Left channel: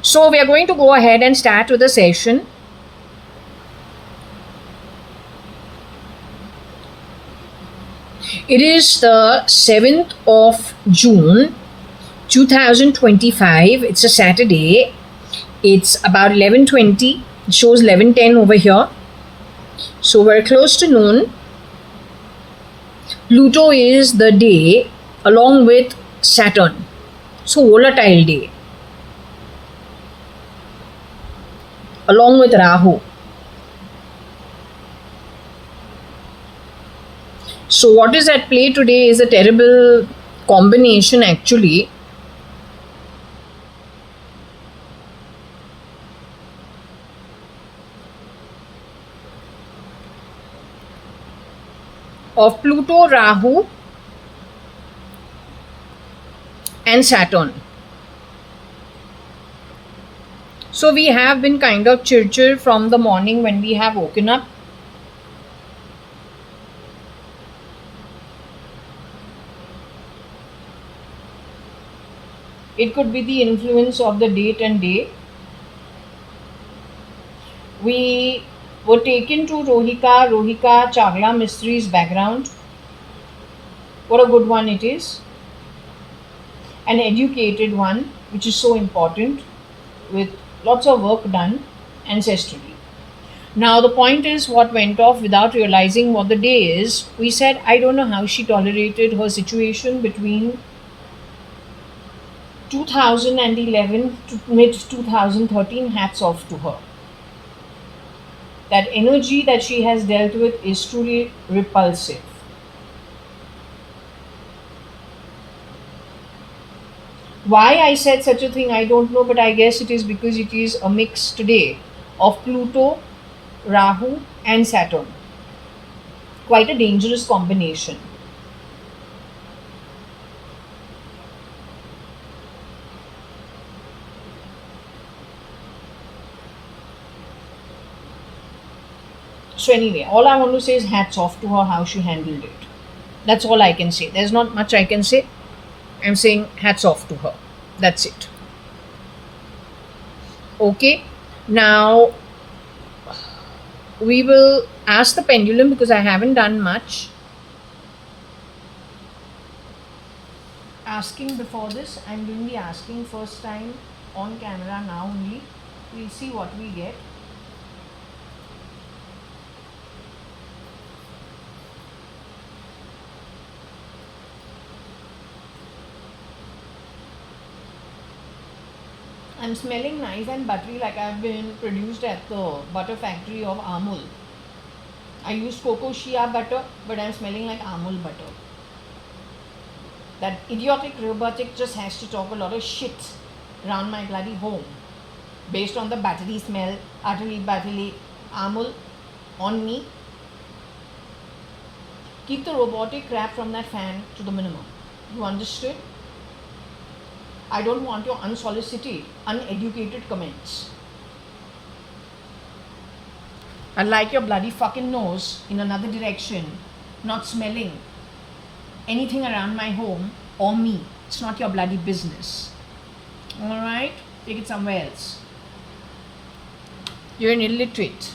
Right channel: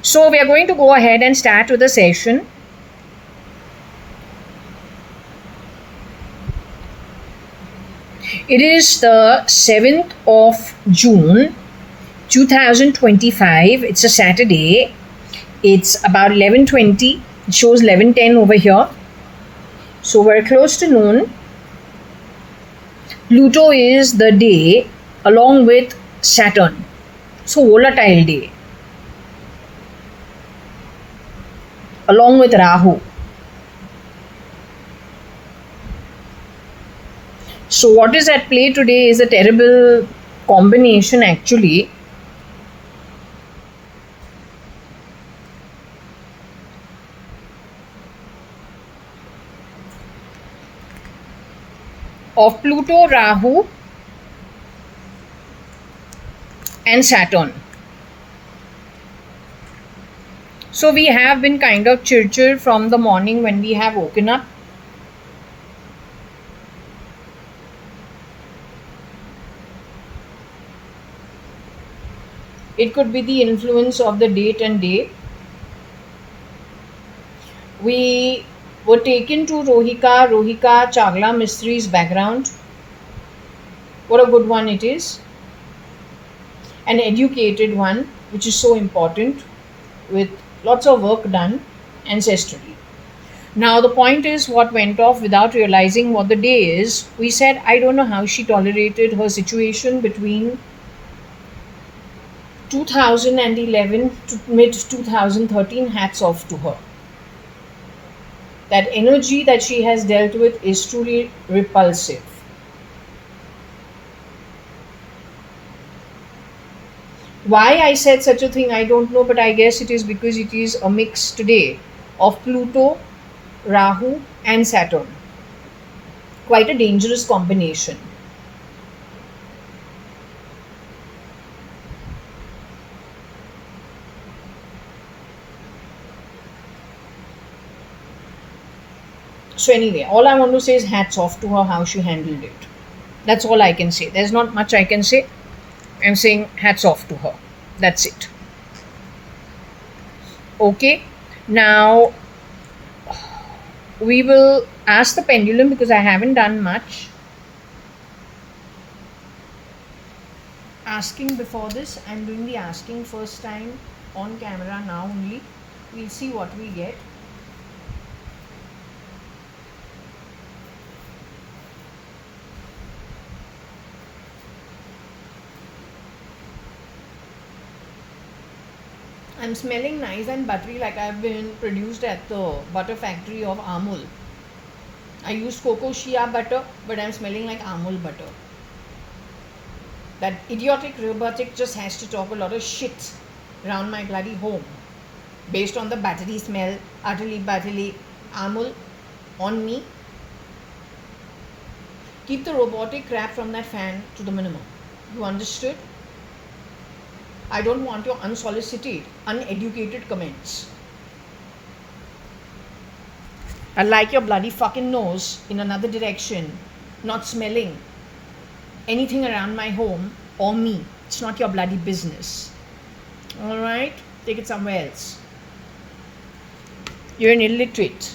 So we are going to go ahead and start with the session. It is the 7th of June 2025. It's a Saturday. It's about 11:20. It shows 11:10 over here. So we're close to noon. Pluto is the day along with Saturn. So volatile day. Along with Rahu. So what is at play today is a terrible combination actually. Of Pluto, Rahu and Saturn. So we have been kind of chirchir from the morning when we have woken up. It could be the influence of the date and day. We were taken to Rohika Chagla Mistri's background. What a good one it is. An educated one, which is so important, with lots of work done ancestrally. Now, the point is what went off without realizing what the day is. We said, I don't know how she tolerated her situation between 2011 to mid 2013. Hats off to her. That energy that she has dealt with is truly repulsive. Why I said such a thing, I don't know, but I guess it is because it is a mix today of Pluto, Rahu, and Saturn. Quite a dangerous combination. So anyway, all I want to say is hats off to her how she handled it. That's all I can say. There's not much I can say. I'm saying hats off to her. That's it. Okay. Now we will ask the pendulum because I haven't done much asking before this. I'm doing the asking first time on camera now only. We'll see what we get. I'm smelling nice and buttery like I've been produced at the butter factory of Amul. I used cocoa shea butter, but I'm smelling like Amul butter. That idiotic robotic just has to talk a lot of shit around my bloody home based on the buttery smell, utterly buttery Amul on me. Keep the robotic crap from that fan to the minimum. You understood? I don't want your unsolicited, uneducated comments. I like your bloody fucking nose in another direction, not smelling anything around my home or me. It's not your bloody business. Alright? Take it somewhere else. You're an illiterate.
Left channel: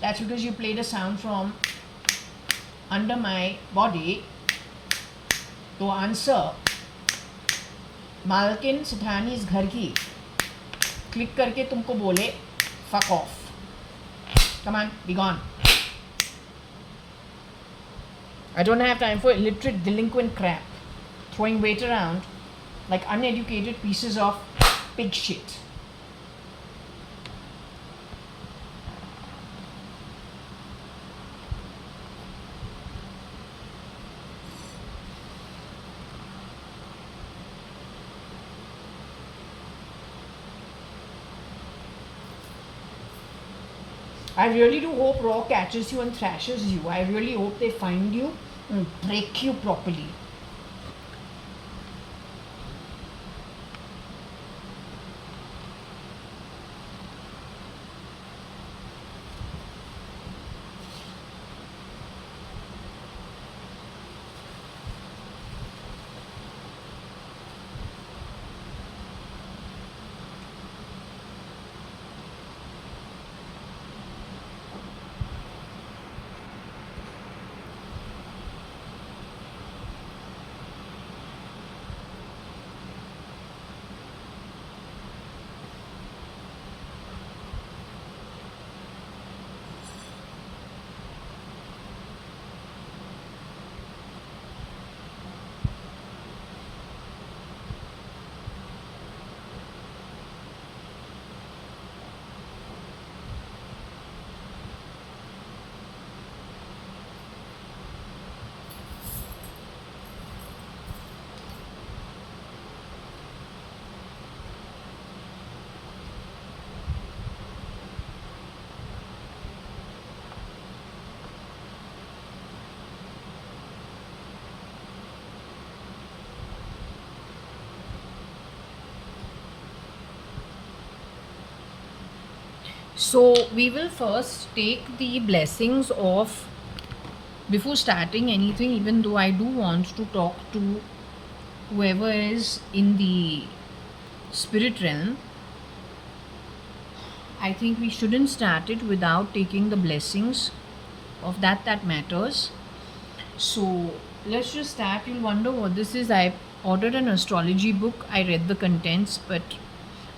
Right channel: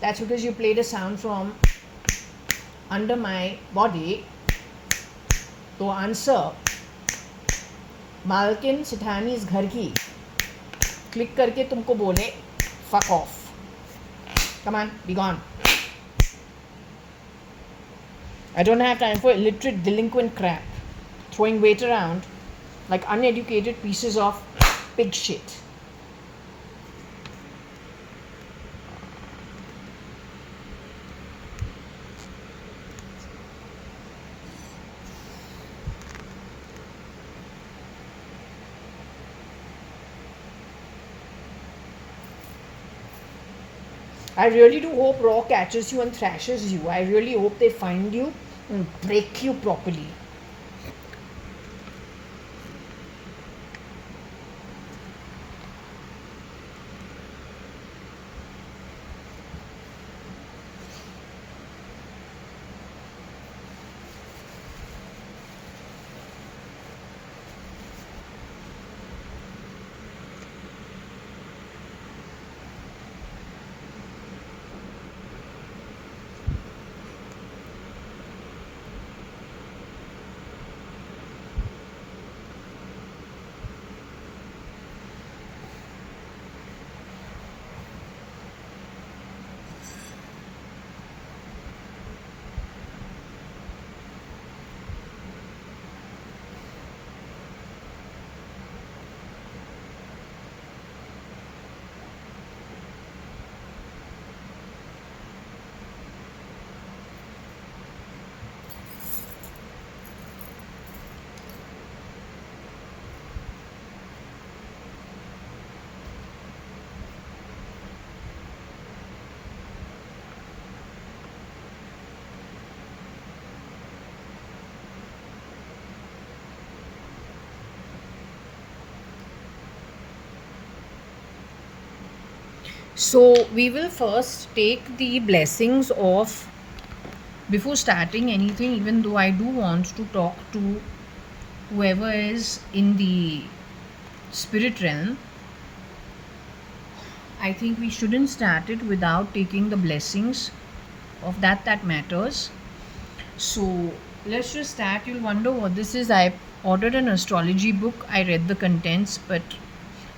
That's because you played a sound from under my body. तो answer मालकिन सिठानी इस घर की click करके तुमको बोले fuck off. Come on, be gone. I don't have time for illiterate delinquent crap throwing weight around like uneducated pieces of pig shit. I really do hope Raw catches you and thrashes you. I really hope they find you and break you properly. So we will first take the blessings of, before starting anything, even though I do want to talk to whoever is in the spirit realm, I think we shouldn't start it without taking the blessings of that matters. So let's just start. You'll wonder what this is. I ordered an astrology book. I read the contents, but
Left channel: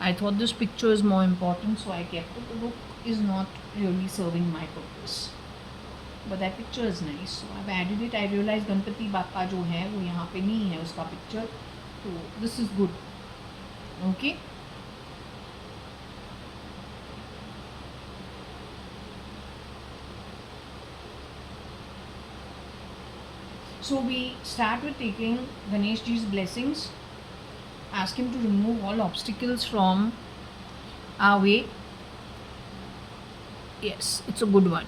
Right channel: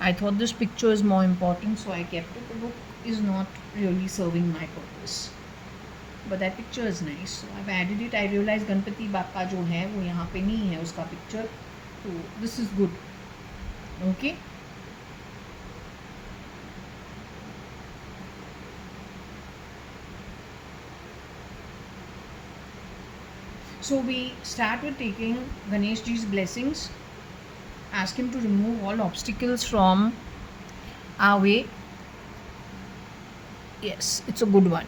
I thought this picture is more important, so I kept it. The book is not really serving my purpose, but that picture is nice, so I've added it. I realized Ganpati बापा जो है वो यहाँ पे नहीं है उसका picture, तो this is good. Okay. So we start with taking Ganesh Ji's blessings. Ask him to remove all obstacles from our way. Yes, it's a good one.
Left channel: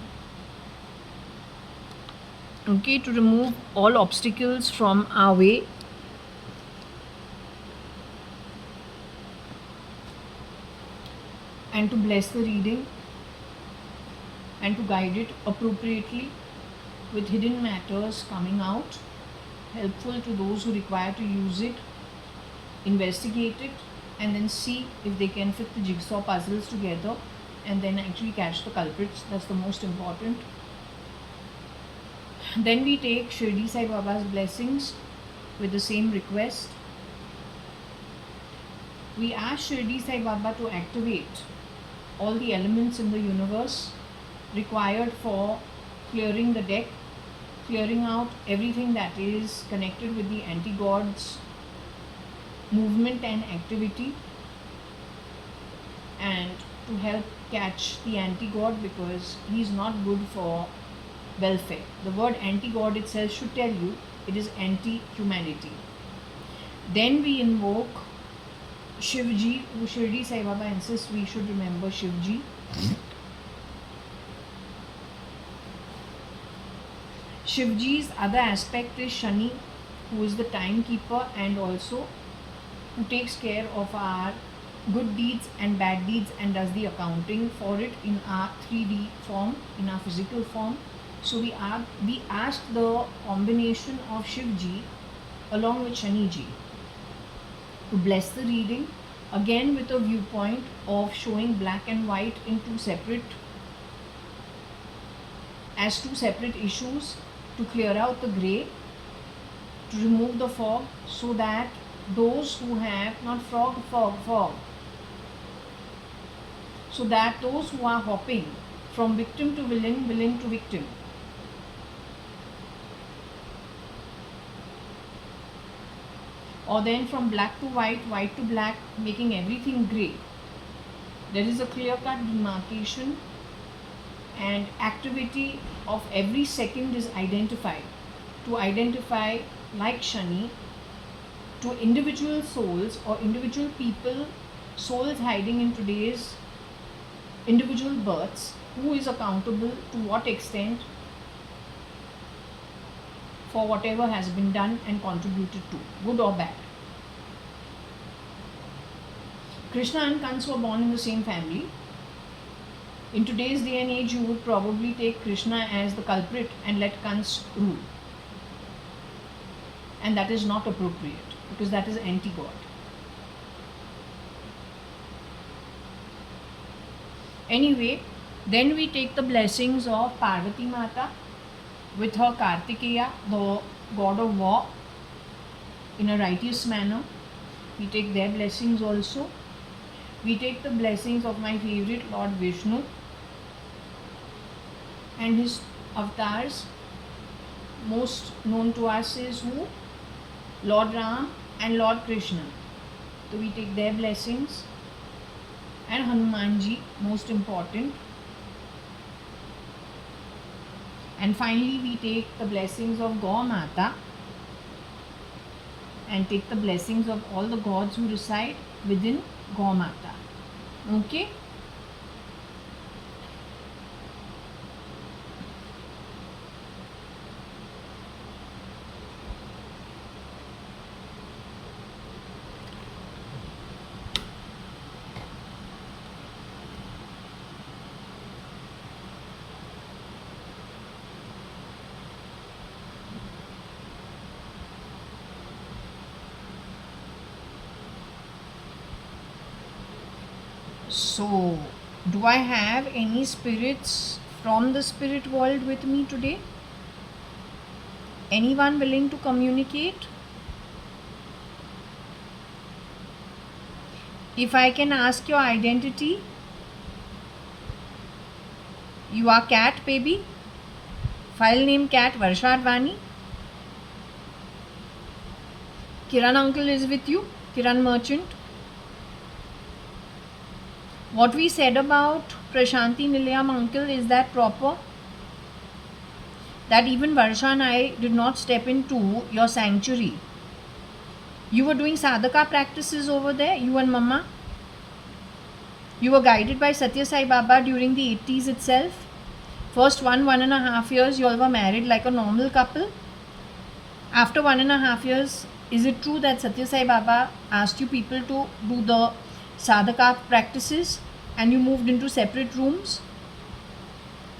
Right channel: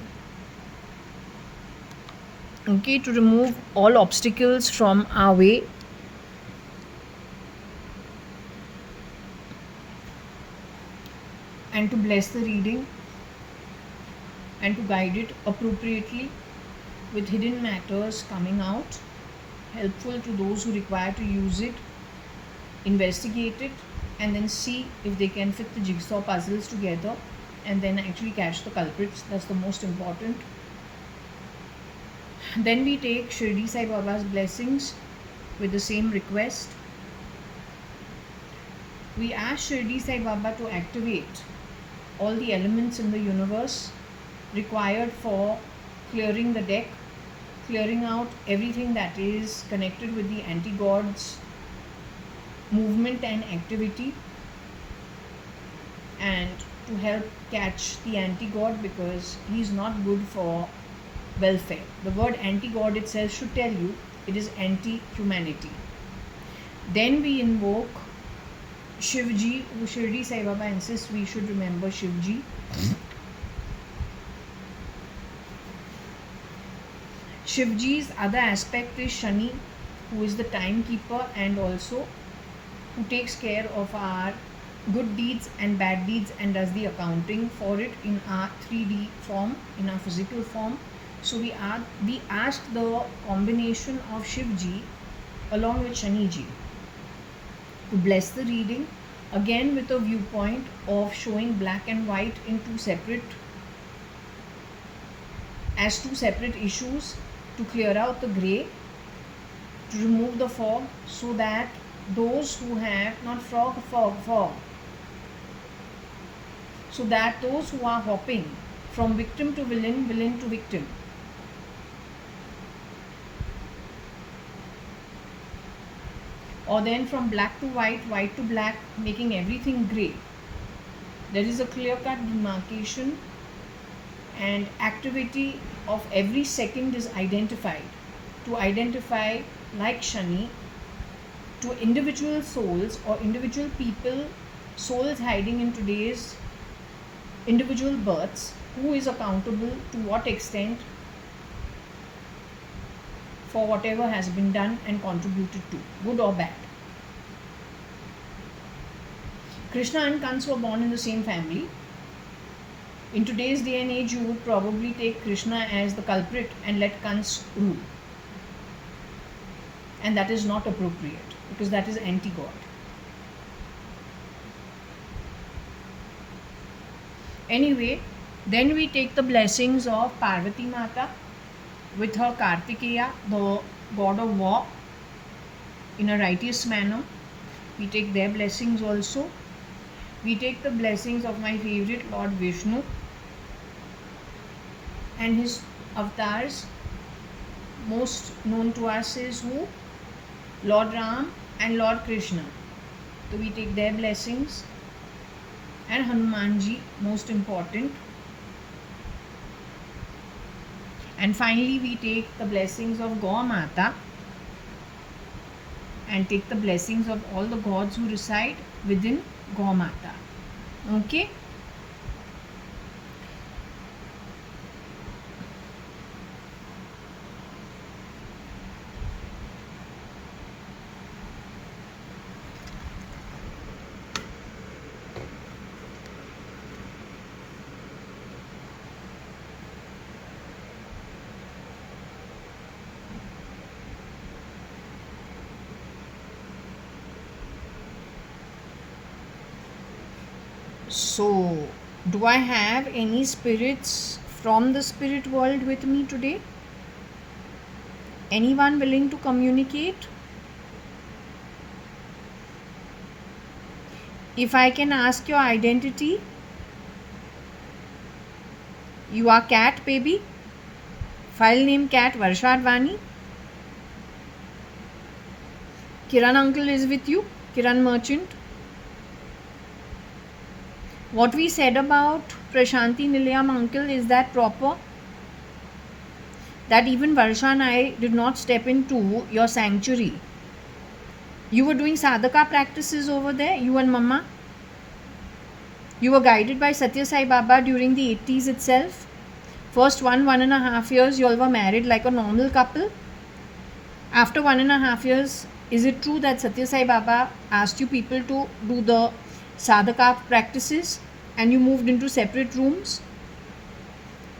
Okay, to remove all obstacles from our way. And to bless the reading and to guide it appropriately with hidden matters coming out, helpful to those who require to use it, investigate it, and then see if they can fit the jigsaw puzzles together and then actually catch the culprits. That's the most important. Then we take Shirdi Sai Baba's blessings with the same request. We ask Shirdi Sai Baba to activate all the elements in the universe required for clearing the deck, clearing out everything that is connected with the anti-gods movement and activity, and to help catch the anti-god, because he's not good for welfare. The word anti-god itself should tell you it is anti-humanity. Then we invoke Shivji, who Shirdi Sai Baba insists we should remember Shivji. Shivji's other aspect is Shani, who is the timekeeper and also who takes care of our good deeds and bad deeds and does the accounting for it in our 3D form, in our physical form. So we ask the combination of Shivji along with Shaniji to bless the reading, again with a viewpoint of showing black and white in two separate issues, to clear out the grey, to remove the fog, so that those who have not fog, so that those who are hopping from victim to villain, villain to victim, or then from black to white, white to black, making everything grey, there is a clear-cut demarcation and activity of every second is identified, to identify, like Shani, to individual souls or individual people, souls hiding in today's individual births, who is accountable to what extent for whatever has been done and contributed to, good or bad. Krishna and Kans were born in the same family. In today's day and age, you would probably take Krishna as the culprit and let Kans rule. And that is not appropriate, because that is anti-God. Anyway, then we take the blessings of Parvati Mata with her Kartikeya, the god of war, in a righteous manner. We take their blessings also. We take the blessings of my favorite Lord Vishnu and his avatars. Most known to us is who? Lord Ram and Lord Krishna. So we take their blessings. And Hanumanji, most important. And finally we take the blessings of Gaur Mata and take the blessings of all the gods who reside within Gaur Mata. Okay? So, do I have any spirits from the spirit world with me today? Anyone willing to communicate? If I can ask your identity, you are cat baby, file name cat JAYA.ADVANI. Kiran uncle is with you, Kiran merchant. What we said about Prashanti Nilayam uncle, is that proper? That even Varsha and I did not step into your sanctuary. You were doing sadhaka practices over there, you and Mama. You were guided by Satya Sai Baba during the 80s itself. First 1.5 years, you all were married like a normal couple. After 1.5 years, is it true that Satya Sai Baba asked you people to do the sadhaka practices and you moved into separate rooms?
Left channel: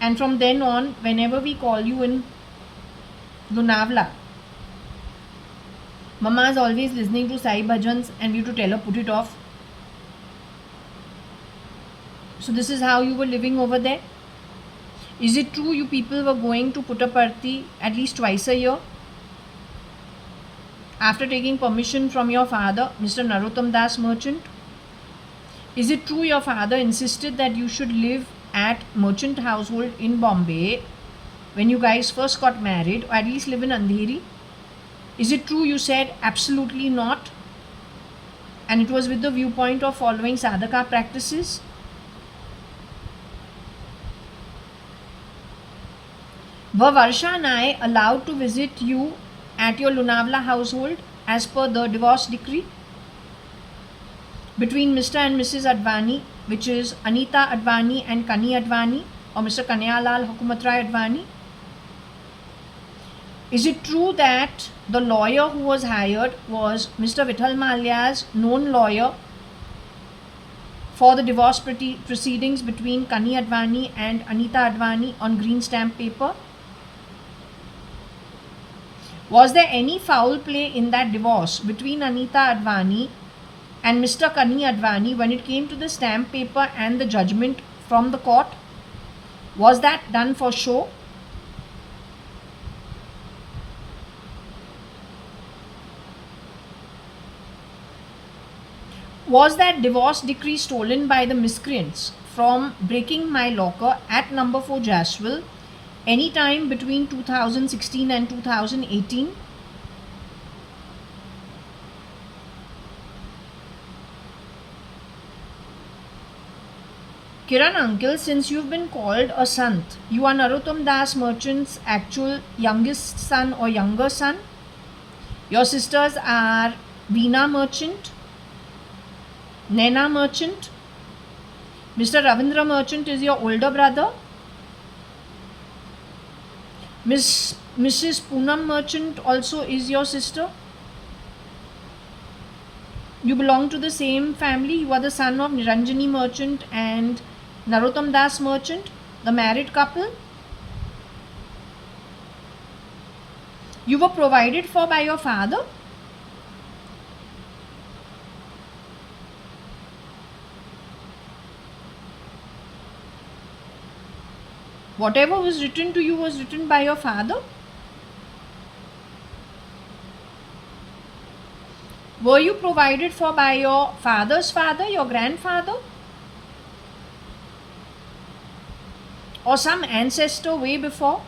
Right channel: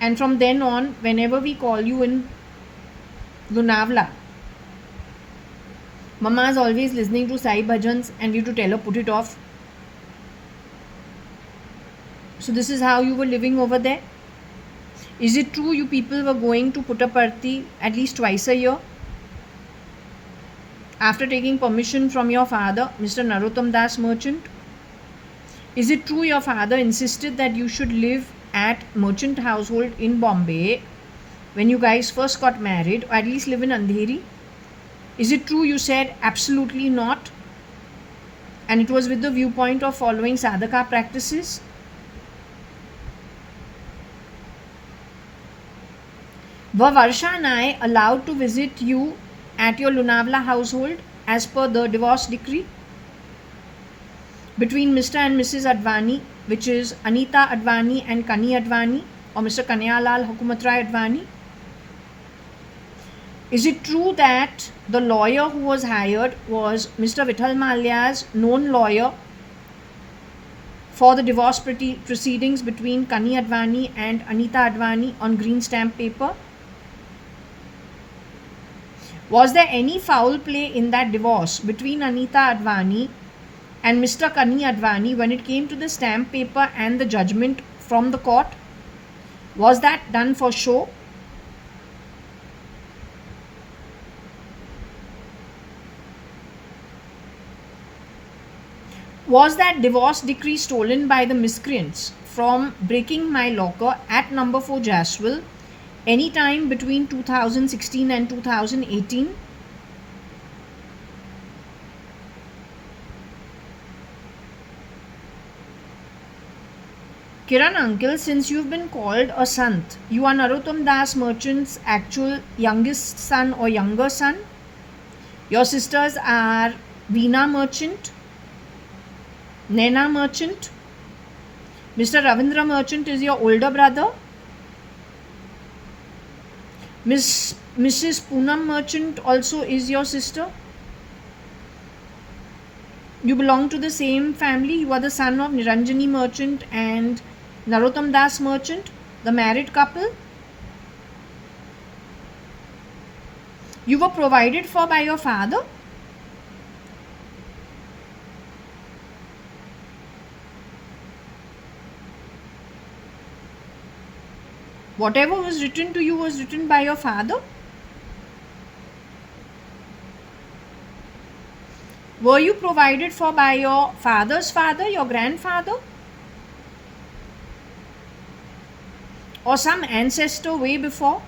And from then on, whenever we call you in Lunavla, Mama is always listening to Sai Bhajans and we have to tell her put it off. So this is how you were living over there? Is it true you people were going to Puttaparthi at least twice a year? After taking permission from your father, Mr. Narottam Das Merchant? Is it true your father insisted that you should live at Merchant household in Bombay when you guys first got married, or at least live in Andheri? Is it true you said absolutely not, and it was with the viewpoint of following sadhaka practices? Were Varsha and I allowed to visit you at your Lunavla household as per the divorce decree between Mr. and Mrs. Advani, which is Anita Advani and Kani Advani, or Mr. Kanyalal Hukumatrai Advani? Is it true that the lawyer who was hired was Mr. Vithal Malia's known lawyer for the divorce proceedings between Kani Advani and Anita Advani on green stamp paper? Was there any foul play in that divorce between Anita Advani and Mr. Kani Advani when it came to the stamp paper and the judgment from the court? Was that done for show? Was that divorce decree stolen by the miscreants from breaking my locker at number 4 Jaswell any time between 2016 and 2018? Kiran uncle, since you've been called a sant, you are Narottam Das Merchant's actual youngest son or younger son. Your sisters are Veena Merchant, Naina Merchant. Mr. Ravindra Merchant is your older brother. Mrs. Poonam Merchant also is your sister. You belong to the same family. You are the son of Niranjani Merchant and Narottam Das Merchant, the married couple. You were provided for by your father. Whatever was written to you was written by your father. Were you provided for by your father's father, your grandfather? Or some ancestor way before?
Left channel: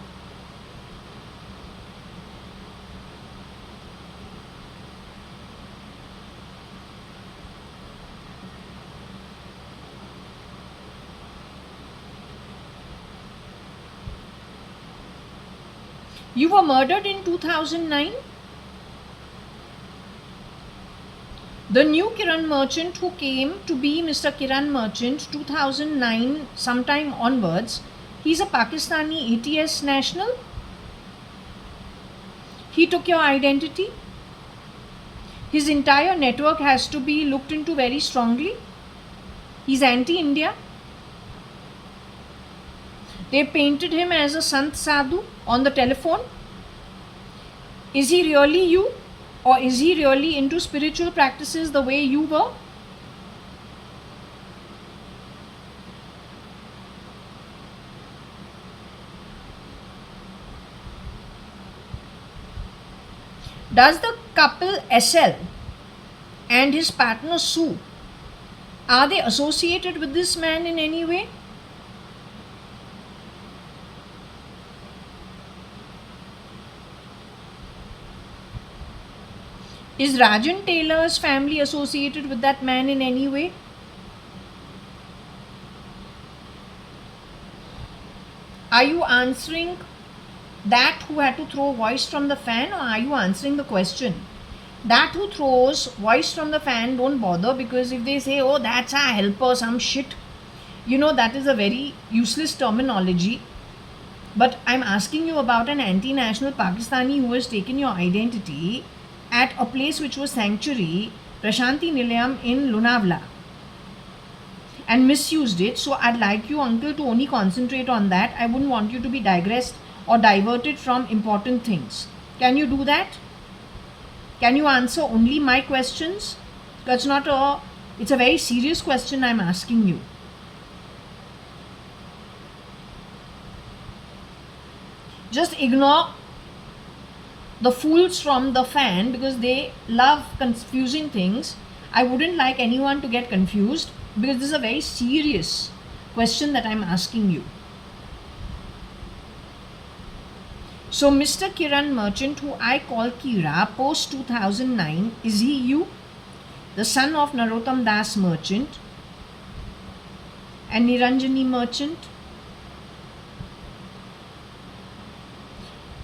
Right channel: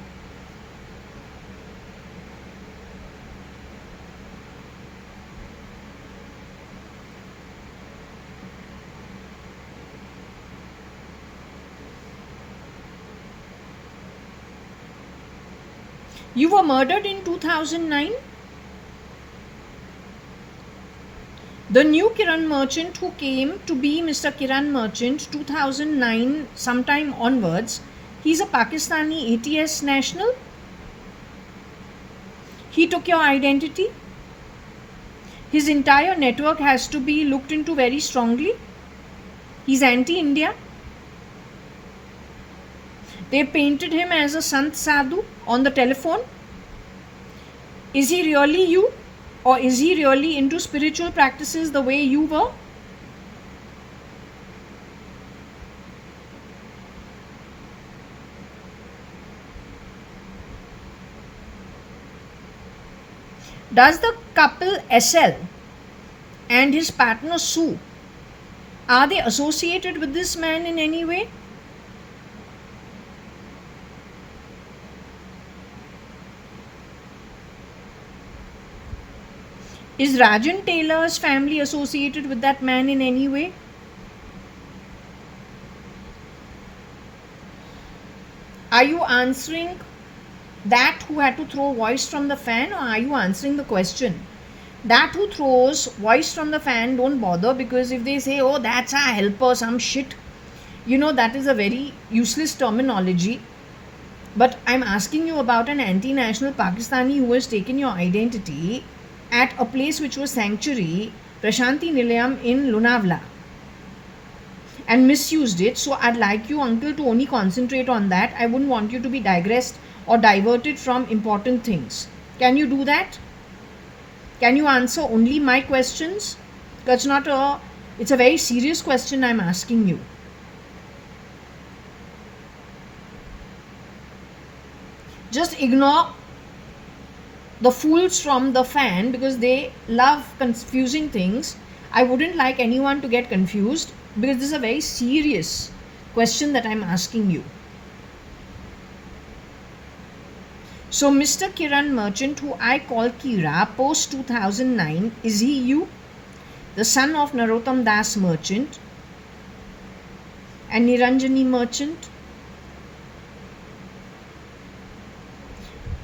You were murdered in 2009. The new Kiran Merchant who came to be Mr. Kiran Merchant 2009 sometime onwards, he's a Pakistani ATS national. He took your identity. His entire network has to be looked into very strongly. He's anti-India. They painted him as a Sant Sadhu on the telephone. Is he really you? Or is he really into spiritual practices the way you were? Does the couple SL and his partner Sue, are they associated with this man in any way? Is Rajan Taylor's family associated with that man in any way? Are you answering that who had to throw voice from the fan, or are you answering the question? That who throws voice from the fan, don't bother, because if they say, oh, that's our helper, some shit, that is a very useless terminology. But I'm asking you about an anti-national Pakistani who has taken your identity at a place which was sanctuary, Prashanti Nilayam in Lonavala, and misused it. So I'd like you, uncle, to only concentrate on that. I wouldn't want you to be digressed or diverted from important things. Can you do that? Can you answer only my questions? It's a very serious question I'm asking you. Just ignore the fools from the fan because they love confusing things. I wouldn't like anyone to get confused because this is a very serious question that I'm asking you. So Mr. Kiran Merchant, who I call Kira, post 2009, is he you? The son of Narottam Das Merchant and Niranjani Merchant?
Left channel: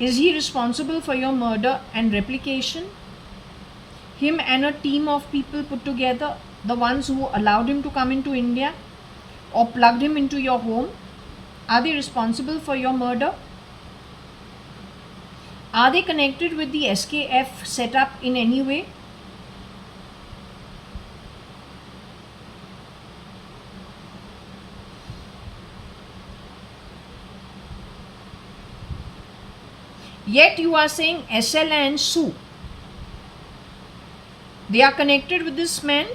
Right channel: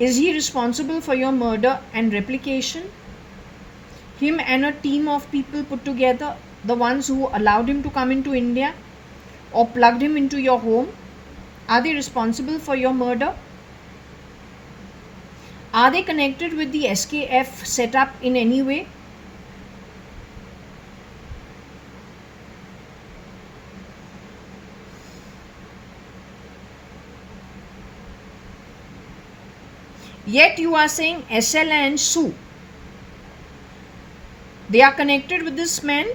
Is he responsible for your murder and replication? Him and a team of people put together, the ones who allowed him to come into India or plugged him into your home, are they responsible for your murder? Are they connected with the SKF setup in any way? Yet you are saying SL and Sue, they are connected with this man?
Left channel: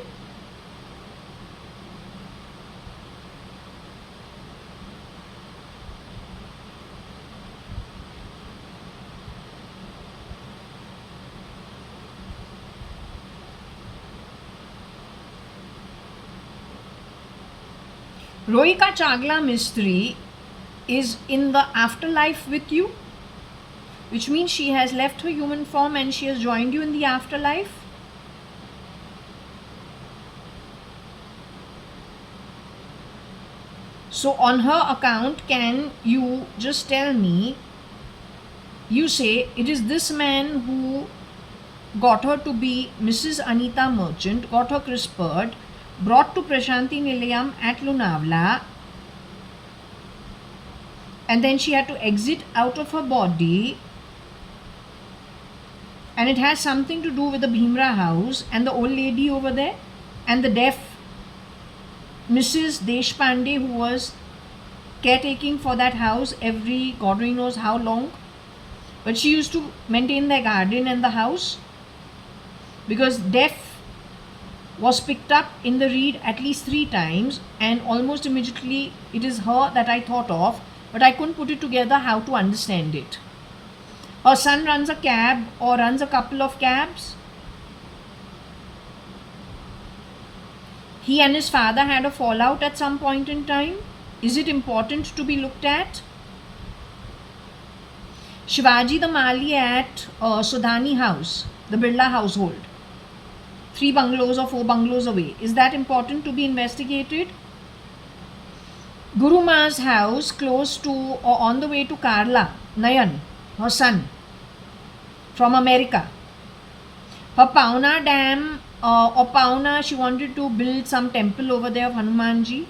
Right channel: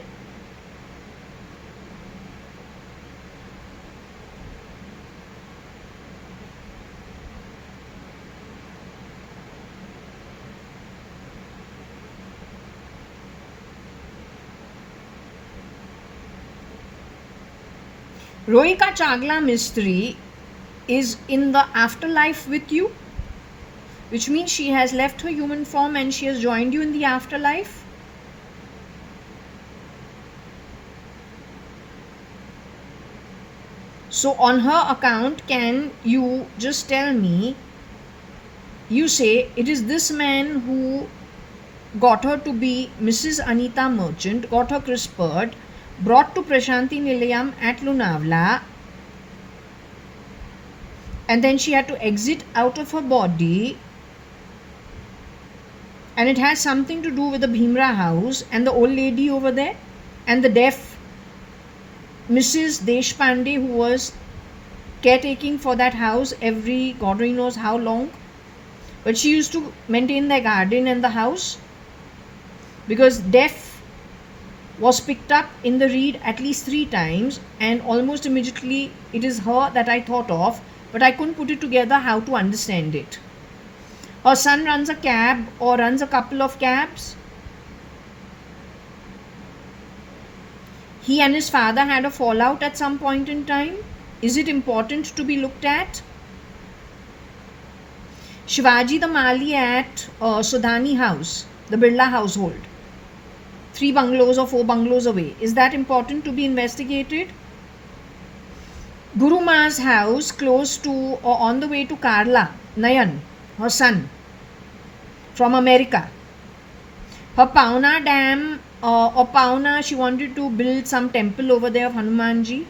Rohika Chagla Mistry is in the afterlife with you, which means she has left her human form and she has joined you in the afterlife. So on her account, can you just tell me, you say it is this man who got her to be Mrs. Anita Merchant, got her CRISPR'd, brought to Prashanti Nilayam at Lonavala, and then she had to exit out of her body, and it has something to do with the Bhimra house and the old lady over there and the deaf Mrs. Deshpande who was caretaking for that house every God only knows how long, but she used to maintain the garden and the house because deaf was picked up in the read at least 3 times, and almost immediately it is her that I thought of, but I couldn't put it together how to understand it. Her son runs a cab or runs a couple of cabs. He and his father had a fallout at some point in time. Is it important to be looked at? Shivaji the Mali at Sudhani house, the Birla household, 3 bungalows or 4 bungalows away. Is that important to be investigated? Guru Ma's house close to or on the way to Karla, Nayan, her son, from America. Her Pauna dam or Pauna, she wanted to build some temple over there of Hanumanji.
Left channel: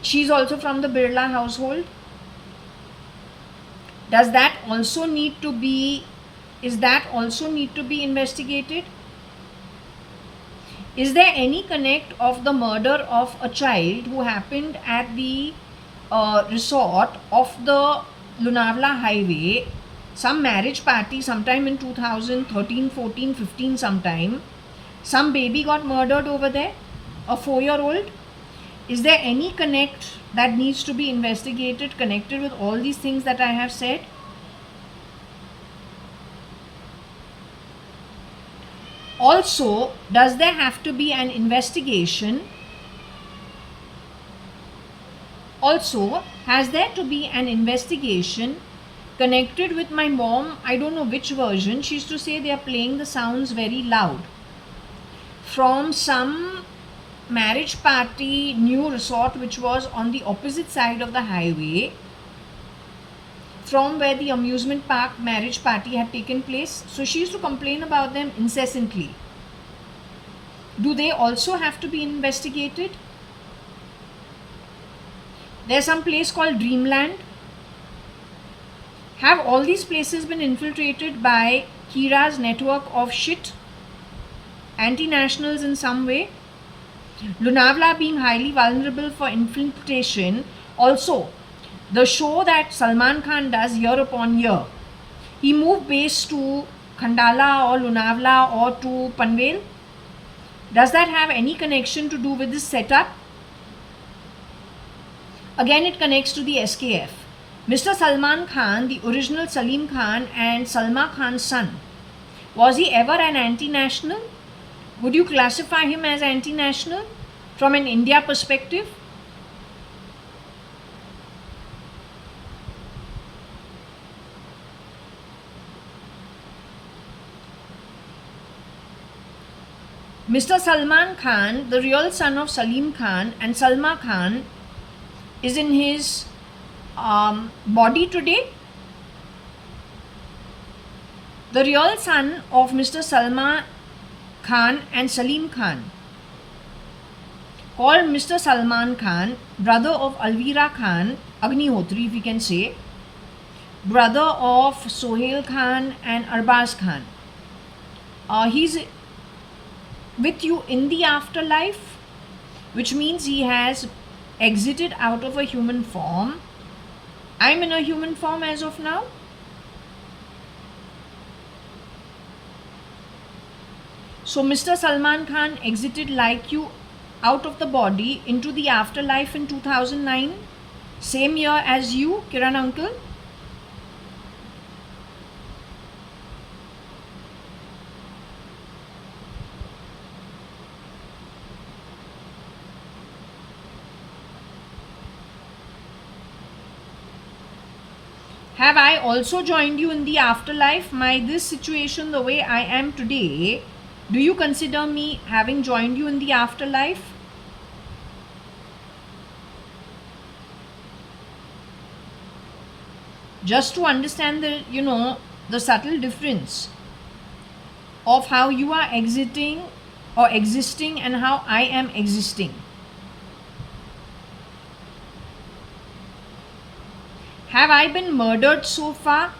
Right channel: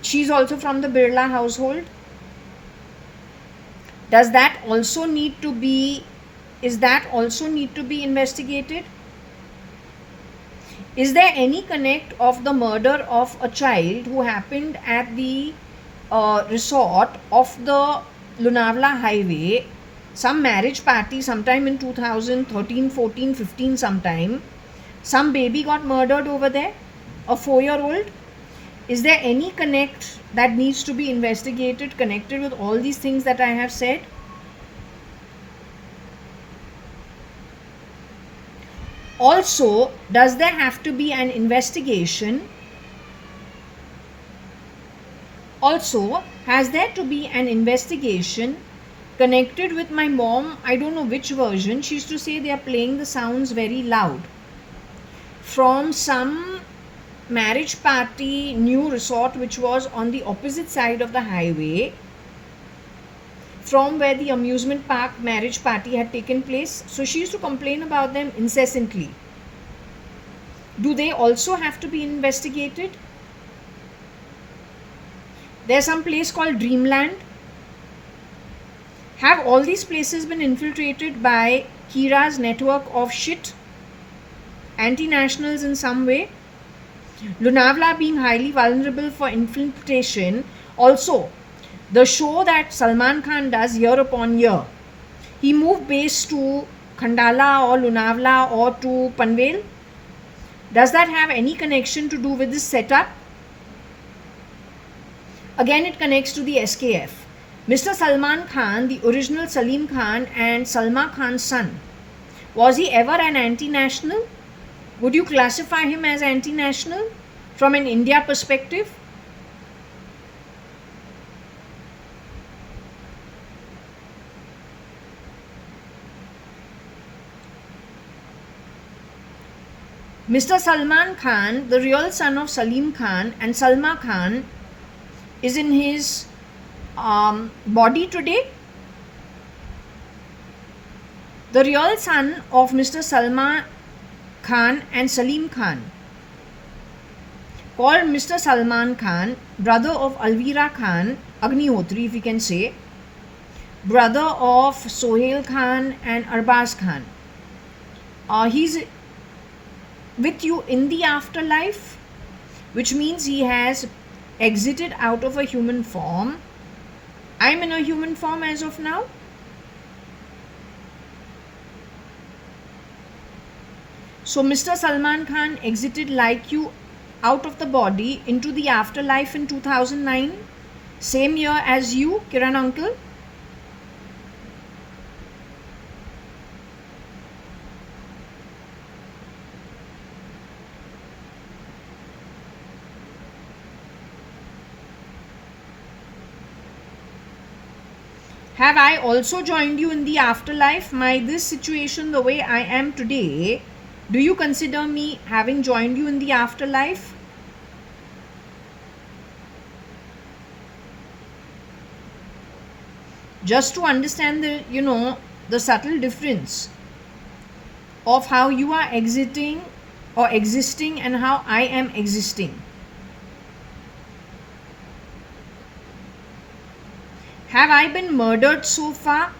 She's also from the Birla household. Does that also need to be, is that also need to be investigated? Is there any connect of the murder of a child who happened at the resort of the Lonavala highway, some marriage party sometime in 2013, 14, 15 sometime, some baby got murdered over there, a 4-year-old? Is there any connect that needs to be investigated connected with all these things that I have said? Also, does there have to be an investigation? Also, has there to be an investigation connected with my mom? I don't know which version. She used to say they are playing the sounds very loud. From some marriage party new resort which was on the opposite side of the highway from where the amusement park marriage party had taken place. So she used to complain about them incessantly. Do they also have to be investigated? There's some place called Dreamland. Have all these places been infiltrated by Kira's network of shit? Anti-nationals in some way? Lonavala being highly vulnerable for infiltration. Also, the show that Salman Khan does year upon year, he moved base to Khandala or Lonavala or to Panvel. Does that have any connection to do with this setup? Again, it connects to the SKF. Mr. Salman Khan, the original Salim Khan and Salma Khan's son, was he ever an anti-national? Would you classify him as anti-national from an India perspective? Mr. Salman Khan, the real son of Salim Khan and Salma Khan, is in his body today. The real son of Mr. Salman Khan and Salim Khan, called Mr. Salman Khan, brother of Alvira Khan, Agnihotri if we can say, brother of Sohail Khan and Arbaz Khan. He's with you in the afterlife, which means he has exited out of a human form. I'm in a human form as of now. So Mr. Salman Khan exited like you out of the body into the afterlife in 2009, same year as you, Kiran uncle. Have I also joined you in the afterlife? This situation, the way I am today, do you consider me having joined you in the afterlife? Just to understand the subtle difference of how you are exiting or existing and how I am existing. Have I been murdered so far?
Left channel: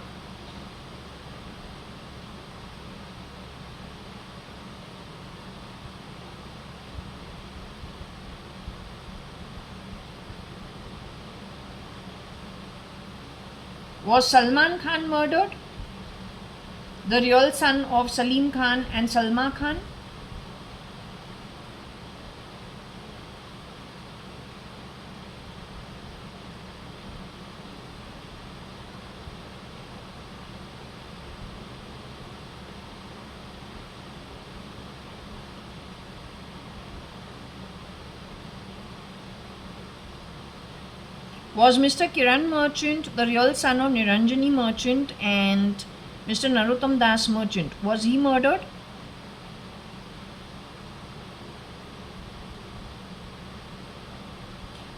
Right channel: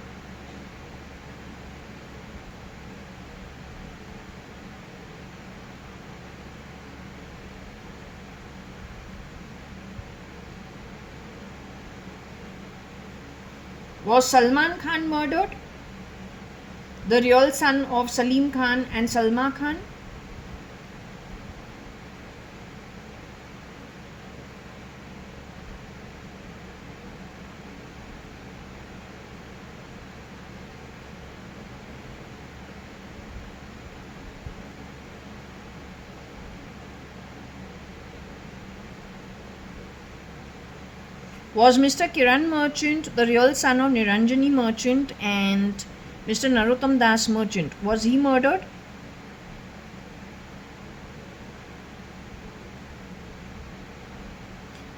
Was Salman Khan murdered? The real son of Salim Khan and Salma Khan? Was Mr. Kiran Merchant, the real son of Niranjani Merchant and Mr. Narottam Das Merchant, was he murdered?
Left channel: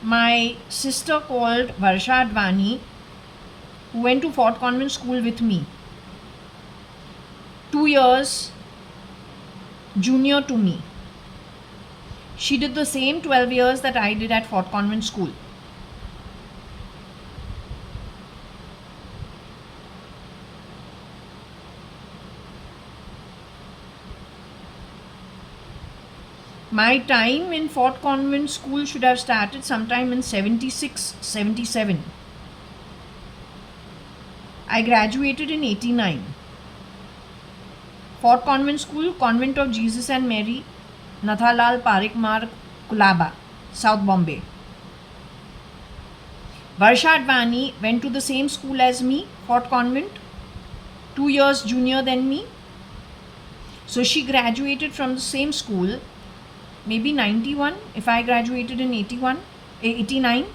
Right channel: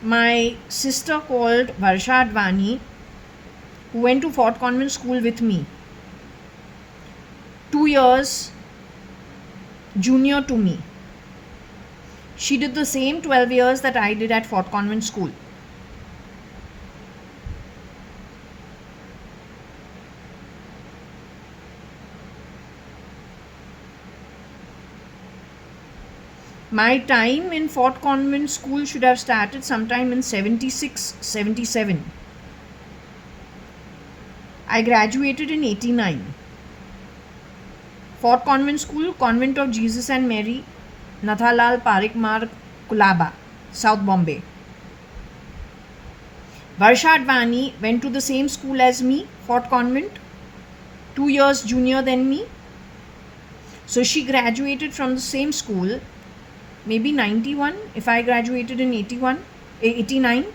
My sister called JAYA.ADVANI, who went to Fort Convent School with me, 2 years junior to me. She did the same 12 years that I did at Fort Convent School. My time in Fort Convent School should have started sometime in 76, 77. I graduated in 89. Fort Convent School, Convent of Jesus and Mary, Nathalal Parik Marg, Kulaba, South Bombay. JAYA.ADVANI went to the same school as me, Fort Convent, 2 years junior than me. So she graduated from the same school, maybe 91. If I graduated in 89,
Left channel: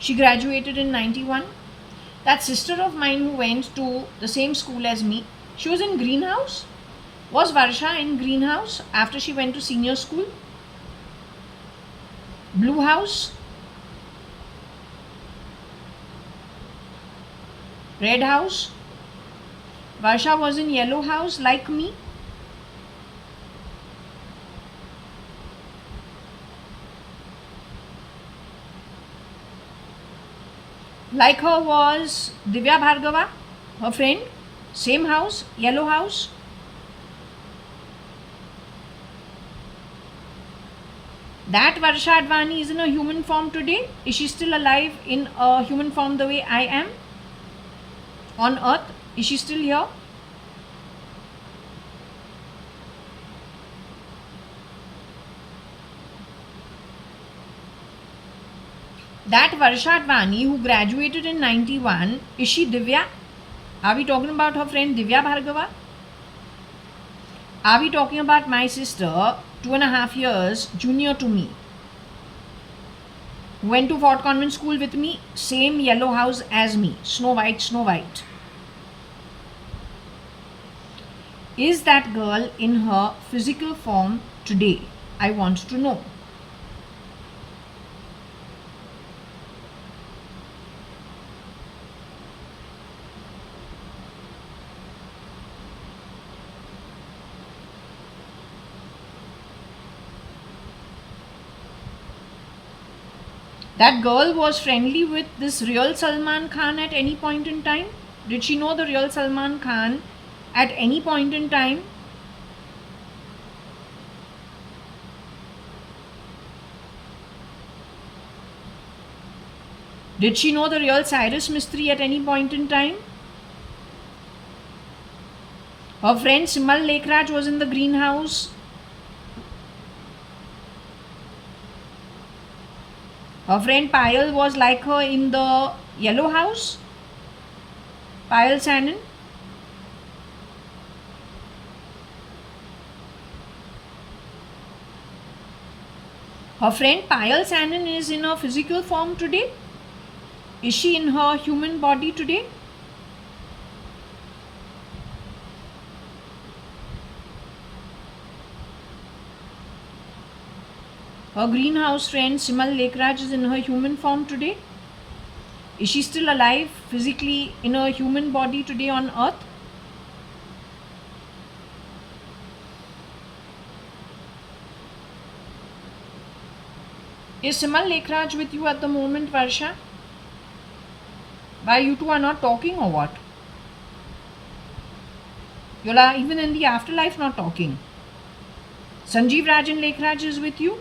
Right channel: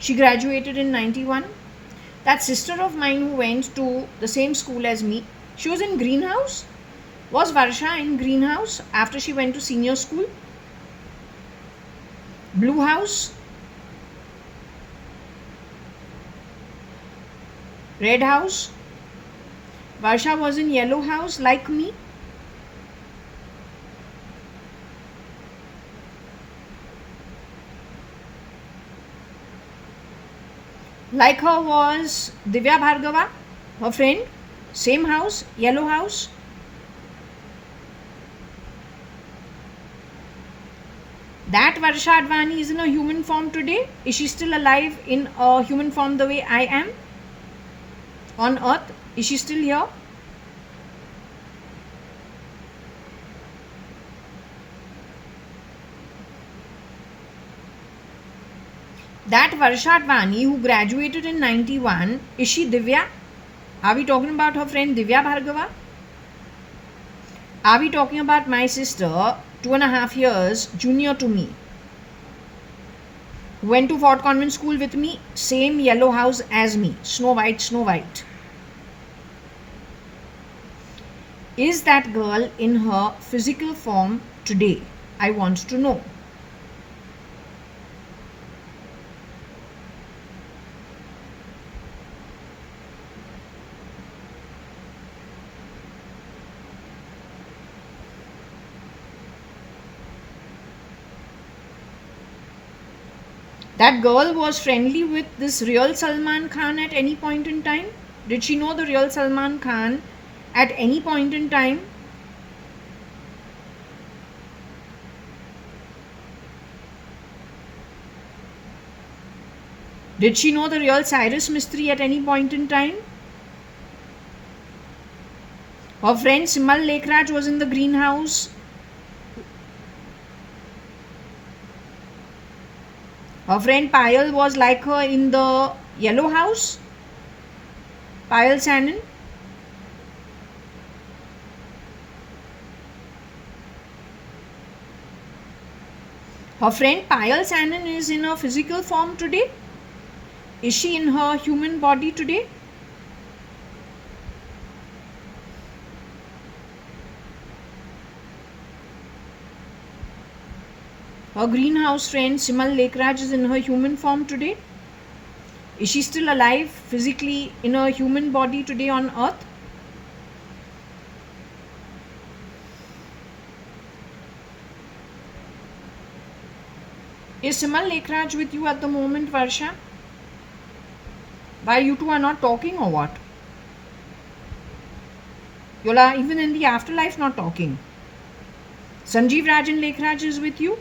she graduated in 91. That sister of mine who went to the same school as me, she was in greenhouse. Was Varsha in greenhouse after she went to senior school? Blue house? Red house? Varsha was in yellow house like me. Like her was Divya Bhargava, her friend, same house, yellow house. That JAYA.ADVANI is in a human form today. Is she still alive in a human form the way I am? On earth? Is she still here? That JAYA.ADVANI who graduated in 91, is she Divya? Are we talking about her friend Divya Bhargava? Are we talking about my sister, 2.5 years junior to me? Went to Fort Convent School with me, same yellow house as me, Snow White, Snow White. Is that girl in her physical form today? I want to know. That girl was friendly with this real Salman Khan at any point in time? Did she know the real Salman Khan at any point in time? Did she know the real Cyrus Mistry at any point in time? Her friend Simal Lekhraj was in the greenhouse. Her friend Payal was like her in the yellow house. Payal Sanin. Her friend Payal Sanin is in her physical form today. Is she in her human body today? Her greenhouse friend Simal Lekhraj is in her human form today. Is she still alive physically in her human body today on earth? Is Simal Lekhraj with you at the moment, Varsha? Why you two are not talking or what? You are even in the afterlife not talking. Sanjeev Rajan Lekhraj is with you?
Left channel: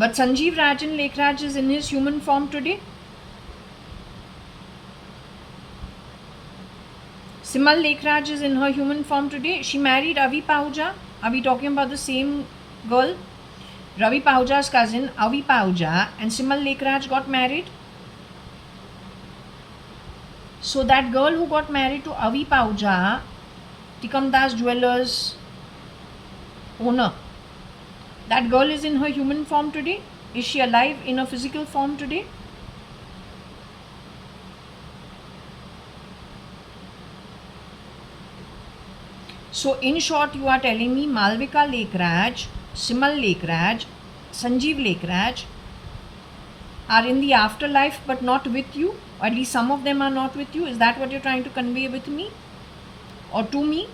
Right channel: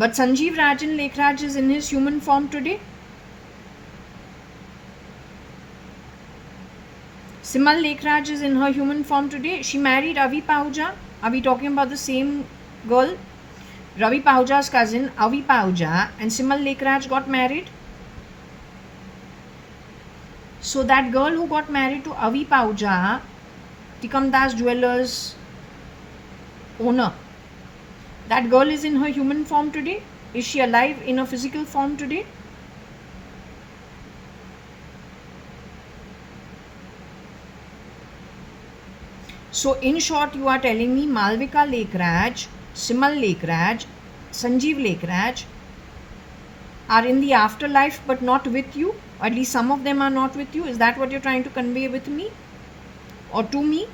But Sanjeev Rajan Lekhraj is in his human form today. Simal Lekhraj is in her human form today. She married Avi Pahuja. Are we talking about the same girl? Ravi Pahuja's cousin Avi Pahuja and Simal Lekhraj got married. So that girl who got married to Avi Pahuja, Tikamdas Jewelers owner, that girl is in her human form today. Is she alive in a physical form today? So in short, you are telling me Malvika Lekhraj, Simal Lekhraj, Sanjeev Lekhraj are in the afterlife but not with you? Or at least some of them are not with you. Is that what you're trying to convey with me or to me?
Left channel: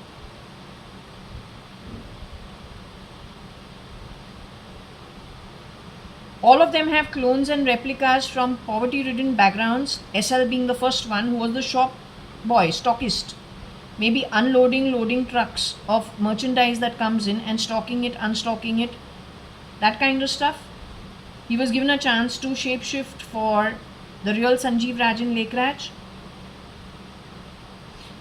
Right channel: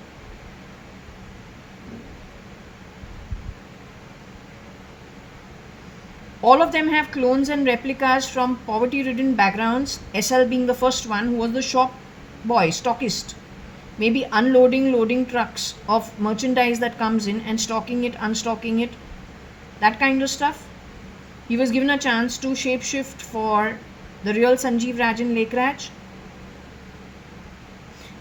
All of them have clones and replicas from poverty-ridden backgrounds, SL being the first one who was the shop boy, stockist. Maybe unloading, loading trucks of merchandise that comes in and stocking it, unstocking it, that kind of stuff. He was given a chance to shapeshift for the real Sanjeev Rajan Lekhraj.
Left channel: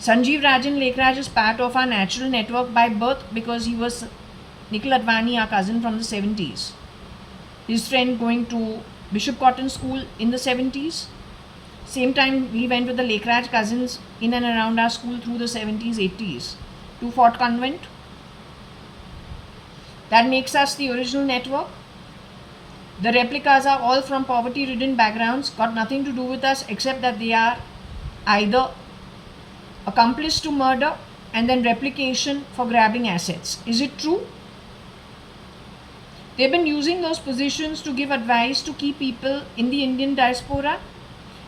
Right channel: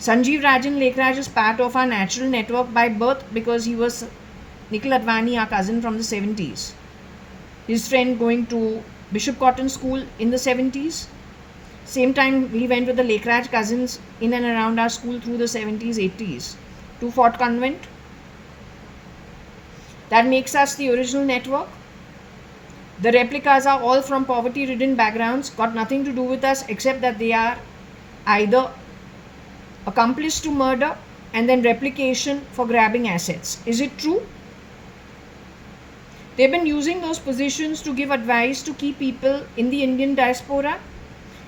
Sanjeev Rajan Lekhraj is part of our natural network by birth because he was Nikhil Advani, our cousin from the 70s. His friend going to Bishop Cotton School in the 70s. Same time we went with the Lekhraj cousins in and around our school through the 70s, 80s to Fort Convent. That makes us the original network. The replicas are all from poverty-ridden backgrounds, got nothing to do with us except that they are either accomplice to murder and then replication for grabbing assets. Is it true? They've been using those positions to give advice to key people in the Indian diaspora,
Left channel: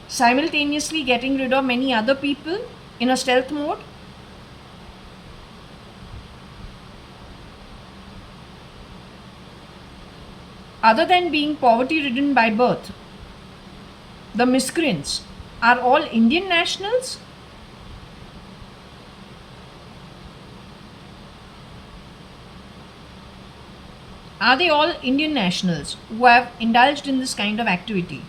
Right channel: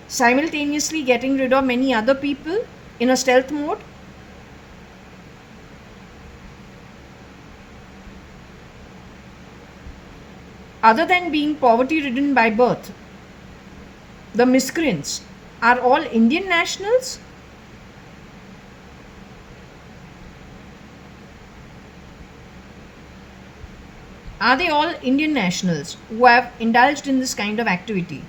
simultaneously getting rid of many other people in a stealth mode. Other than being poverty-ridden by birth, the miscreants are all Indian nationals? Are they all Indian nationals who have indulged in this kind of activity?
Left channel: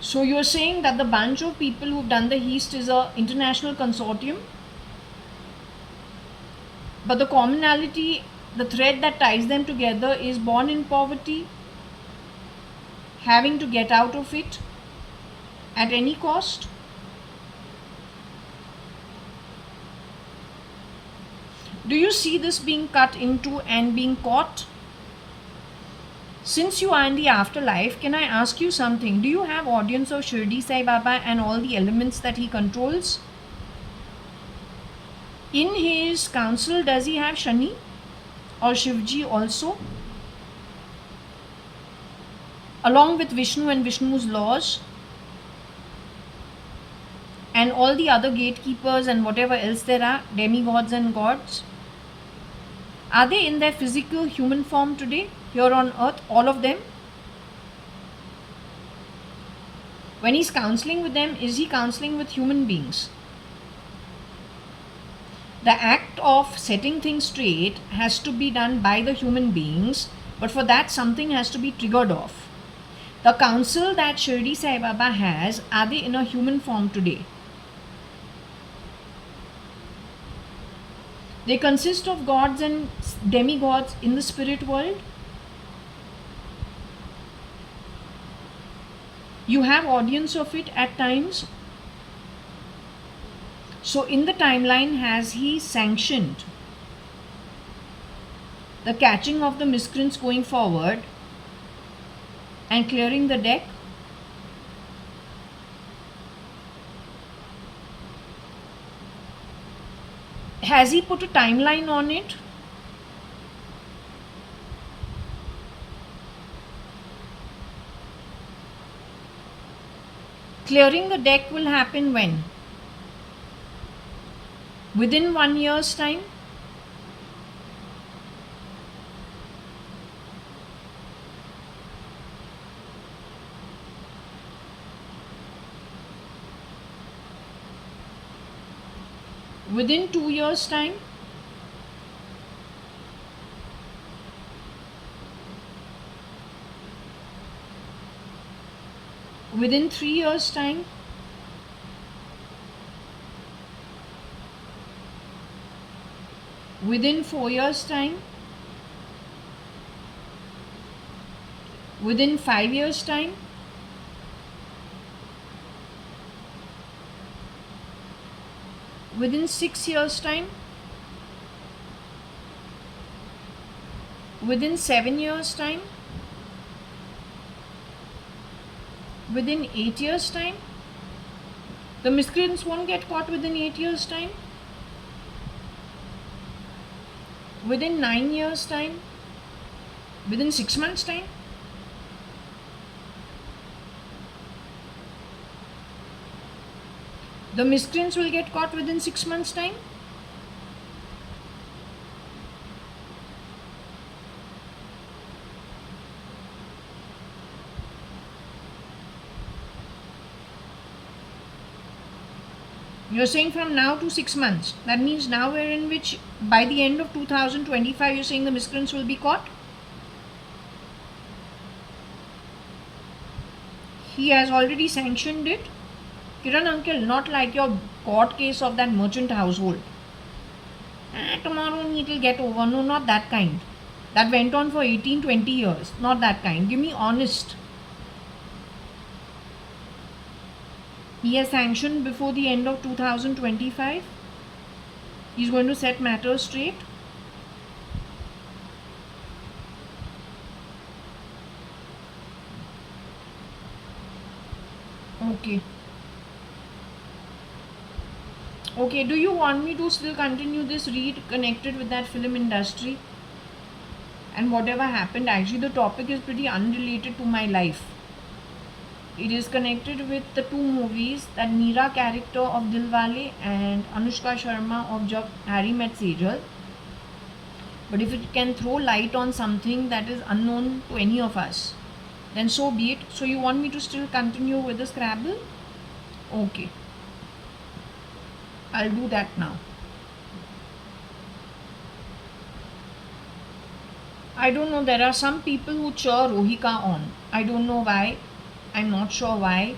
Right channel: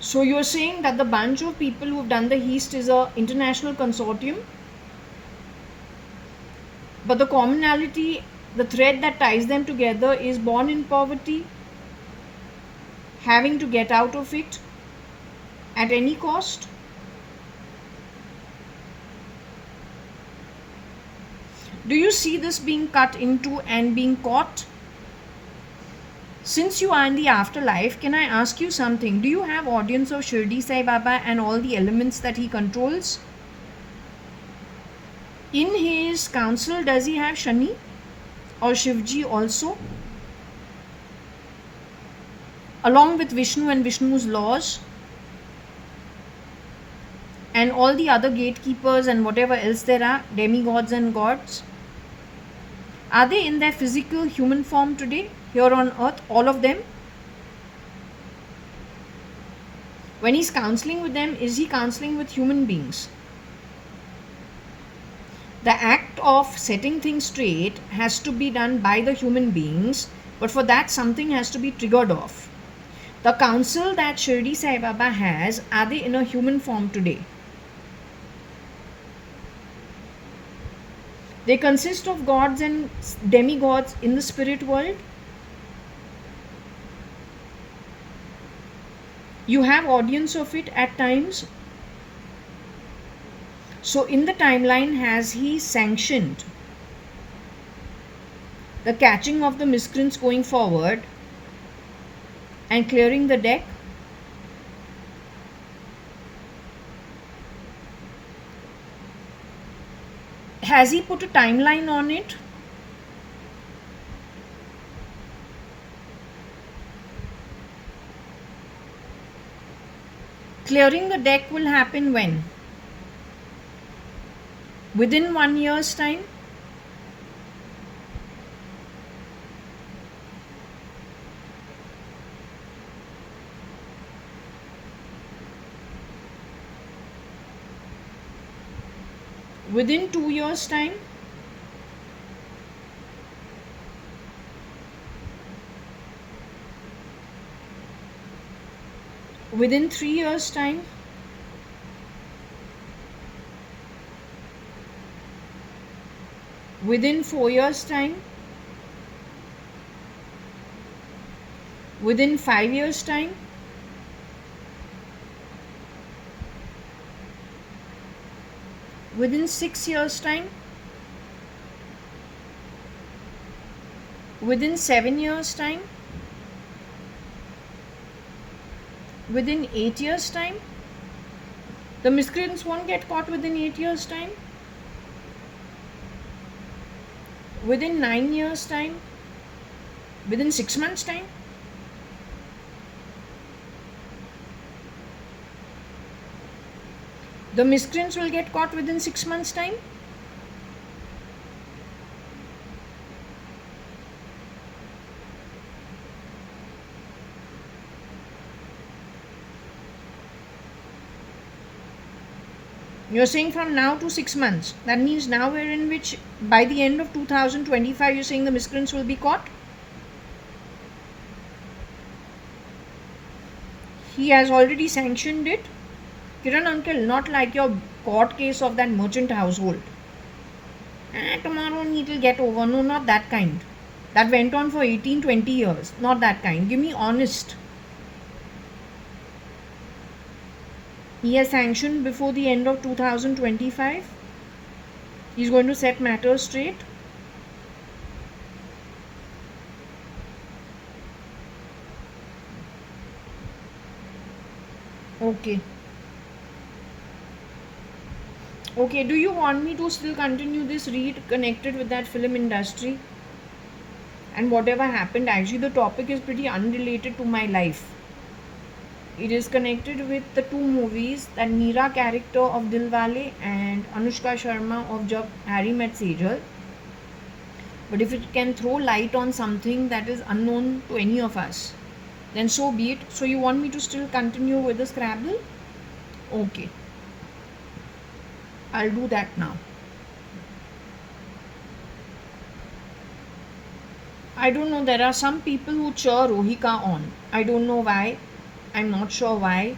So you're saying that the bunch of people who've done the heist is an international consortium, but the commonality, the thread that ties them together is born in poverty, having to get out of it at any cost? Do you see this being cut into and being caught? Since you are in the afterlife, can I ask you something? Do you have audience of Shirdi Sai Baba and all the elements that he controls? In his council, does he have Shani or Shivji also? Along with Vishnu and Vishnu's laws and all the other gatekeepers and whatever else there are, demigods and gods. Are they in their physical human form today? Here on earth, all of them? When he's counseling with them, is he counseling with human beings? The act of setting things straight has to be done by the human beings, but for that something has to be triggered off. The council that Shirdi Sai Baba has, are they in a human form today? They consist of gods and demigods in the spirit world. You have audience of it at times. So in the timeline, has he sanctioned the catching of the miscreants going forward and clearing the deck? Has he put a timeline on it? Clearing the deck will happen when? Within 1 year's time? Within 2 years' time? Within 3 years' time? Within 4 years' time? Within 5 years' time? Within 6 years' time? Within 7 years' time? Within 8 years' time? The miscreants won't get caught within 8 years' time? Within 9 years' time? Within 6 months' time? The miscreants will get caught within 6 months' time? You're saying from now to 6 months. That means now we're in which by the end of 2025 you're saying the miscreants will be caught? He has already sanctioned it. Kiran uncle, not like your court case of that merchant household. Tomorrow it will get over. No, not that kind. That went on for 18, 20 years. Not that kind. Give me honest. He has sanctioned before the end of 2025. He's going to set matters straight. Okay. Okay, do you want me to still continue this read connected with that film industry? And whatever happened, actually the topic is pretty unrelated to my life. It is connected with the two movies, that Meera character of Dilwale and Anushka Sharma of Jab Harry Met Sejal. But if it can throw light on something that is unknown to any of us, then so be it. So you want me to still continue with the Scrabble? Okay. I'll do that now. I don't know, there are some people who cheer Rohika on. I don't know why. I'm not sure why.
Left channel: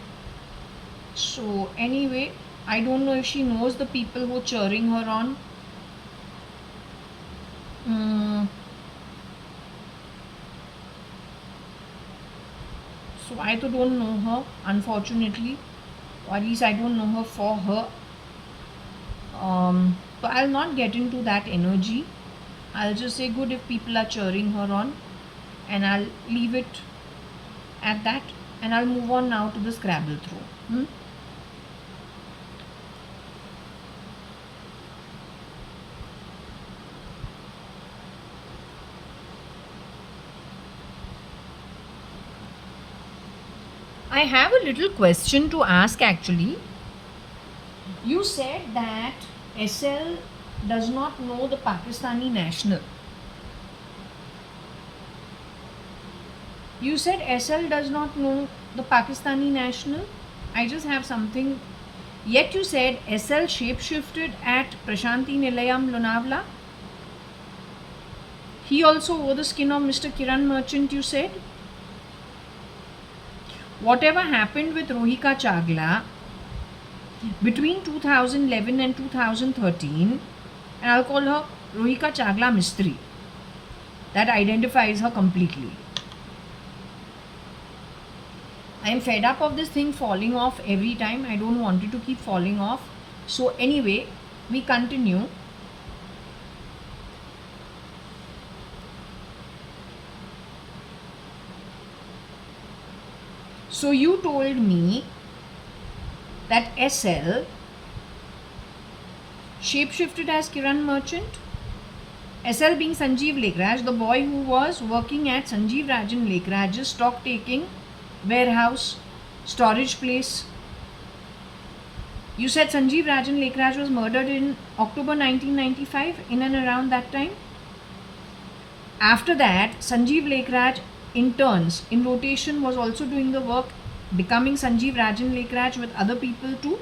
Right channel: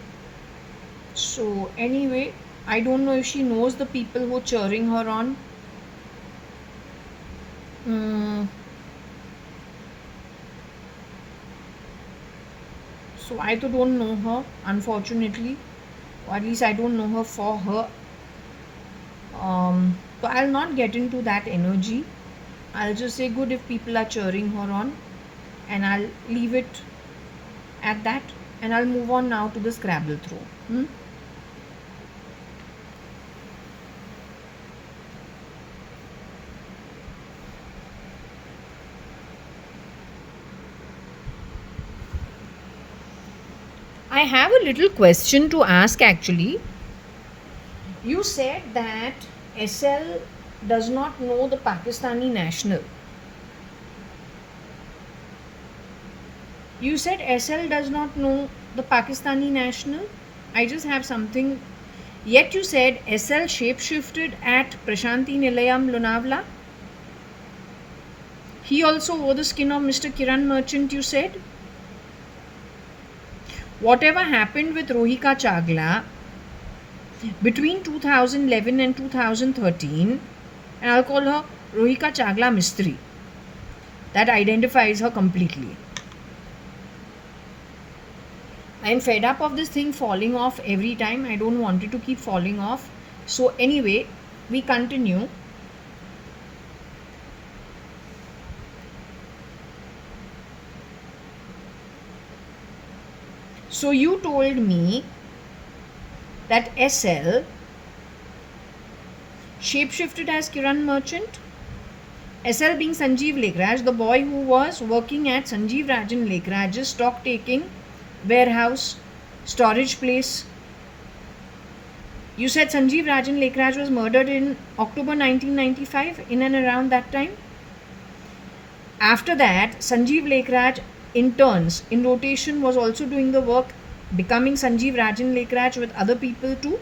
So anyway, I don't know if she knows the people who are cheering her on. So I too don't know her, unfortunately. Or at least I don't know her for her. So I'll not get into that energy. I'll just say good if people are cheering her on, and I'll leave it at that, and I'll move on now to the Scrabble throw. I have a little question to ask actually. You said that SL does not know the Pakistani national. You said SL does not know the Pakistani national. I just have something. Yet you said SL shapeshifted at Prashanti Nilayam Lunavla. He also wore the skin of Mr. Kiran Merchant, you said. Whatever happened with Rohika Chagla between 2011 and 2013, and I'll call her Rohika Chagla Mistry. That identifies her completely. I'm fed up of this thing falling off every time. I don't want it to keep falling off. So anyway, we continue. So you told me that SL shapeshifted as Kiran Merchant. SL being Sanjeev Lekraj, the boy who was working at Sanjeev Rajan Lekraj's stock taking warehouse storage place. You said Sanjeev Rajan Lekraj was murdered in October 1995, in and around that time. After that, Sanjeev Lekraj interns in rotation was also doing the work, becoming Sanjeev Rajan Lekraj with other people too.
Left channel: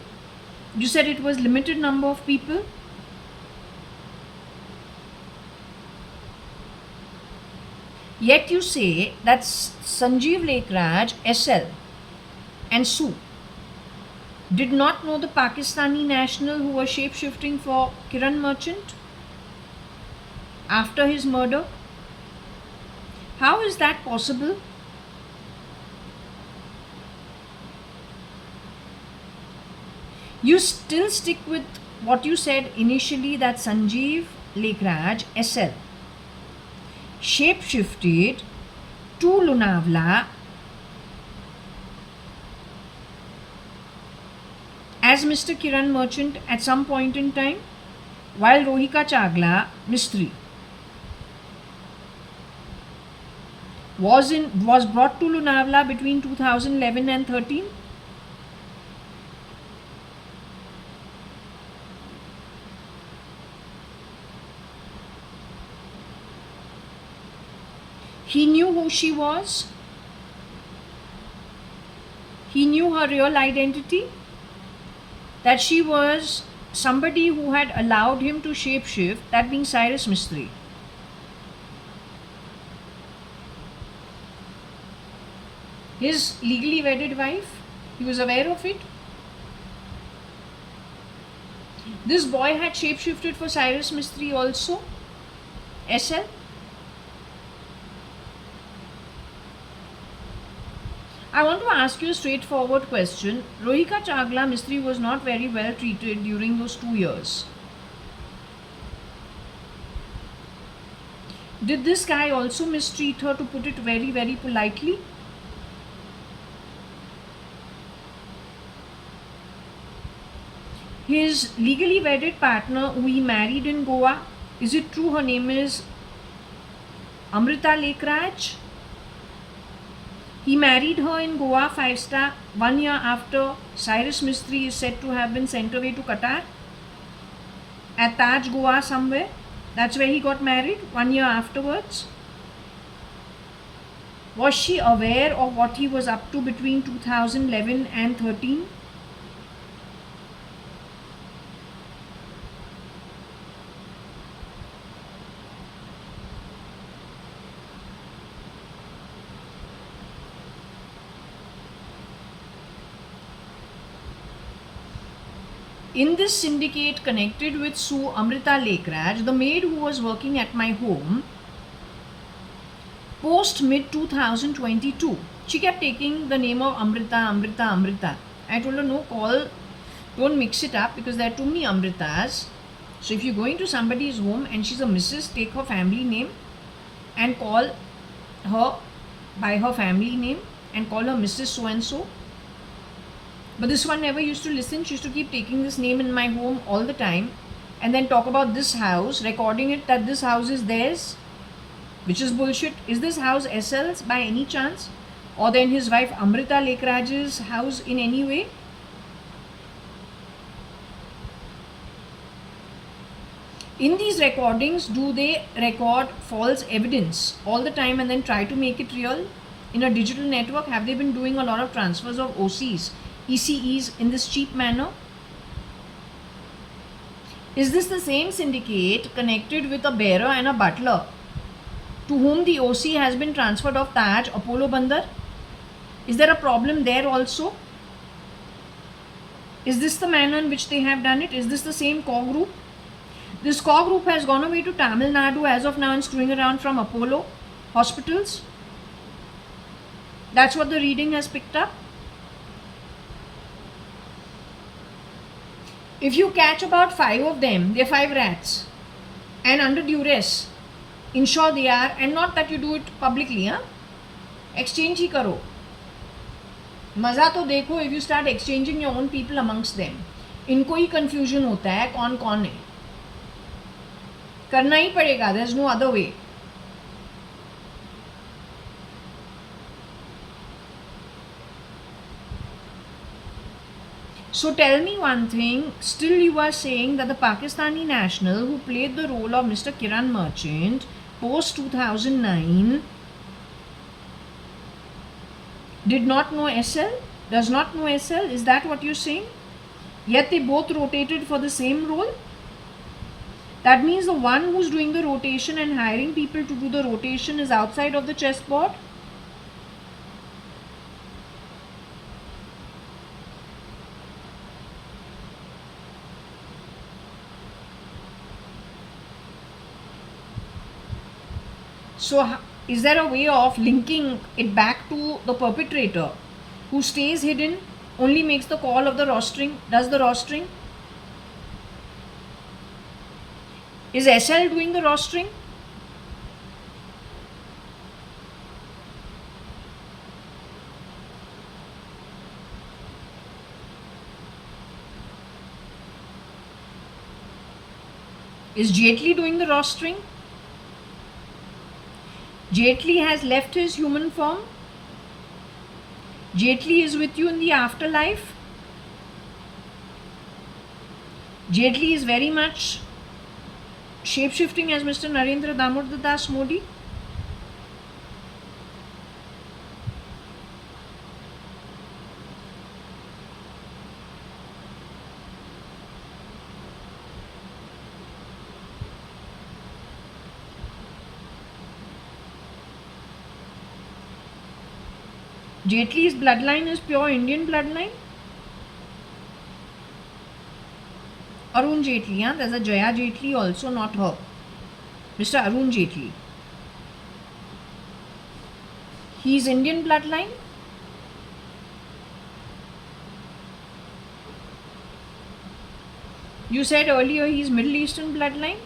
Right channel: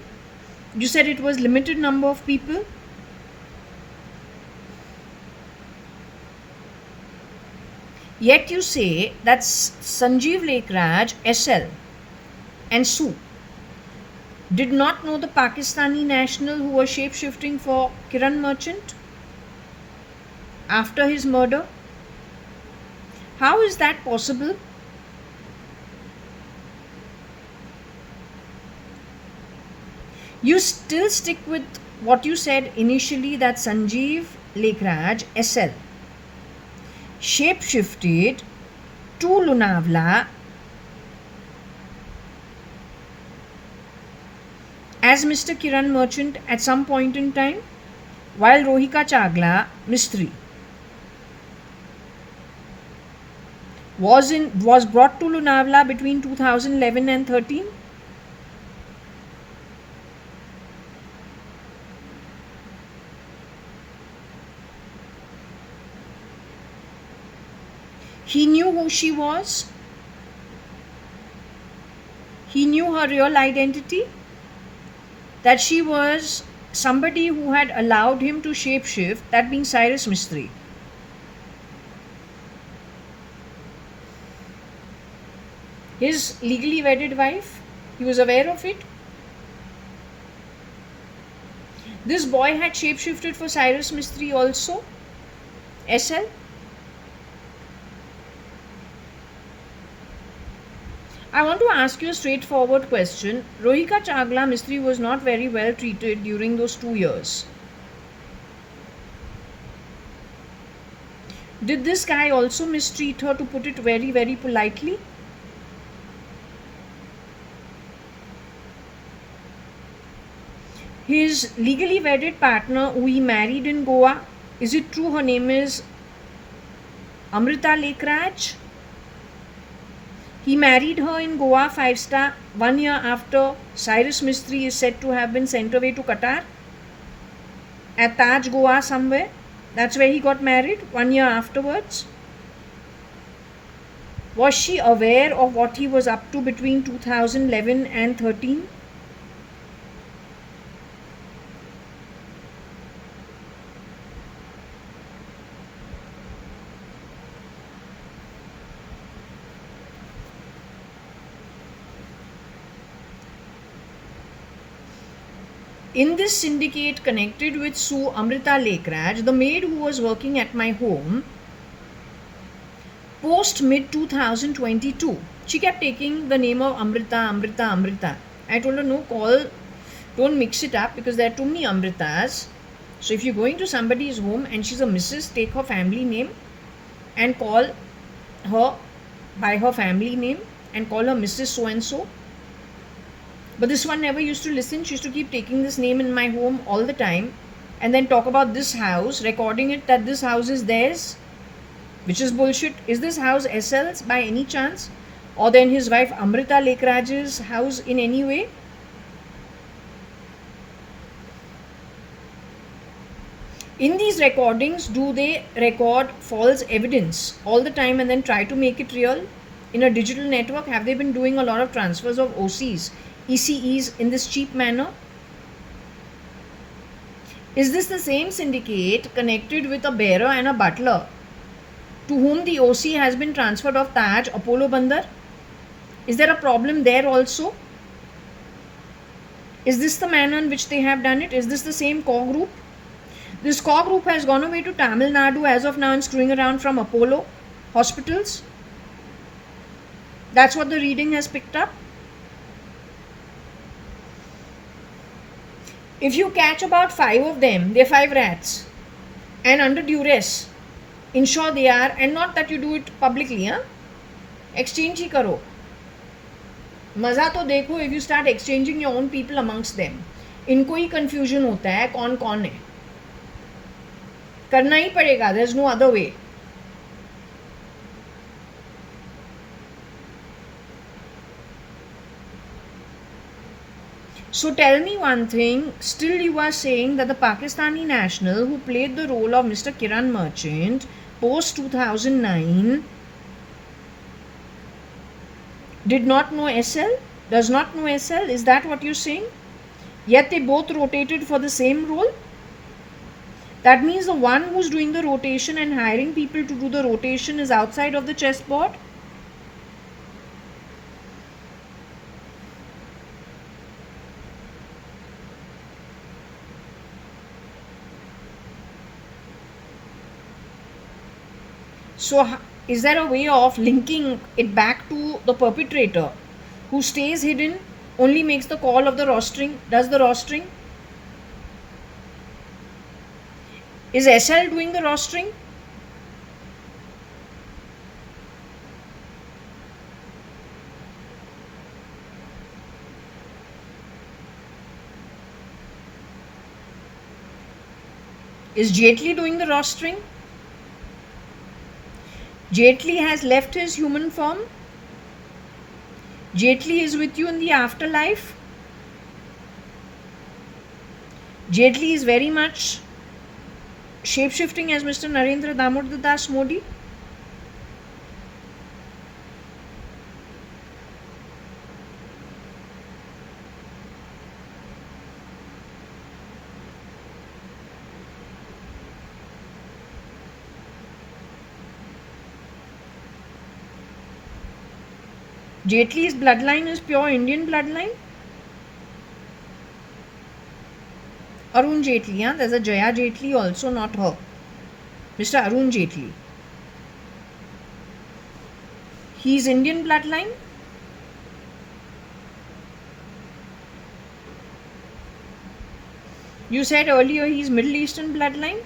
You said it was limited number of people. Yet you say that Sanjeev Lekraj, SL and Sue did not know the Pakistani national who was shapeshifting for Kiran Merchant after his murder. How is that possible? You still stick with what you said initially, that Sanjeev Lekraj, SL, shapeshifted to Lunavla as Mr. Kiran Merchant at some point in time, while Rohika Chagla, Mistry, was brought to Lunavla between 2011 and 13. He knew who she was. He knew her real identity, that she was somebody who had allowed him to shapeshift, that being Cyrus Mistry. His legally wedded wife, he was aware of it. This boy had shapeshifted for Cyrus Mistry also, SL. I want to ask you a straightforward question. Rohika Chagla Mistry was not very well treated during those 2 years. Did this guy also mistreat her, to put it very, very politely? His legally wedded partner, who he married in Goa, is it true her name is Amrita Lekraj? He married her in Goa 5-star 1 year after Cyrus Mistry is said to have been sent away to Qatar. At Taj, Goa somewhere. That's where he got married 1 year afterwards. Was she aware of what he was up to between 2011 and 13? In this syndicate connected with Sue Amrita Lekraj, the maid who was working at my home, post mid 2022, she kept taking the name of Amrita, Amrita, Amrita. I told her, no, don't mix it up, because there are too many Amritas. So if you're going to somebody's home and she's a Mrs., take her family name and call her by her family name and call her Mrs. so and so. But this one never used to listen. She used to keep taking this name in my home all the time and then talk about this house, recording it that this house is theirs, which is bullshit. Is this house SL's by any chance? Or then his wife Amrita Lekraj's house in any way? In these recordings, do they record false evidence all the time and then try to make it real in a digital network? Have they been doing a lot of transfers of OCs, ECEs in this cheap manner? Is this the same syndicate connected with a bearer and a butler to whom the OC has been transferred of Taj, Apollo Bandar? Is there a problem there also? Is this the manner in which they have done it? Is this the same core group? This core group has gone away to Tamil Nadu as of now and screwing around from Apollo hospitals. That's what the reading has picked up. If you catch about 5 of them, they're 5 rats, and under duress, ensure they are, and not that you do it publicly, exchange ही करो. मज़ा तो देखो if you start exchanging your own people amongst them. इनको ही confusion होता है कौन कौन है. करना ही पड़ेगा, there's no other way. So tell me one thing, still you are saying that the Pakistani national who played the role of Mr. Kiran Merchant post 2009 did not know SL, does not know SL, is that what you're saying? Yet they both rotated for the same role? That means the one who's doing the rotation and hiring people to do the rotation is outside of the chessboard? So is there a way of linking it back to the perpetrator who stays hidden, only makes the call of the rostering, does the rostering? Is SL doing the rostering? Is Jaitley doing the rostering? Jaitley has left his human form. Jaitley is with you in the afterlife. Jaitley is very much shape-shifting as Mr. Narendra Damodar Das Modi. Jaitley's bloodline is pure Indian bloodline. Arun Jaitley, yeah? There's a Jaya Jaitley also, not her. Mr. Arun Jaitley. He's Indian bloodline. You said earlier he's Middle Eastern bloodline.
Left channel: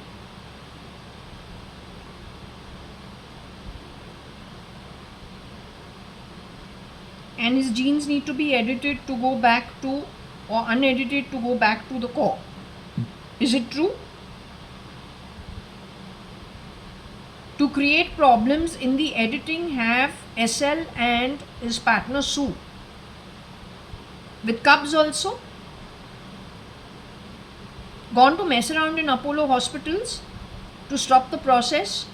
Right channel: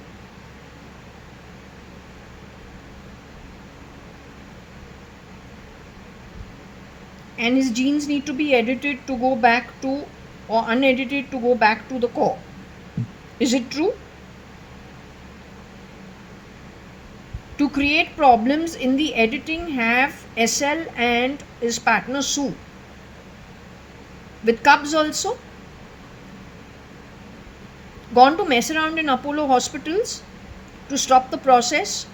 And his genes need to be edited to go back to, or unedited to go back to the core. Is it true? To create problems in the editing, have SL and his partner Sue. With Cubs also. Gone to mess around in Apollo hospitals to stop the process.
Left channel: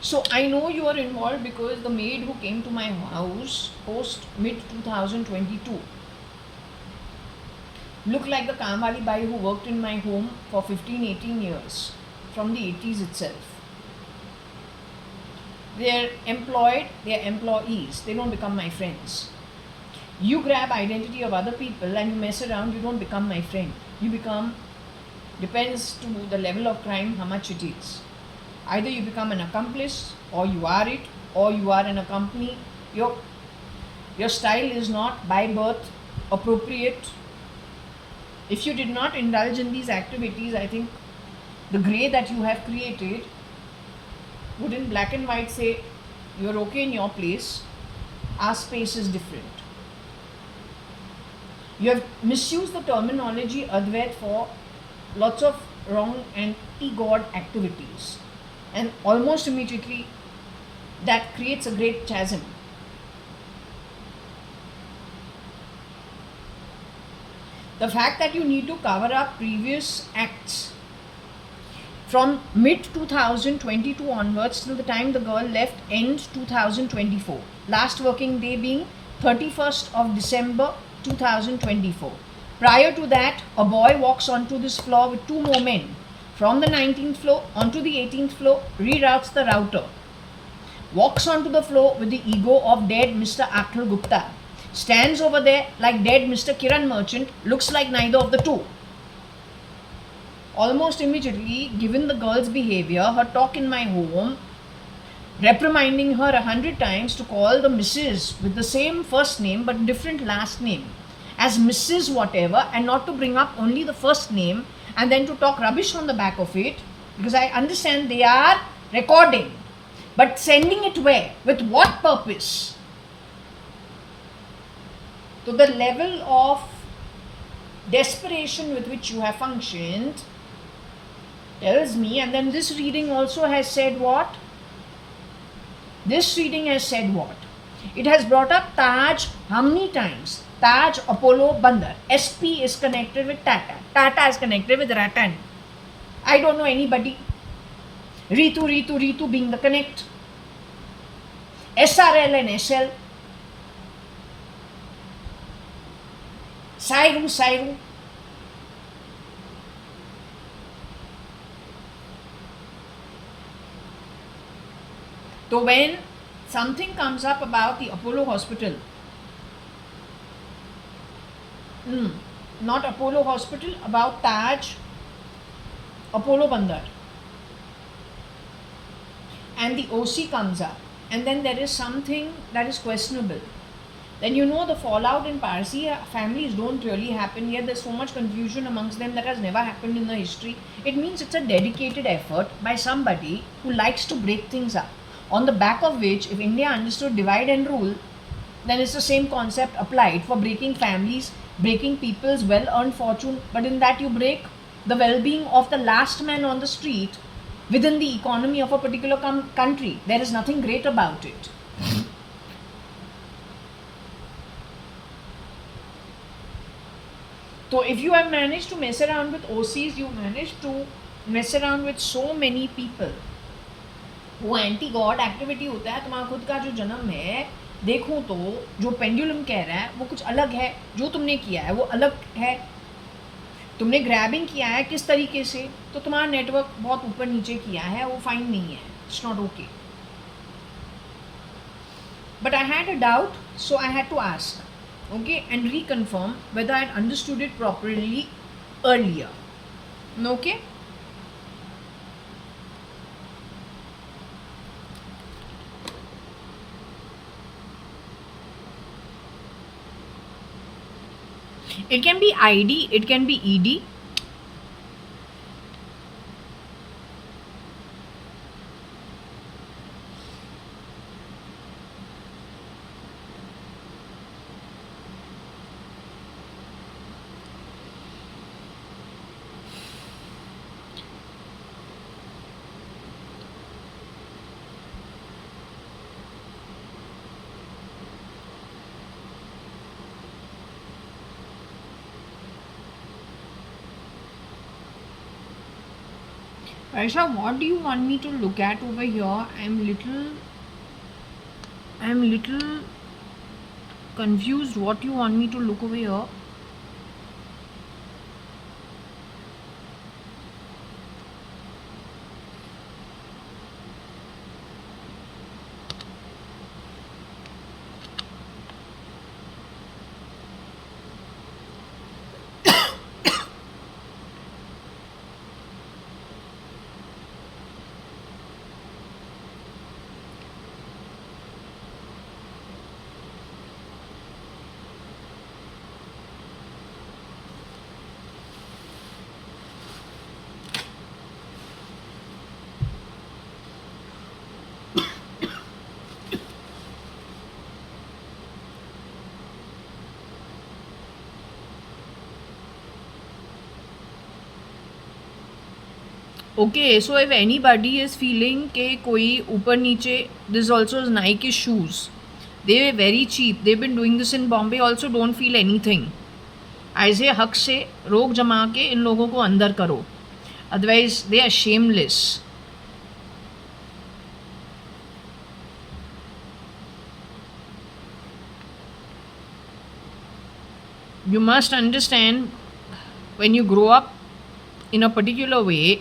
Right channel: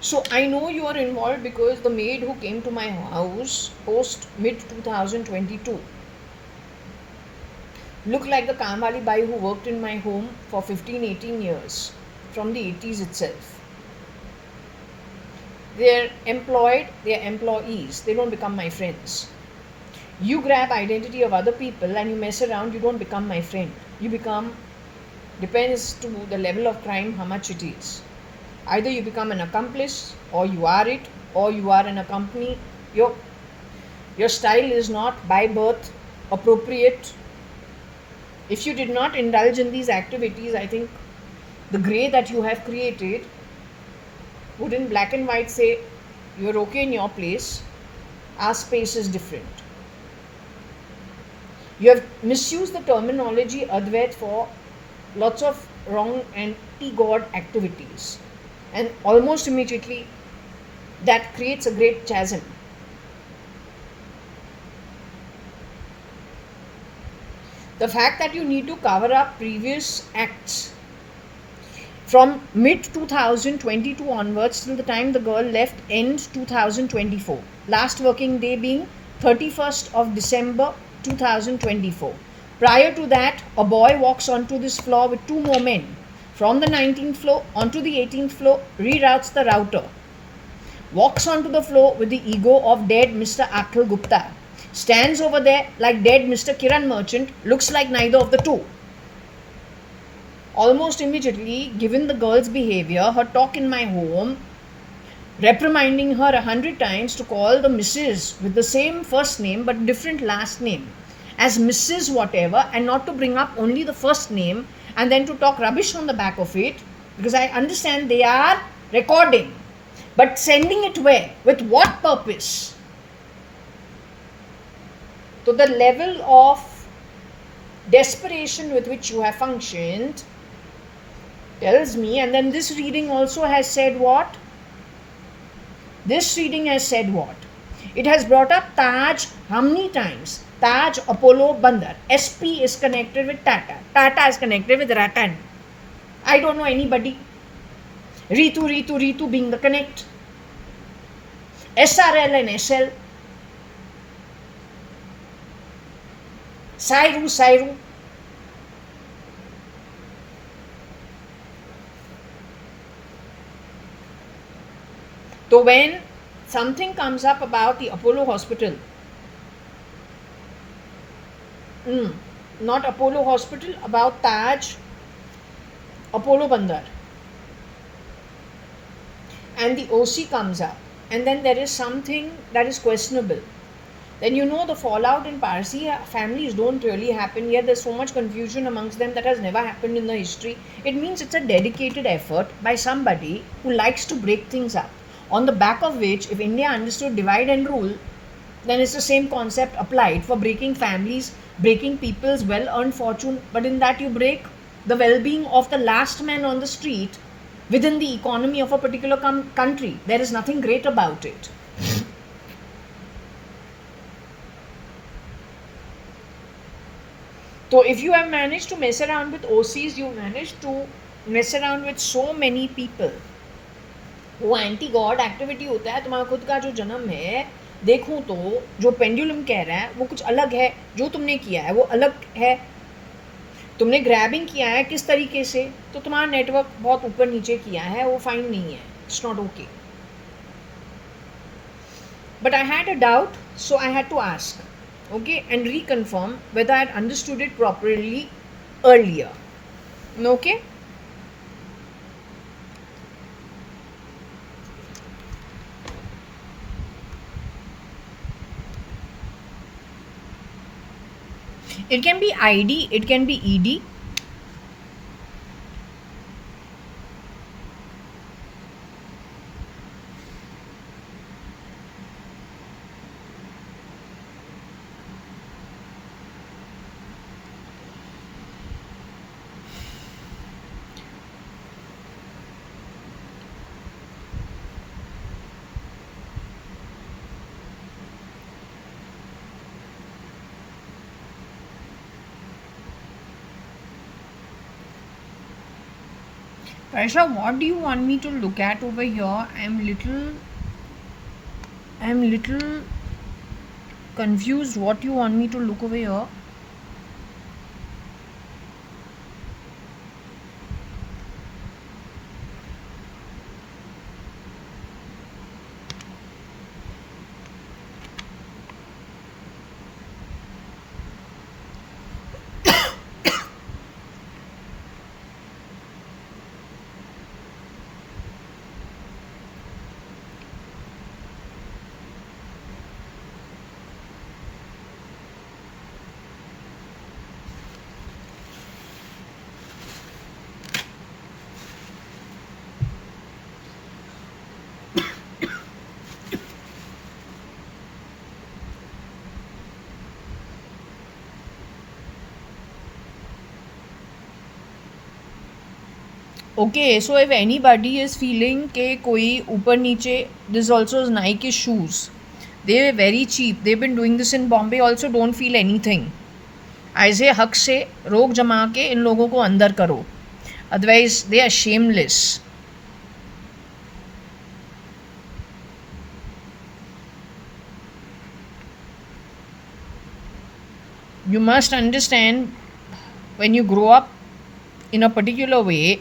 So I know you are involved because the maid who came to my house post mid 2022 looked like the Kamali Bai who worked in my home for 15-18 years from the 80s itself. They're employed, they're employees, they don't become my friends. You grab identity of other people and you mess around, you don't become my friend. You become, depends to the level of crime, how much it is. Either you become an accomplice, or you are it, or you are in a company. Your style is not by birth appropriate. If you did not indulge in these activities, I think the grey that you have created would in black and white say, you're okay in your place, our space is different. You have misused the terminology Advait for lots of wrong and anti-God activities. And almost immediately that creates a great chasm. The fact that you need to cover up previous acts from mid 2022 onwards till the time the girl left, ends 2024. Last working day being 31st of December 2024. Prior to that, a boy walks onto this floor with two more men. From the 19th floor onto the 18th floor, reroutes the router. Walks onto the floor with the ego of dead Mr. Akhil Gupta. Stands over there like dead Mr. Kiran Merchant, looks like neither of the two. Almost immediately, given the girl's behavior, her talk in my home, reprimanding her 100 times to call the Mrs. with the same first name but different last name as Mrs. whatever, and not to bring up only the first name and then to talk rubbish on the back of it, because I understand they are recording, but sending it where? With what purpose? To the level of desperation with which you have functioned tells me, and then this reading also has said what? This reading has said what? It has brought up Taj how many times? Taj Apollo Bandar. SP is connected with Tata. Tata is connected with Ratan. I don't know anybody. Ritu being the connect. SRL and SL. Sairu. So when something comes up about the Apollo hospital, not Apollo hospital, about Taj Apollo Bandar, and the OC comes up, and then there is something that is questionable, then you know the fallout in Parsi families don't really happen, yet there's so much confusion amongst them that has never happened in the history. It means it's a dedicated effort by somebody who likes to break things up, on the back of which, if India understood divide and rule, then it's the same concept applied for breaking families, breaking people's well-earned fortune, but in that you break the well-being of the last man on the street within the economy of a particular country. There is nothing great about it. So if you have managed to mess around with OCs, you managed to mess around with so many people. वो anti God activity होता है, तुम्हारा खुद का जो जन्म है देखूं तो जो पेंडुलम कह रहा है वो कुछ अलग है, जो तुमने किया है वो अलग है। तुमने ग्रैबिंग किया है किस तरीके से, तो तुम्हारा नेटवर्क बहुत ऊपर नीचे किया है, वो फाइन नहीं है, it's not okay. But I had a doubt, so I had to ask, okay, and reconfirm whether I had understood it properly earlier. Okay? It can be ID, it can be ED. Aisha, what do you want me to look at over here? I'm little confused what you want me to look over here. Okay, so if anybody is feeling कि कोई ऊपर नीचे, this also is Nike shoes. They are very cheap. They've been doing this in Bombay also. Don't feel anything. ऐसे हक से रोक जमा के इन लोगों को अंदर करो. Otherwise, they are shameless. You must understand, when you grow up in a particular way,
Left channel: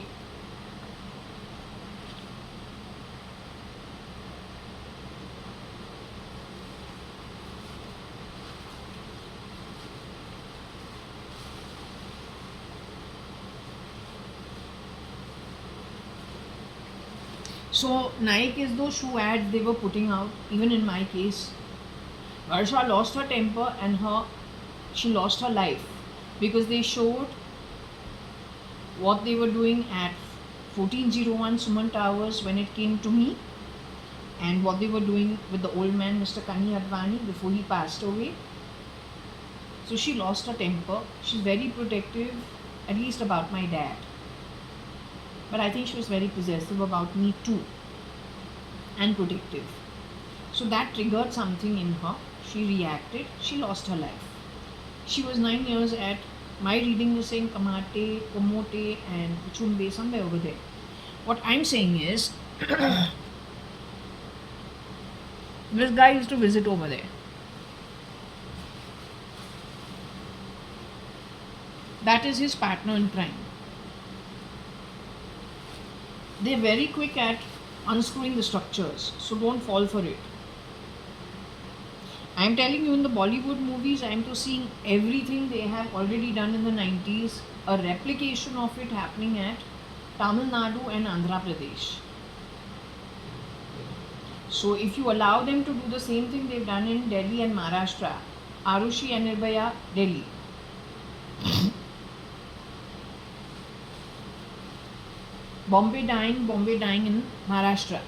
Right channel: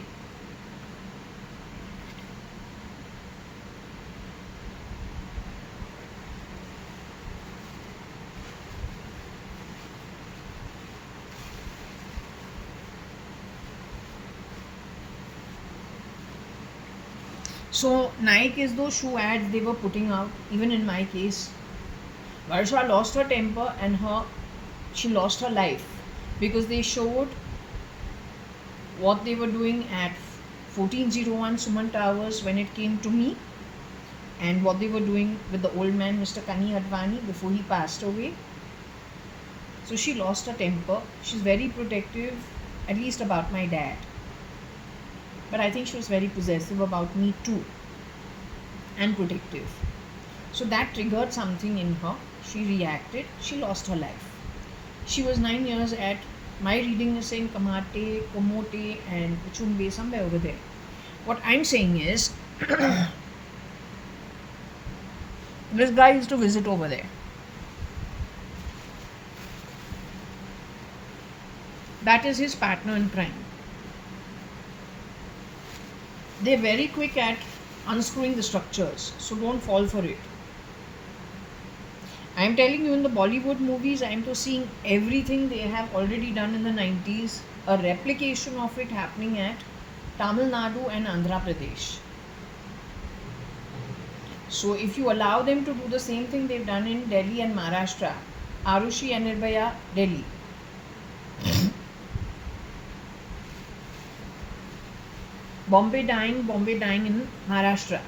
so Nike is those shoe ads they were putting out. Even in my case, Varsha lost her temper and she lost her life because they showed what they were doing at 1401 Suman Towers when it came to me, and what they were doing with the old man, Mr. JAYA.ADVANI, before he passed away. So she lost her temper. She's very protective, at least about my dad. But I think she was very possessive about me too, and protective. So that triggered something in her. She reacted. She lost her life. She was 9 years at, my reading is saying Kamate, Komote, and Chumbe, somewhere over there. What I'm saying is, this guy used to visit over there. That is his partner in crime. They're very quick at unscrewing the structures, so don't fall for it. I'm telling you, in the Bollywood movies, I'm to seeing everything they have already done in the 90s, a replication of it happening at Tamil Nadu and Andhra Pradesh. So if you allow them to do the same thing they've done in Delhi and Maharashtra, Arushi and Nirbhaya, Delhi, Bombay dying in Maharashtra,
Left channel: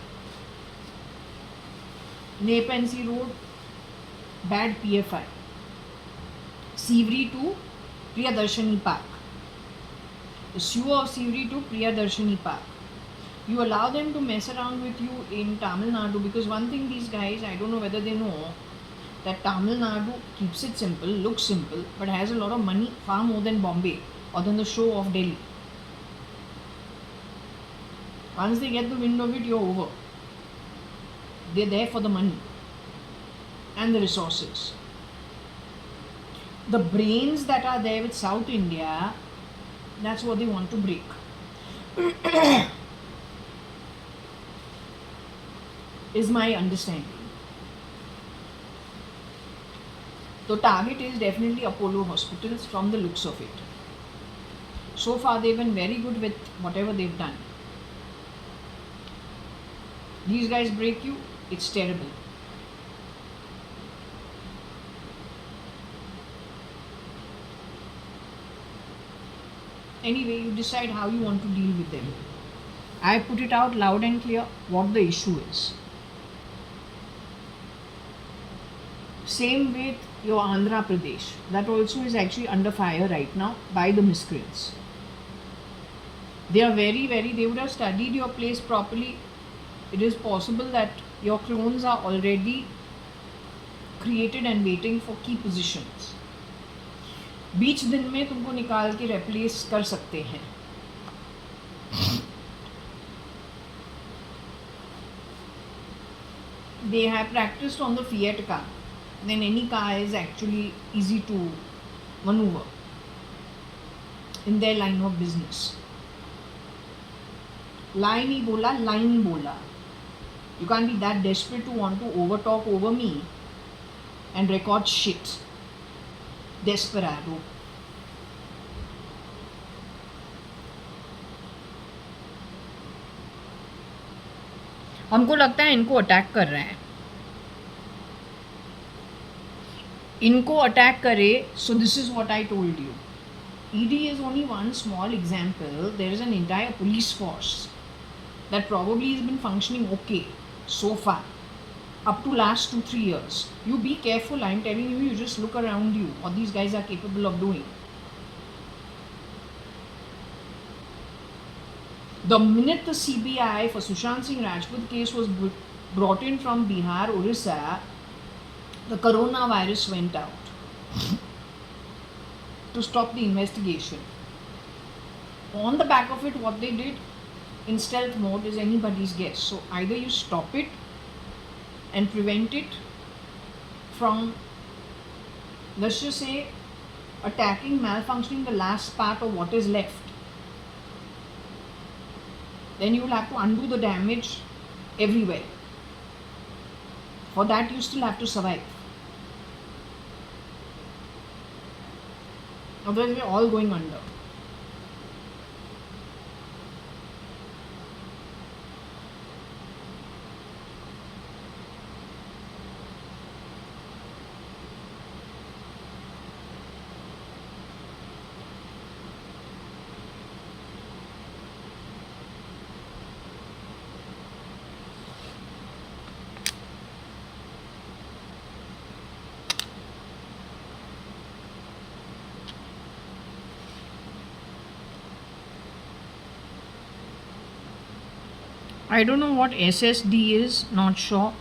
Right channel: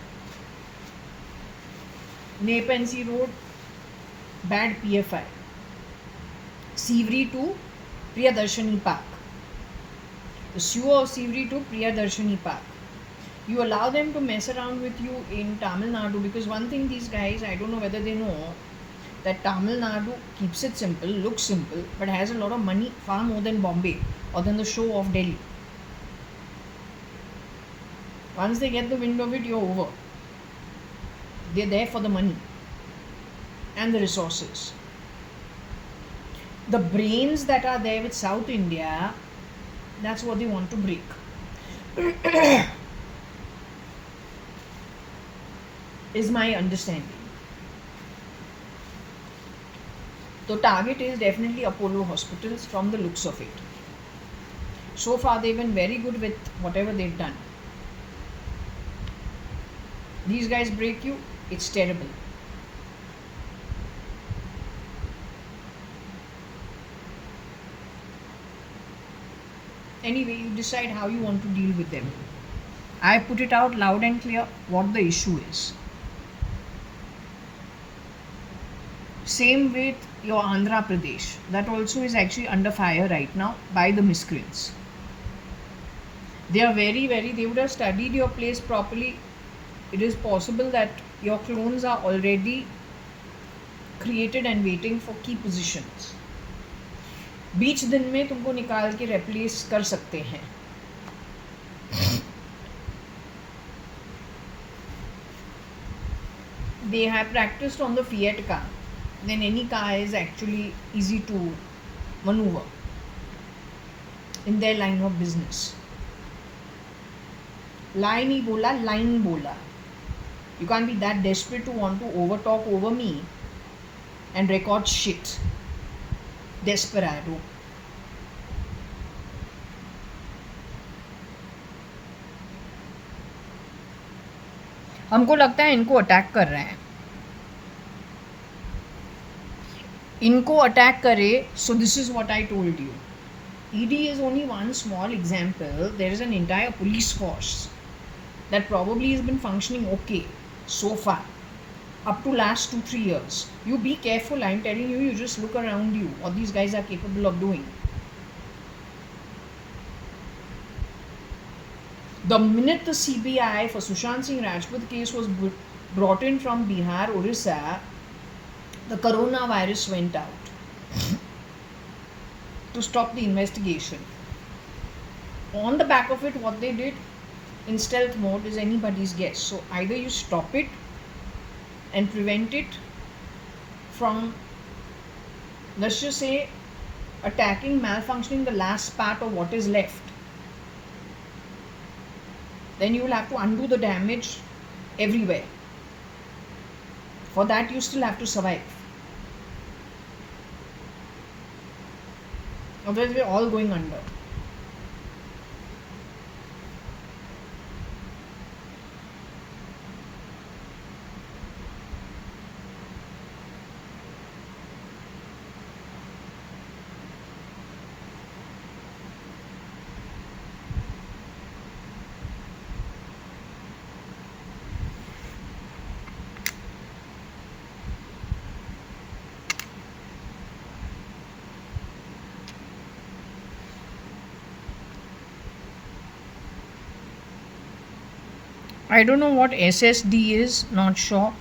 Nepensi Road, bad PFI, Sivri to Priyadarshini Park, the sewer of Sivri to Priyadarshini Park. You allow them to mess around with you in Tamil Nadu, because one thing these guys, I don't know whether they know, that Tamil Nadu keeps it simple, looks simple, but has a lot of money, far more than Bombay or than the show of Delhi. Once they get the wind of it, you're over. They're there for the money. and the resources. The brains that are there with South India, that's what they want to break. Is my understanding. The target is definitely Apollo hospitals from the looks of it. So far they've been very good with whatever they've done. These guys break you, it's terrible. Anyway, you decide how you want to deal with them. I put it out loud and clear what the issue is. Same with your Andhra Pradesh. That also is actually under fire right now by the miscreants. They are they would have studied your place properly. It is possible that your clones are already created and waiting for key positions. बीच दिन में तुमको निकाल के replace कर सकते हैं. They have practiced on the Fiat car. Then any car is actually easy to maneuver in their line of business. Line ही बोला, line बोला. You can't be that desperate to want to overtalk over me and record shit. Desperado. हमको लगता है इनको attack कर रहा है. इनको अटैक करे. So this is what I told you. ED is only one small example. There is an entire police force that probably has been functioning okay so far up to last 2-3 years. You be careful, I'm telling you. You just look around you what these guys are capable of doing. The minute the CBI for Sushant Singh Rajput case was brought in from Bihar, Orissa, the coronavirus went out to stop the investigation. On the back of it, what they did in stealth mode is anybody's guess. So either you stop it and prevent it from, let's just say, attacking, malfunctioning the last part of what is left. Then you will have to undo the damage everywhere. For that, you still have to survive. Otherwise, we're all going under. I don't know what SSD is, not sure.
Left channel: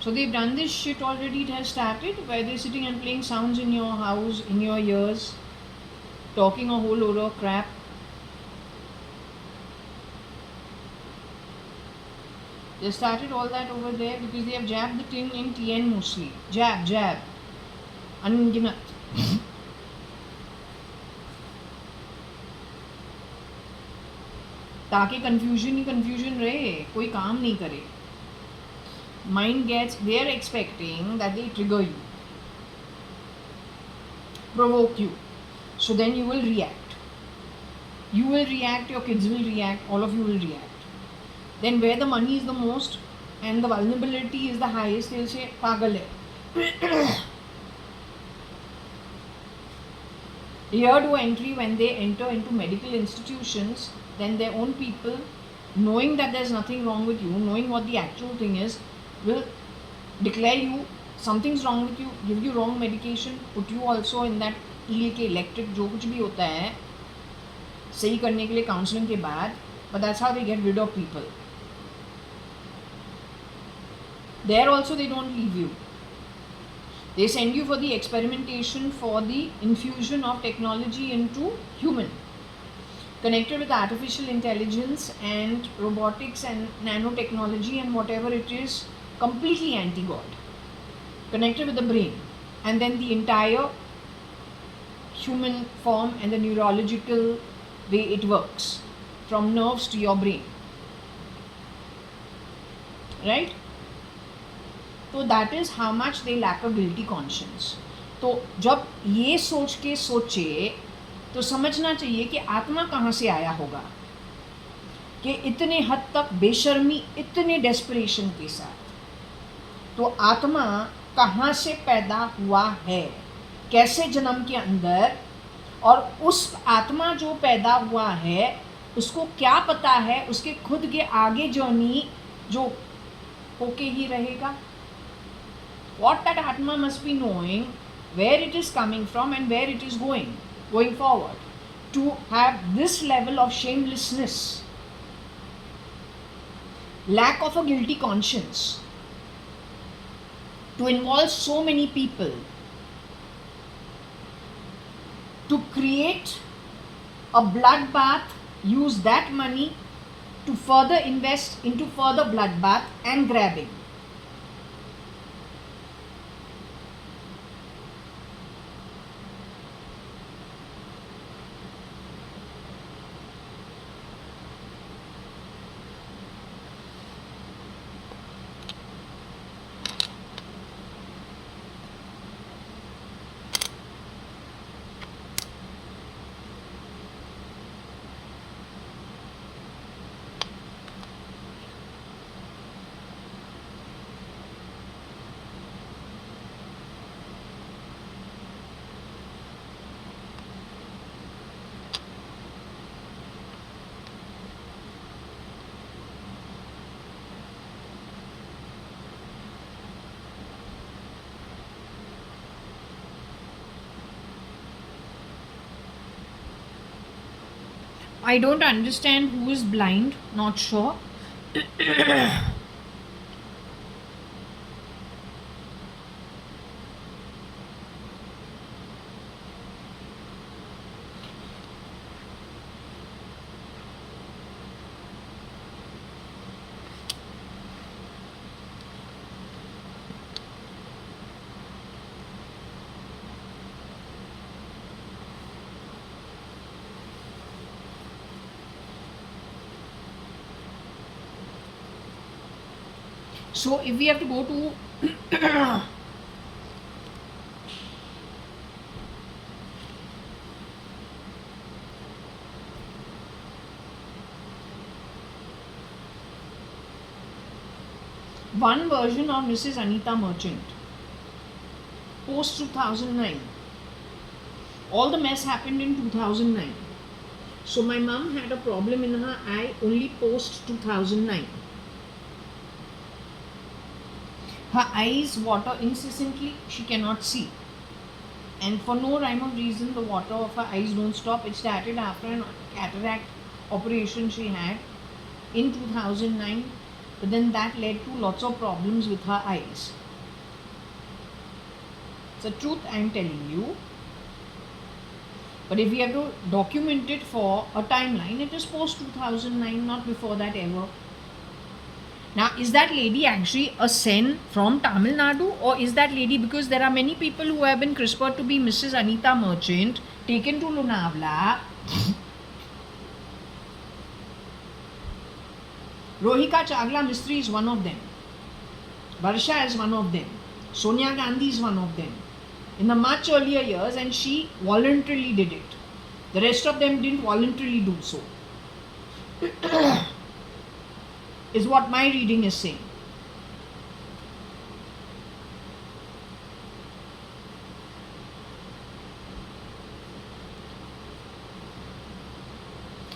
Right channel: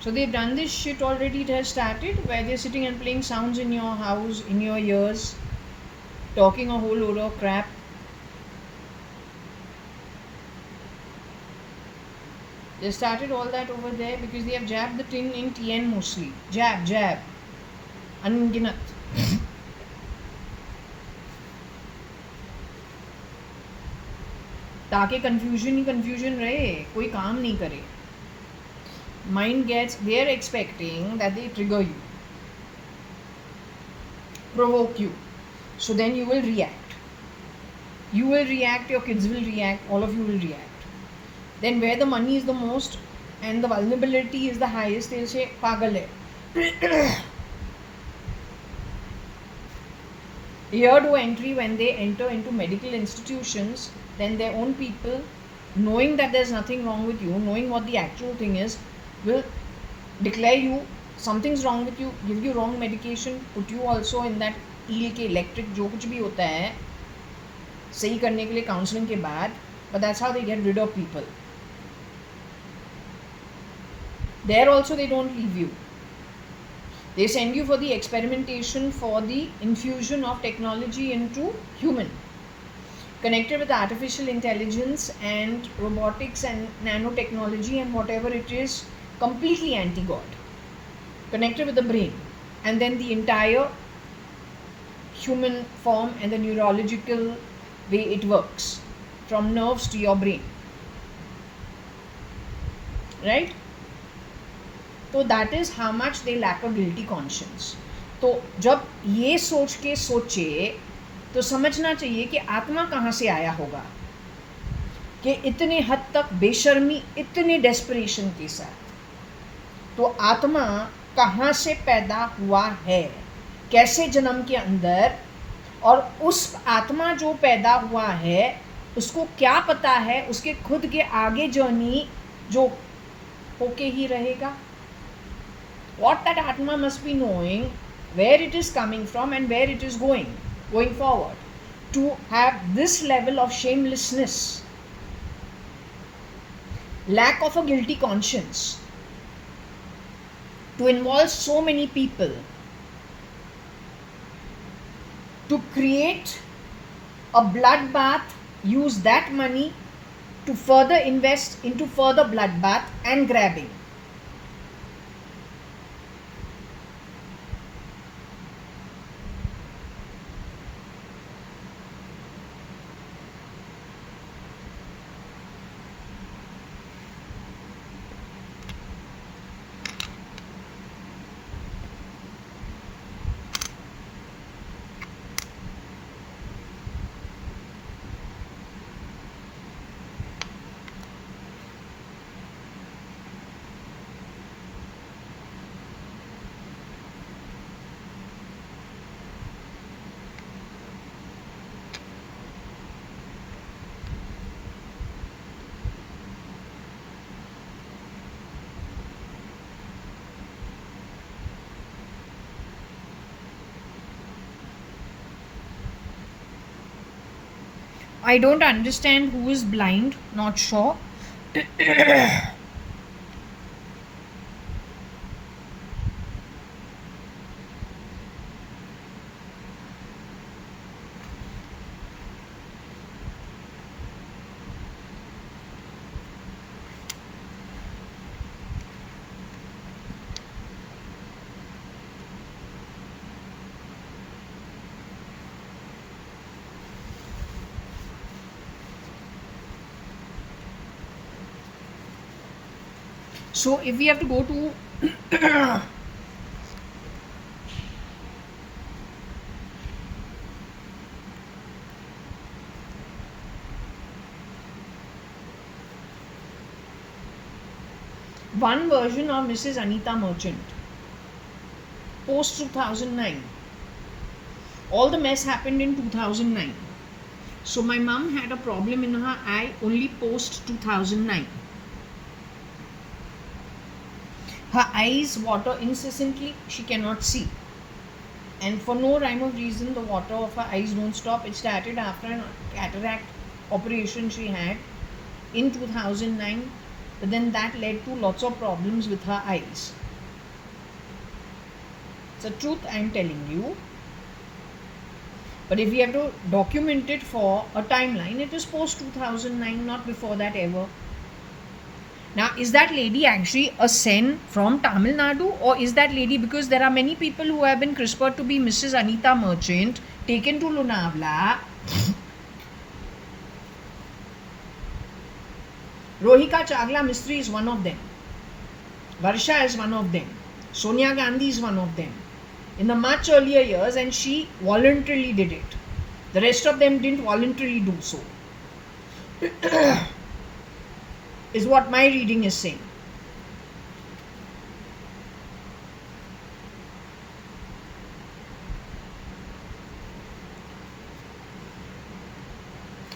So they've done this shit already. It has started where they're sitting and playing sounds in your house, in your ears, talking a whole load of crap. They started all that over there because they have jabbed the thing in TN mostly. Jab. Unginat. ताकि confusion रहे, कोई काम नहीं करे. Mind gets, they are expecting that they trigger you, provoke you, so then you will react. You will react, your kids will react, all of you will react. Then where the money is the most and the vulnerability is the highest, they'll say pagal hai. Year to entry, when they enter into medical institutions, then their own people, knowing that there's nothing wrong with you, knowing what the actual thing is, will declare you something's wrong with you, give you wrong medication, put you also in that eel के electric जो कुछ भी होता है सही करने के लिए counseling के बाद. But that's how they get rid of people. There also they don't leave you. They send you for the experimentation, for the infusion of technology into human, connected with artificial intelligence and robotics and nanotechnology and whatever it is completely anti-God, connected with the brain, and then the entire human form and the neurological way it works from nerves to your brain, right? तो that is how much they lack a guilty conscience. तो जब ये सोच के सोचे तो समझना चाहिए कि आत्मा कहाँ से आया होगा कि इतने हद तक बेशर्मी, इतने डेस्परेशन के साथ. तो आत्मा कहाँ से पैदा हुआ है, कैसे जन्म के अंदर, और उस आत्मा जो पैदा हुआ है उसको क्या पता है उसके खुद के आगे जर्नी जो होके ही रहेगा. What that Atma must be knowing, where it is coming from and where it is going forward. To have this level of shamelessness, lack of a guilty conscience, to involve so many people, to create a bloodbath, use that money to further invest into further bloodbath and grabbing. I don't understand who is blind, not sure. So if we have to go to one version of Mrs. Anita Merchant, post 2009. All the mess happened in 2009. So my mom had a problem in her eye only post 2009. Her eyes water incessantly, she cannot see. And for no rhyme or reason, the water of her eyes don't stop. It started after an cataract operation she had in 2009. But then that led to lots of problems with her eyes. It's the truth I am telling you. But if we have to document it for a timeline, it is post 2009, not before that ever. Now, is that lady actually a Sen from Tamil Nadu, or is that lady, because there are many people who have been CRISPR'd to be Mrs. Anita Merchant, taken to Lonavala. Rohika Chagla Mistry is one of them. Varsha is one of them. Sonia Gandhi is one of them. In the much earlier years, and she voluntarily did it. The rest of them didn't voluntarily do so. Is what my reading is saying.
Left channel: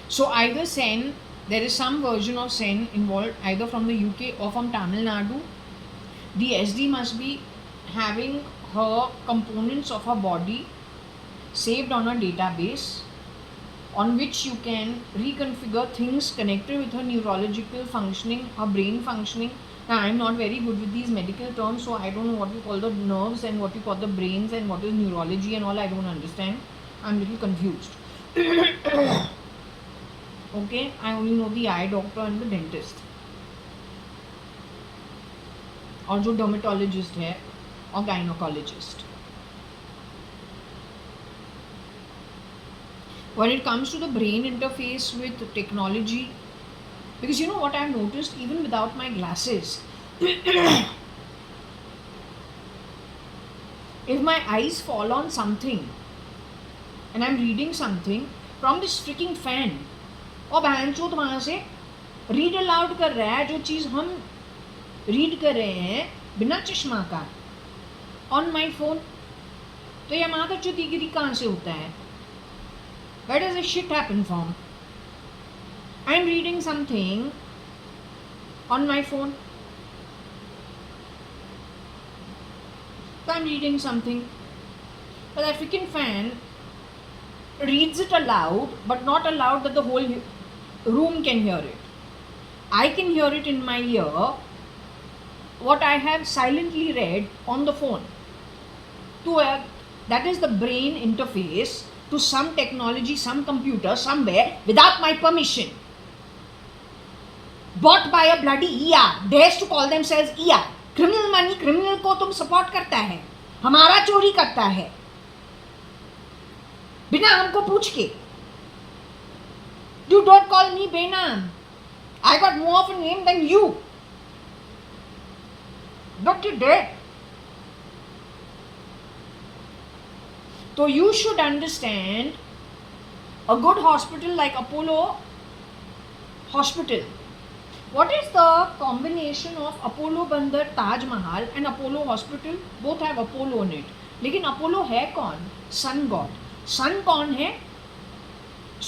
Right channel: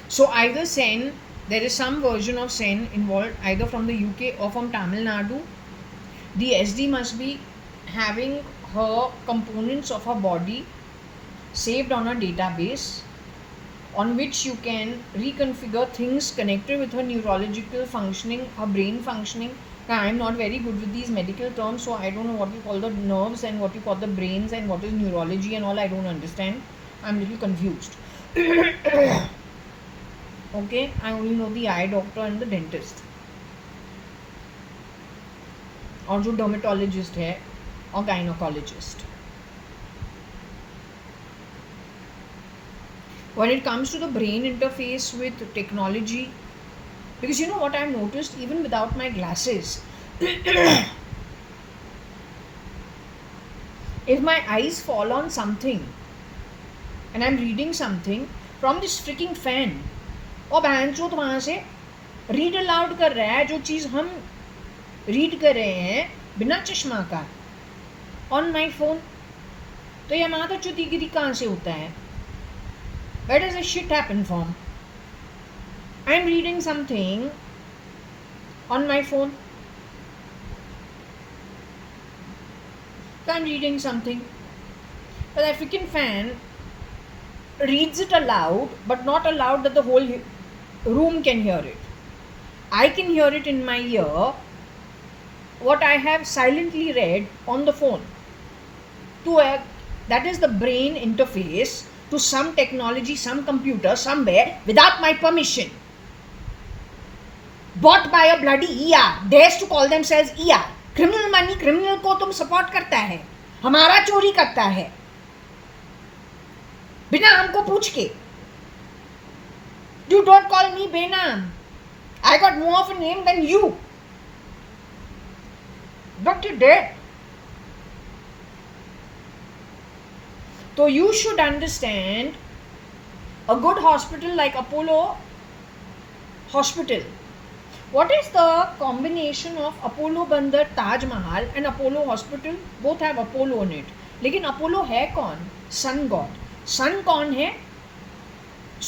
So either Sen, there is some version of Sen involved either from the UK or from Tamil Nadu. The SD must be having her components of her body saved on a database on which you can reconfigure things connected with her neurological functioning, her brain functioning. Now, I am not very good with these medical terms, so I don't know what you call the nerves and what you call the brains and what is neurology and all. I don't understand. I'm a little confused. Okay, I only know the eye doctor and the dentist. और जो dermatologist है और gynaecologist. When it comes to the brain interface with technology, because you know what I've noticed, even without my glasses, if my eyes fall on something and I'm reading something from this freaking fan, और बहनचोद वहाँ से read aloud कर रहा है जो चीज़ हम read कर रहे हैं बिना चश्मा का ऑन माई फोन, तो ये हमारा चुतीगिरी कहाँ से होता है? Where does this shit happen from? I am reading something on my phone. So I am reading something. But that freaking fan reads it aloud, but not aloud that the whole room can hear it. I can hear it in my ear, what I have silently read on the phone. That is the brain interface to some technology, some computer, somewhere, without my permission. Bought by a bloody ER, dares to call themselves ER. Criminal money, criminal को तुम support करता है, हमारा चोरी करता है, बिना हमको पूछ के. You don't call me Benam. I got more of a name than you. Don't you dare. So you should understand, a good hospital like Apollo Hospital. What is the combination of Apollo Bandar, Taj Mahal and Apollo Hospital? Both have Apollo in it. लेकिन Apollo है कौन? Sun God. Sun कौन है?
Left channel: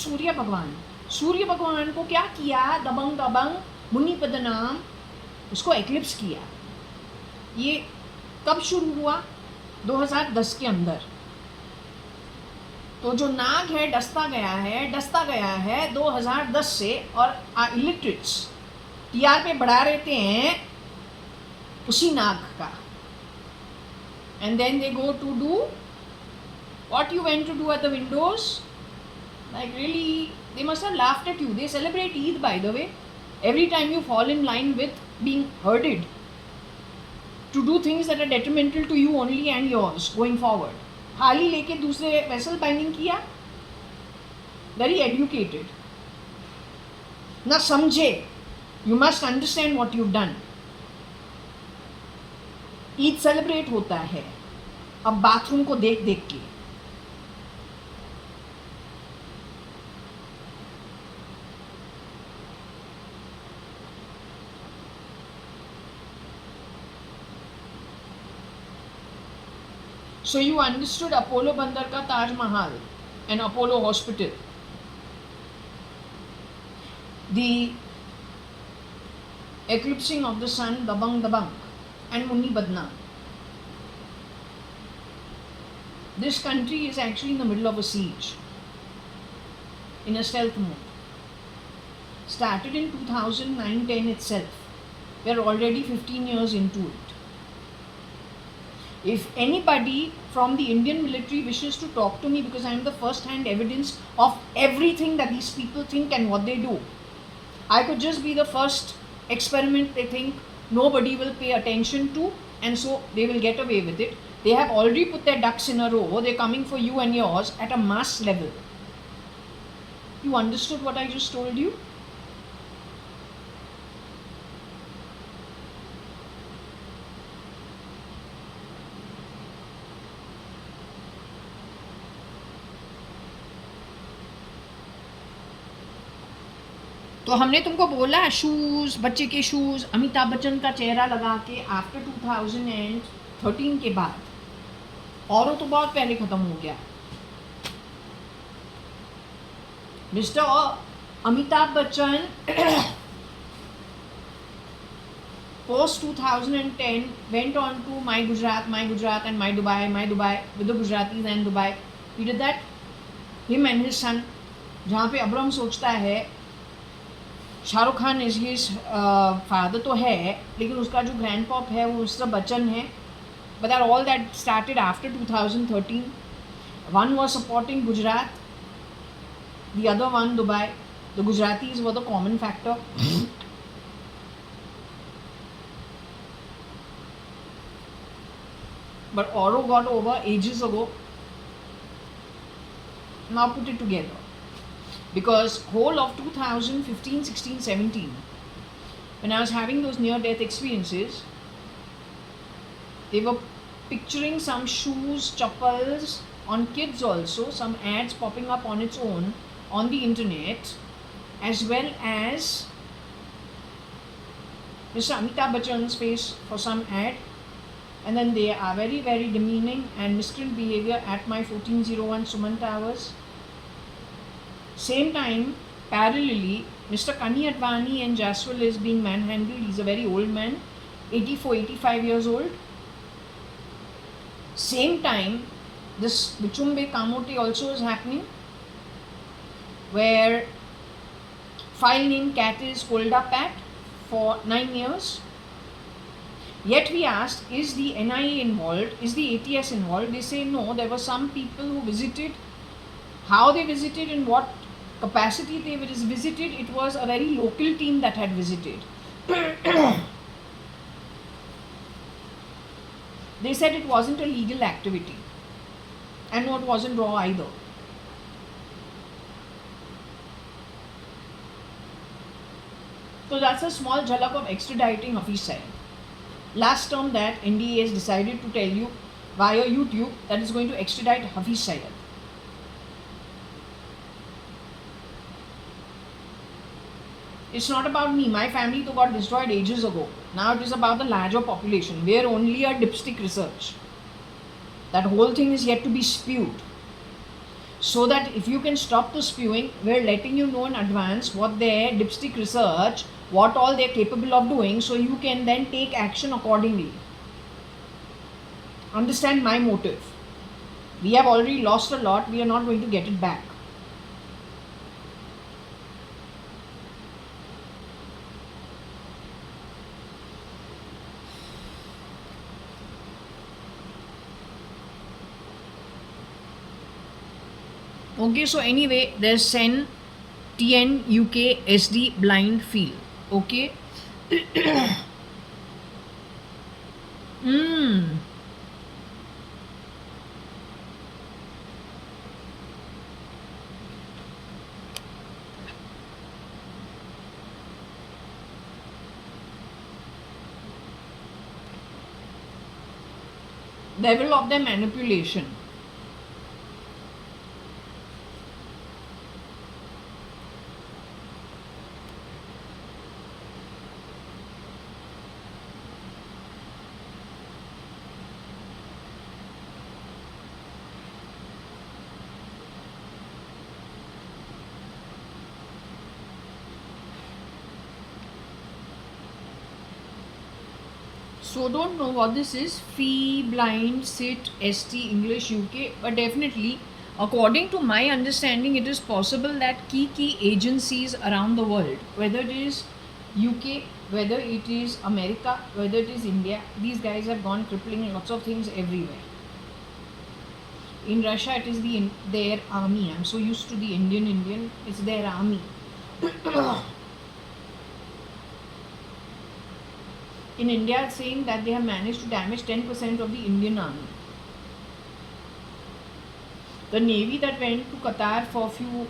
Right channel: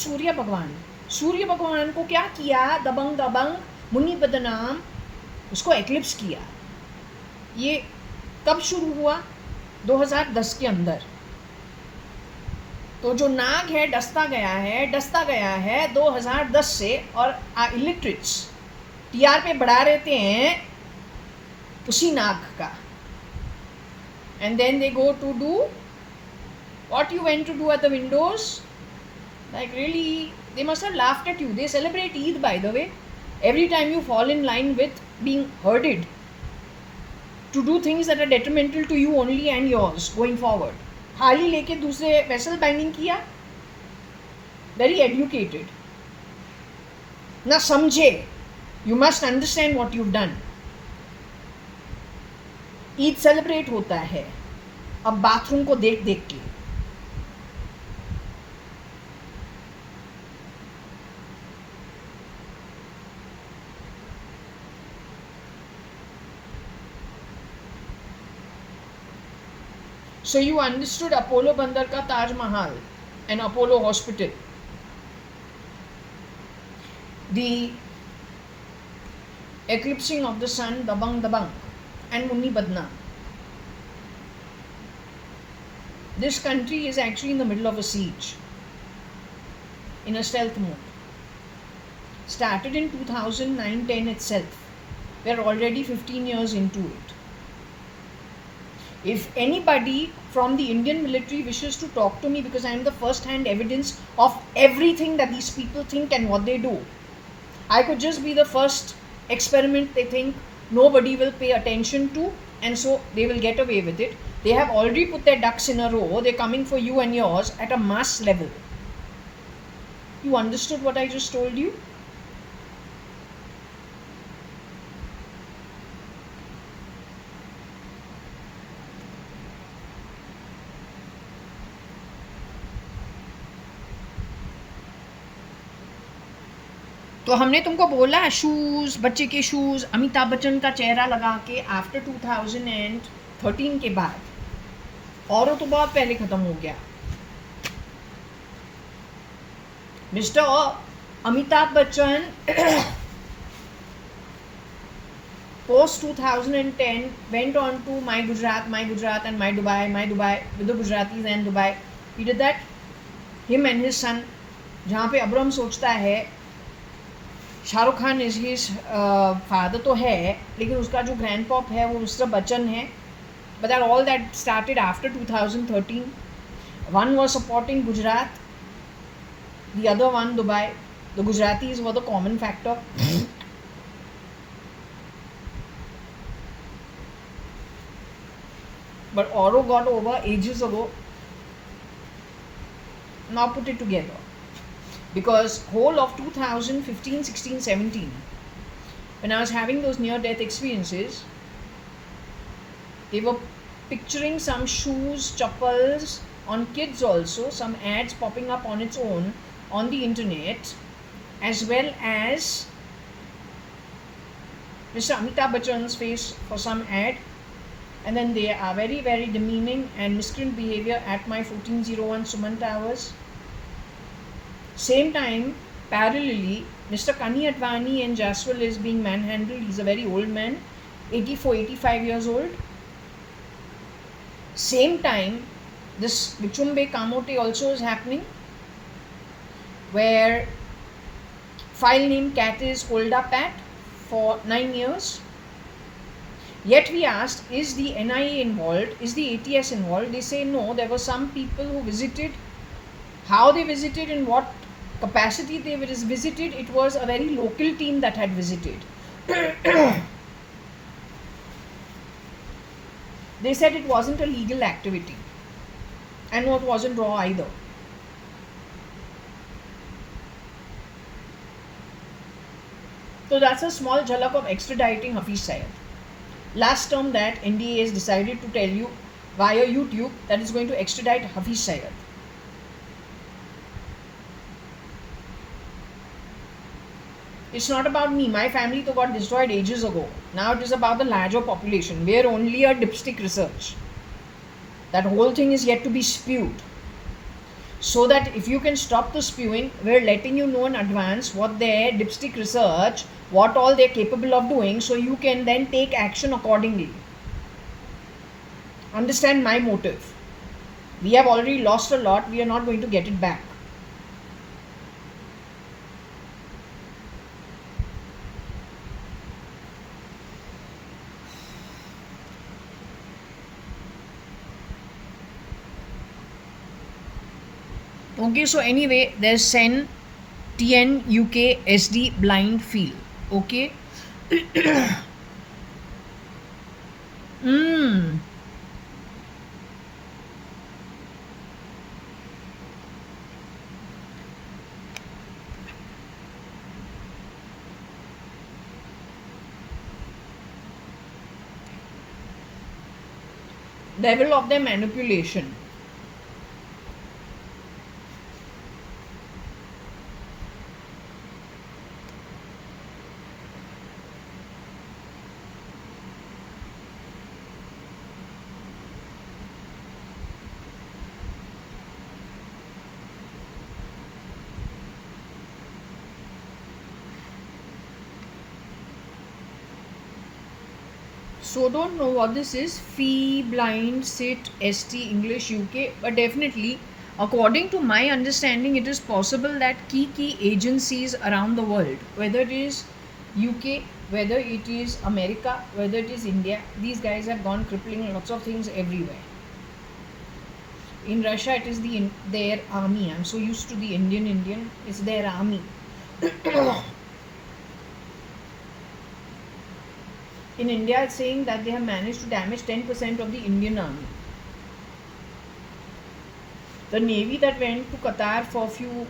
सूर्य भगवान. सूर्य भगवान को क्या किया? दबंग दबंग मुनि बदनाम उसको एक्लिप्स किया. ये कब शुरू हुआ? 2010 के अंदर. तो जो नाग है डसता गया है 2010 से. और इलिटरेट्स टीआर पे बढ़ा रहते हैं उसी नाग का. And then they go to do what you went to do at the windows. Like really, they must have laughed at you. They celebrate Eid, by the way, every time you fall in line with being herded to do things that are detrimental to you only and yours going forward. थाली लेके दूसरे vessel banging किया. Very educated. ना समझे. You must understand what you've done. Eid celebrate होता है अब bathroom को देख देख के. So you understood Apollo Bandar ka Taj Mahal and Apollo Hospital. The eclipsing of the sun, Dabang Dabang and Munni Badna. This country is actually in the middle of a siege, in a stealth mode. Started in 2009-10 itself. We are already 15 years into it. If anybody from the Indian military wishes to talk to me, because I am the first-hand evidence of everything that these people think and what they do, I could just be the first experiment they think nobody will pay attention to, and so they will get away with it. They have already put their ducks in a row. They're coming for you and yours at a mass level. You understood what I just told you? तो हमने तुमको बोला shoes, बच्चे के shoes, Amitabh Bachchan का चेहरा लगा के आफ्टर 2013 के बाद. और तो बहुत पहले ख़त्म हो गया. Mister Amitabh Bachchan post 2010 went on to My Gujarat and My Dubai with the Gujaratis and Dubai. He did that. Him and his son. जहाँ पे अब्रम सोचता है Shahrukh Khan is his father तो है, लेकिन उसका जो ग्रैंड पॉप है वो मिस्टर बच्चन है. But all that started after 2013. One was supporting Gujarat, the other one Dubai. The Gujaratis were the common factor. but Oro got over ages ago. Now put it together. Because whole of 2015, 16, 17, when I was having those near-death experiences, they were picturing some shoes, chappals on kids also, some ads popping up on its own on the internet, as well as Mr. Amitabh Bachchan's face for some ad, and then they are very, very demeaning and miscreant behavior at my 1401 Suman Towers. Same time, parallelly, Mr. JAYA.ADVANI and Jaswal is being manhandled. He's a very old man, 84, 85 years old. Same time, this Bichumbe Kamote also is happening, where file name cat is Holda Pat for 9 years. Yet we asked, is the NIA involved? Is the ATS involved? They say no, there were some people who visited. How they visited, in what capacity they visited, it was a very local team that had visited. They said it wasn't a legal activity, and no, it wasn't raw either. So that's a small jhalak of extraditing Hafiz Syed. Last term that NDA has decided to tell you via YouTube that it's going to extradite Hafiz Syed. It's not about me. My family though got destroyed ages ago. Now it is about the larger population. We are only a dipstick research. That whole thing is yet to be spewed. So that if you can stop the spewing, we're letting you know in advance what their dipstick research, what all they're capable of doing, so you can then take action accordingly. Understand my motive. We have already lost a lot. We are not going to get it back. Okay, so anyway, there's SEN, TN, UK, SD, blind field. Okay. Level of their manipulation. So don't know what this is. Fee, blind, sit, ST, English, UK. But definitely, according to my understanding, it is possible that key agencies around the world, whether it is UK, whether it is America, whether it is India, these guys have gone crippling lots of things everywhere. In Russia, it is their army. I'm so used to the Indian. It's their army. In India, it's saying that they have managed to damage 10% of the Indian army. The Navy that went to Qatar for a few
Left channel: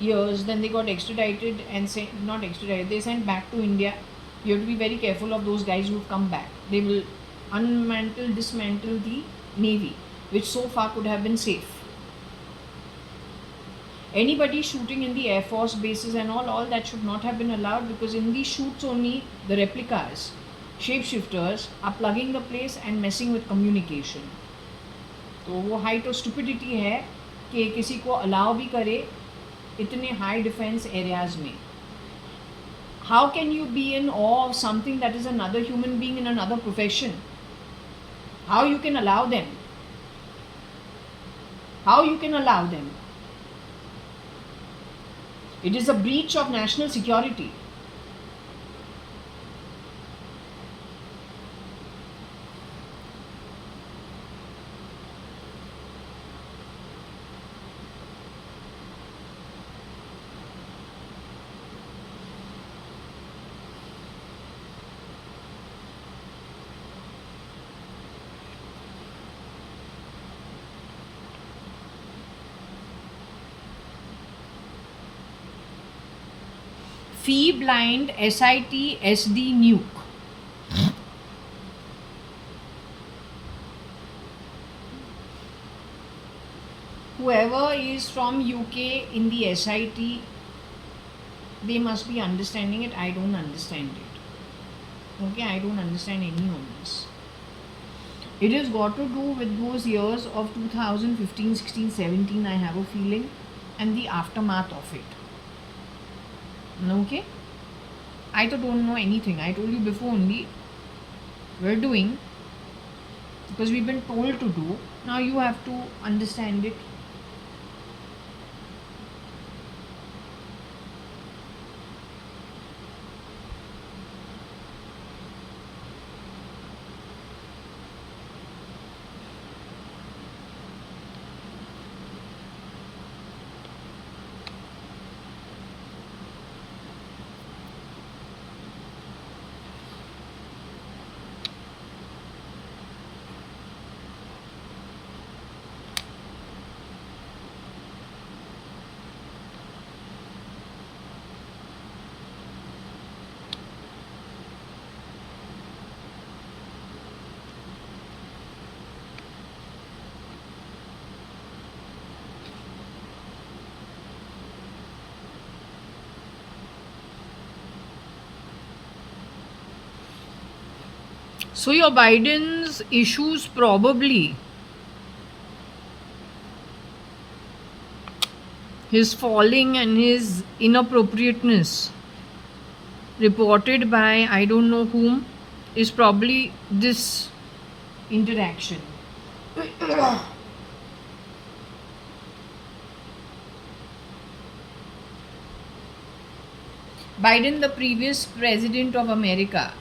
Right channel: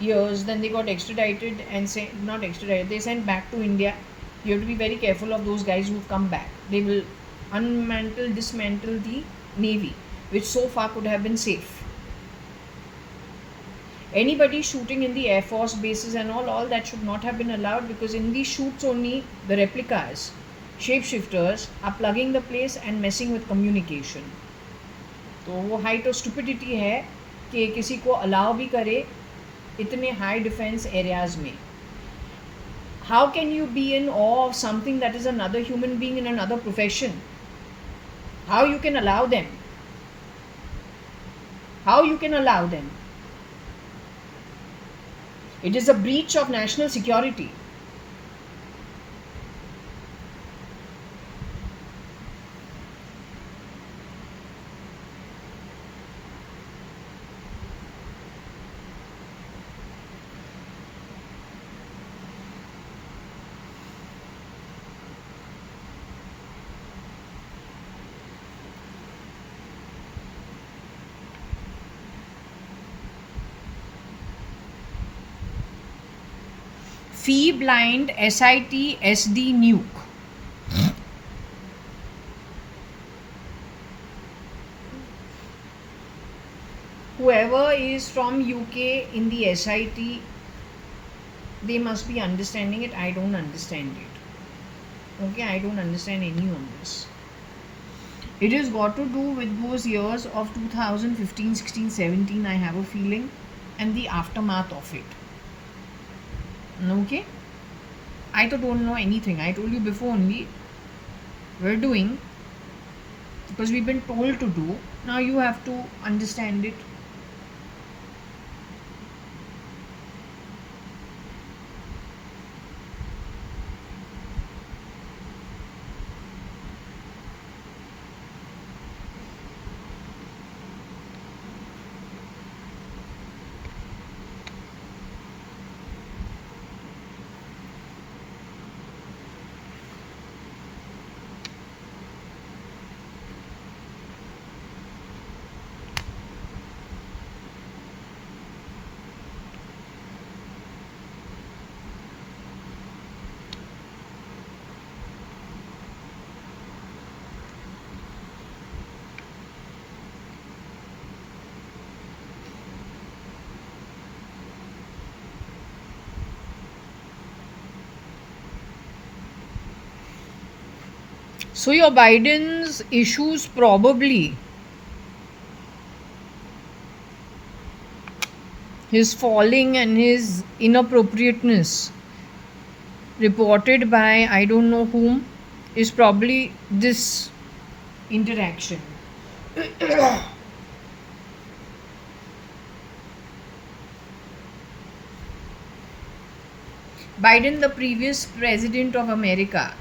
years, then they got extradited and not extradited, they sent back to India. You have to be very careful of those guys who've come back. They will dismantle the Navy, which so far could have been safe. Anybody shooting in the Air Force bases and all that should not have been allowed, because in these shoots only the replicas, shapeshifters are plugging the place and messing with communication. तो वो height of stupidity है कि किसी को allow भी करे इतने high defence areas में. How can you be in awe of something that is another human being in another profession? How you can allow them? How you can allow them? It is a breach of national security. Fee blind SIT SD nuke. Whoever is from UK in the SIT, they must be understanding it. I don't understand it. Okay, I don't understand any of this. It has got to do with those years of 2015, 16, 17, I have a feeling, and the aftermath of it. Okay? I don't know anything. I told you before only. We're doing because we've been told to do. Now you have to understand it. So your Biden's issues probably his falling and his inappropriateness reported by I don't know whom is probably this interaction. Biden, the previous president of America.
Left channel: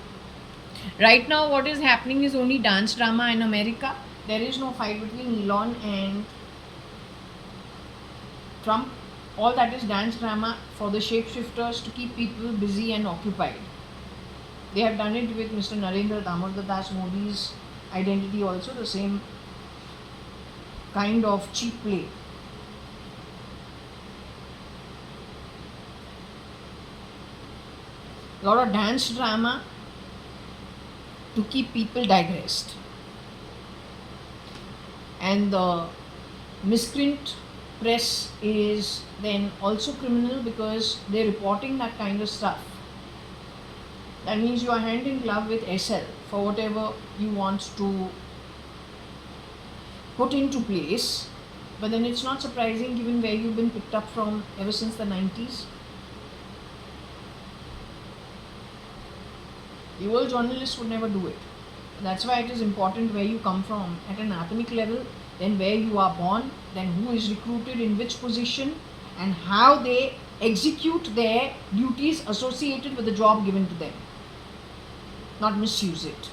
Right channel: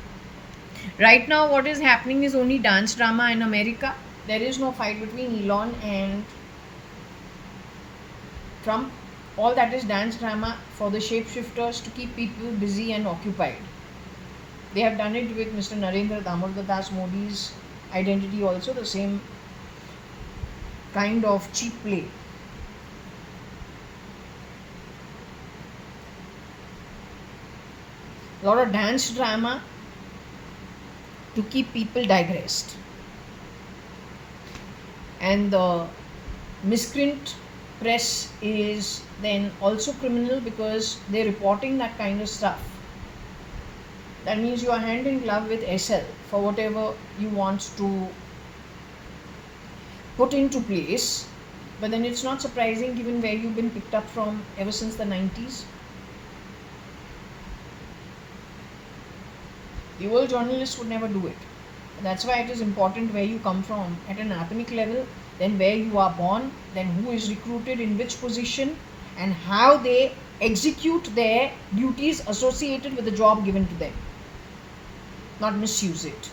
Right now, what is happening is only dance drama in America. There is no fight between Elon and Trump. All that is dance drama for the shapeshifters to keep people busy and occupied. They have done it with Mr. Narendra Damodar Das Modi's identity also, the same kind of cheap play. A lot of dance drama to keep people digressed. And the miscreant press is then also criminal because they're reporting that kind of stuff. That means you are hand in glove with SL for whatever you want to put into place. But then it's not surprising given where you've been picked up from ever since the 90s. The old journalists would never do it. That's why it is important where you come from at an atomic level, then where you are born, then who is recruited in which position, and how they execute their duties associated with the job given to them. Not misuse it.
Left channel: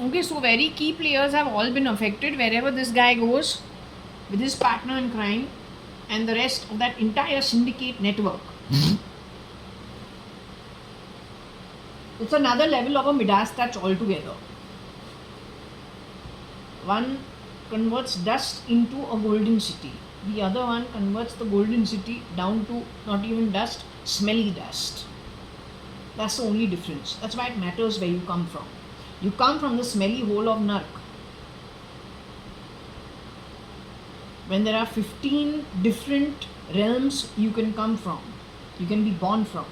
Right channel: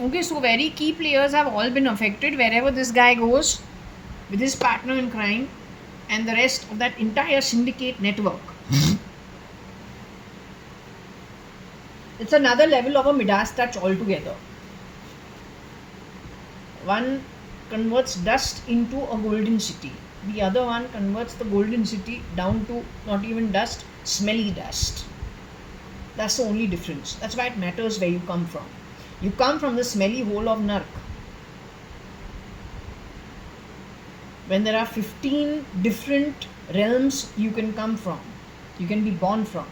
Okay, so very key players have all been affected wherever this guy goes with his partner in crime and the rest of that entire syndicate network. It's another level of a Midas touch altogether. One converts dust into a golden city. The other one converts the golden city down to not even dust, smelly dust. That's the only difference. That's why it matters where you come from. You come from the smelly hole of Nark. When there are 15 different realms you can come from, you can be born from.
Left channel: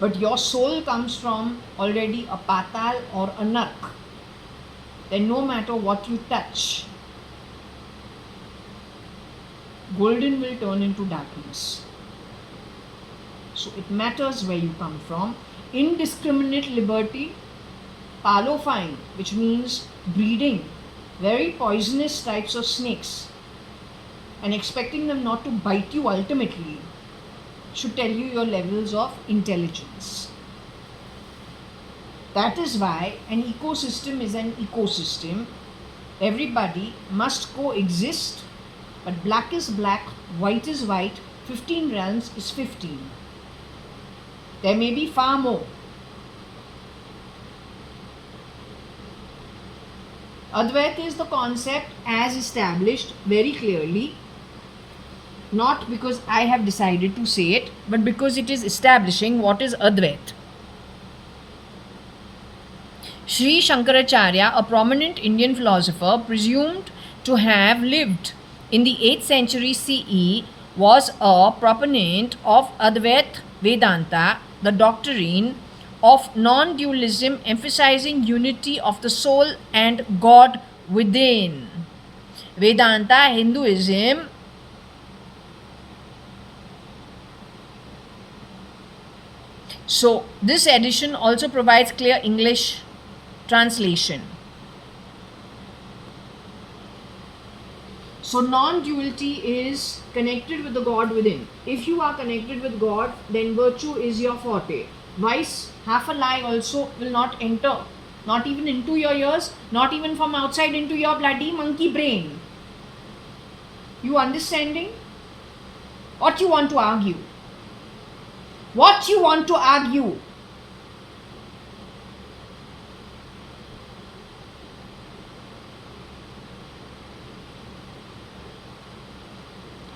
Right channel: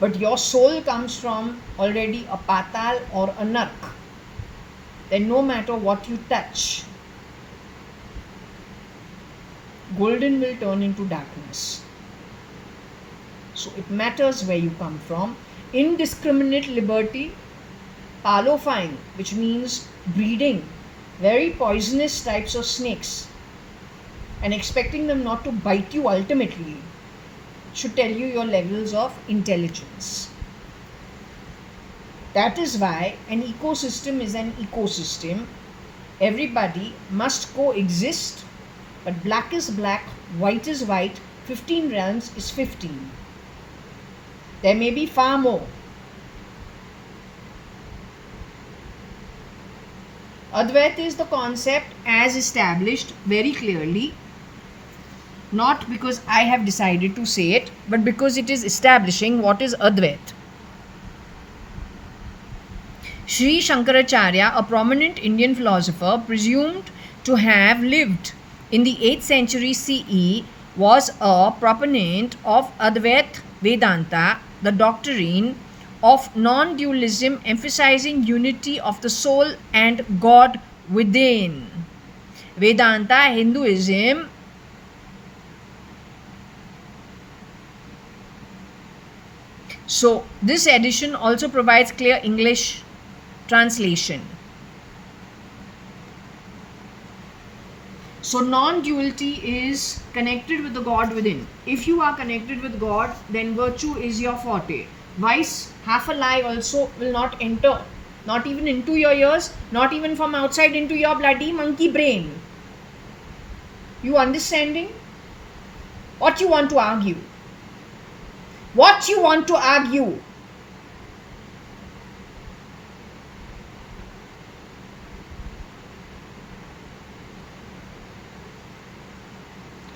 But your soul comes from already a Patal or a Nark. Then no matter what you touch, golden will turn into darkness. So it matters where you come from. Indiscriminate liberty, palofying, which means breeding very poisonous types of snakes and expecting them not to bite you ultimately, should tell you your levels of intelligence. That is why an ecosystem is an ecosystem Everybody must coexist, but black is black, white is white, 15 realms is 15. There may be far more. Advaita is the concept as established very clearly, not because I have decided to say it, but because it is establishing what is Advaita. Sri Shankaracharya, a prominent Indian philosopher presumed to have lived in the 8th century CE, was a proponent of Advaita Vedanta, the doctrine of non-dualism emphasizing unity of the soul and God within. Vedanta, Hinduism, so this edition also provides clear English translation. So non-duality is connected with the God within. If you are connected with God, then virtue is your forte. Vice, half a lie also will not enter, not even into your ears, not even from outside into your bloody monkey brain. You understanding? What you want to argue? What you want to argue?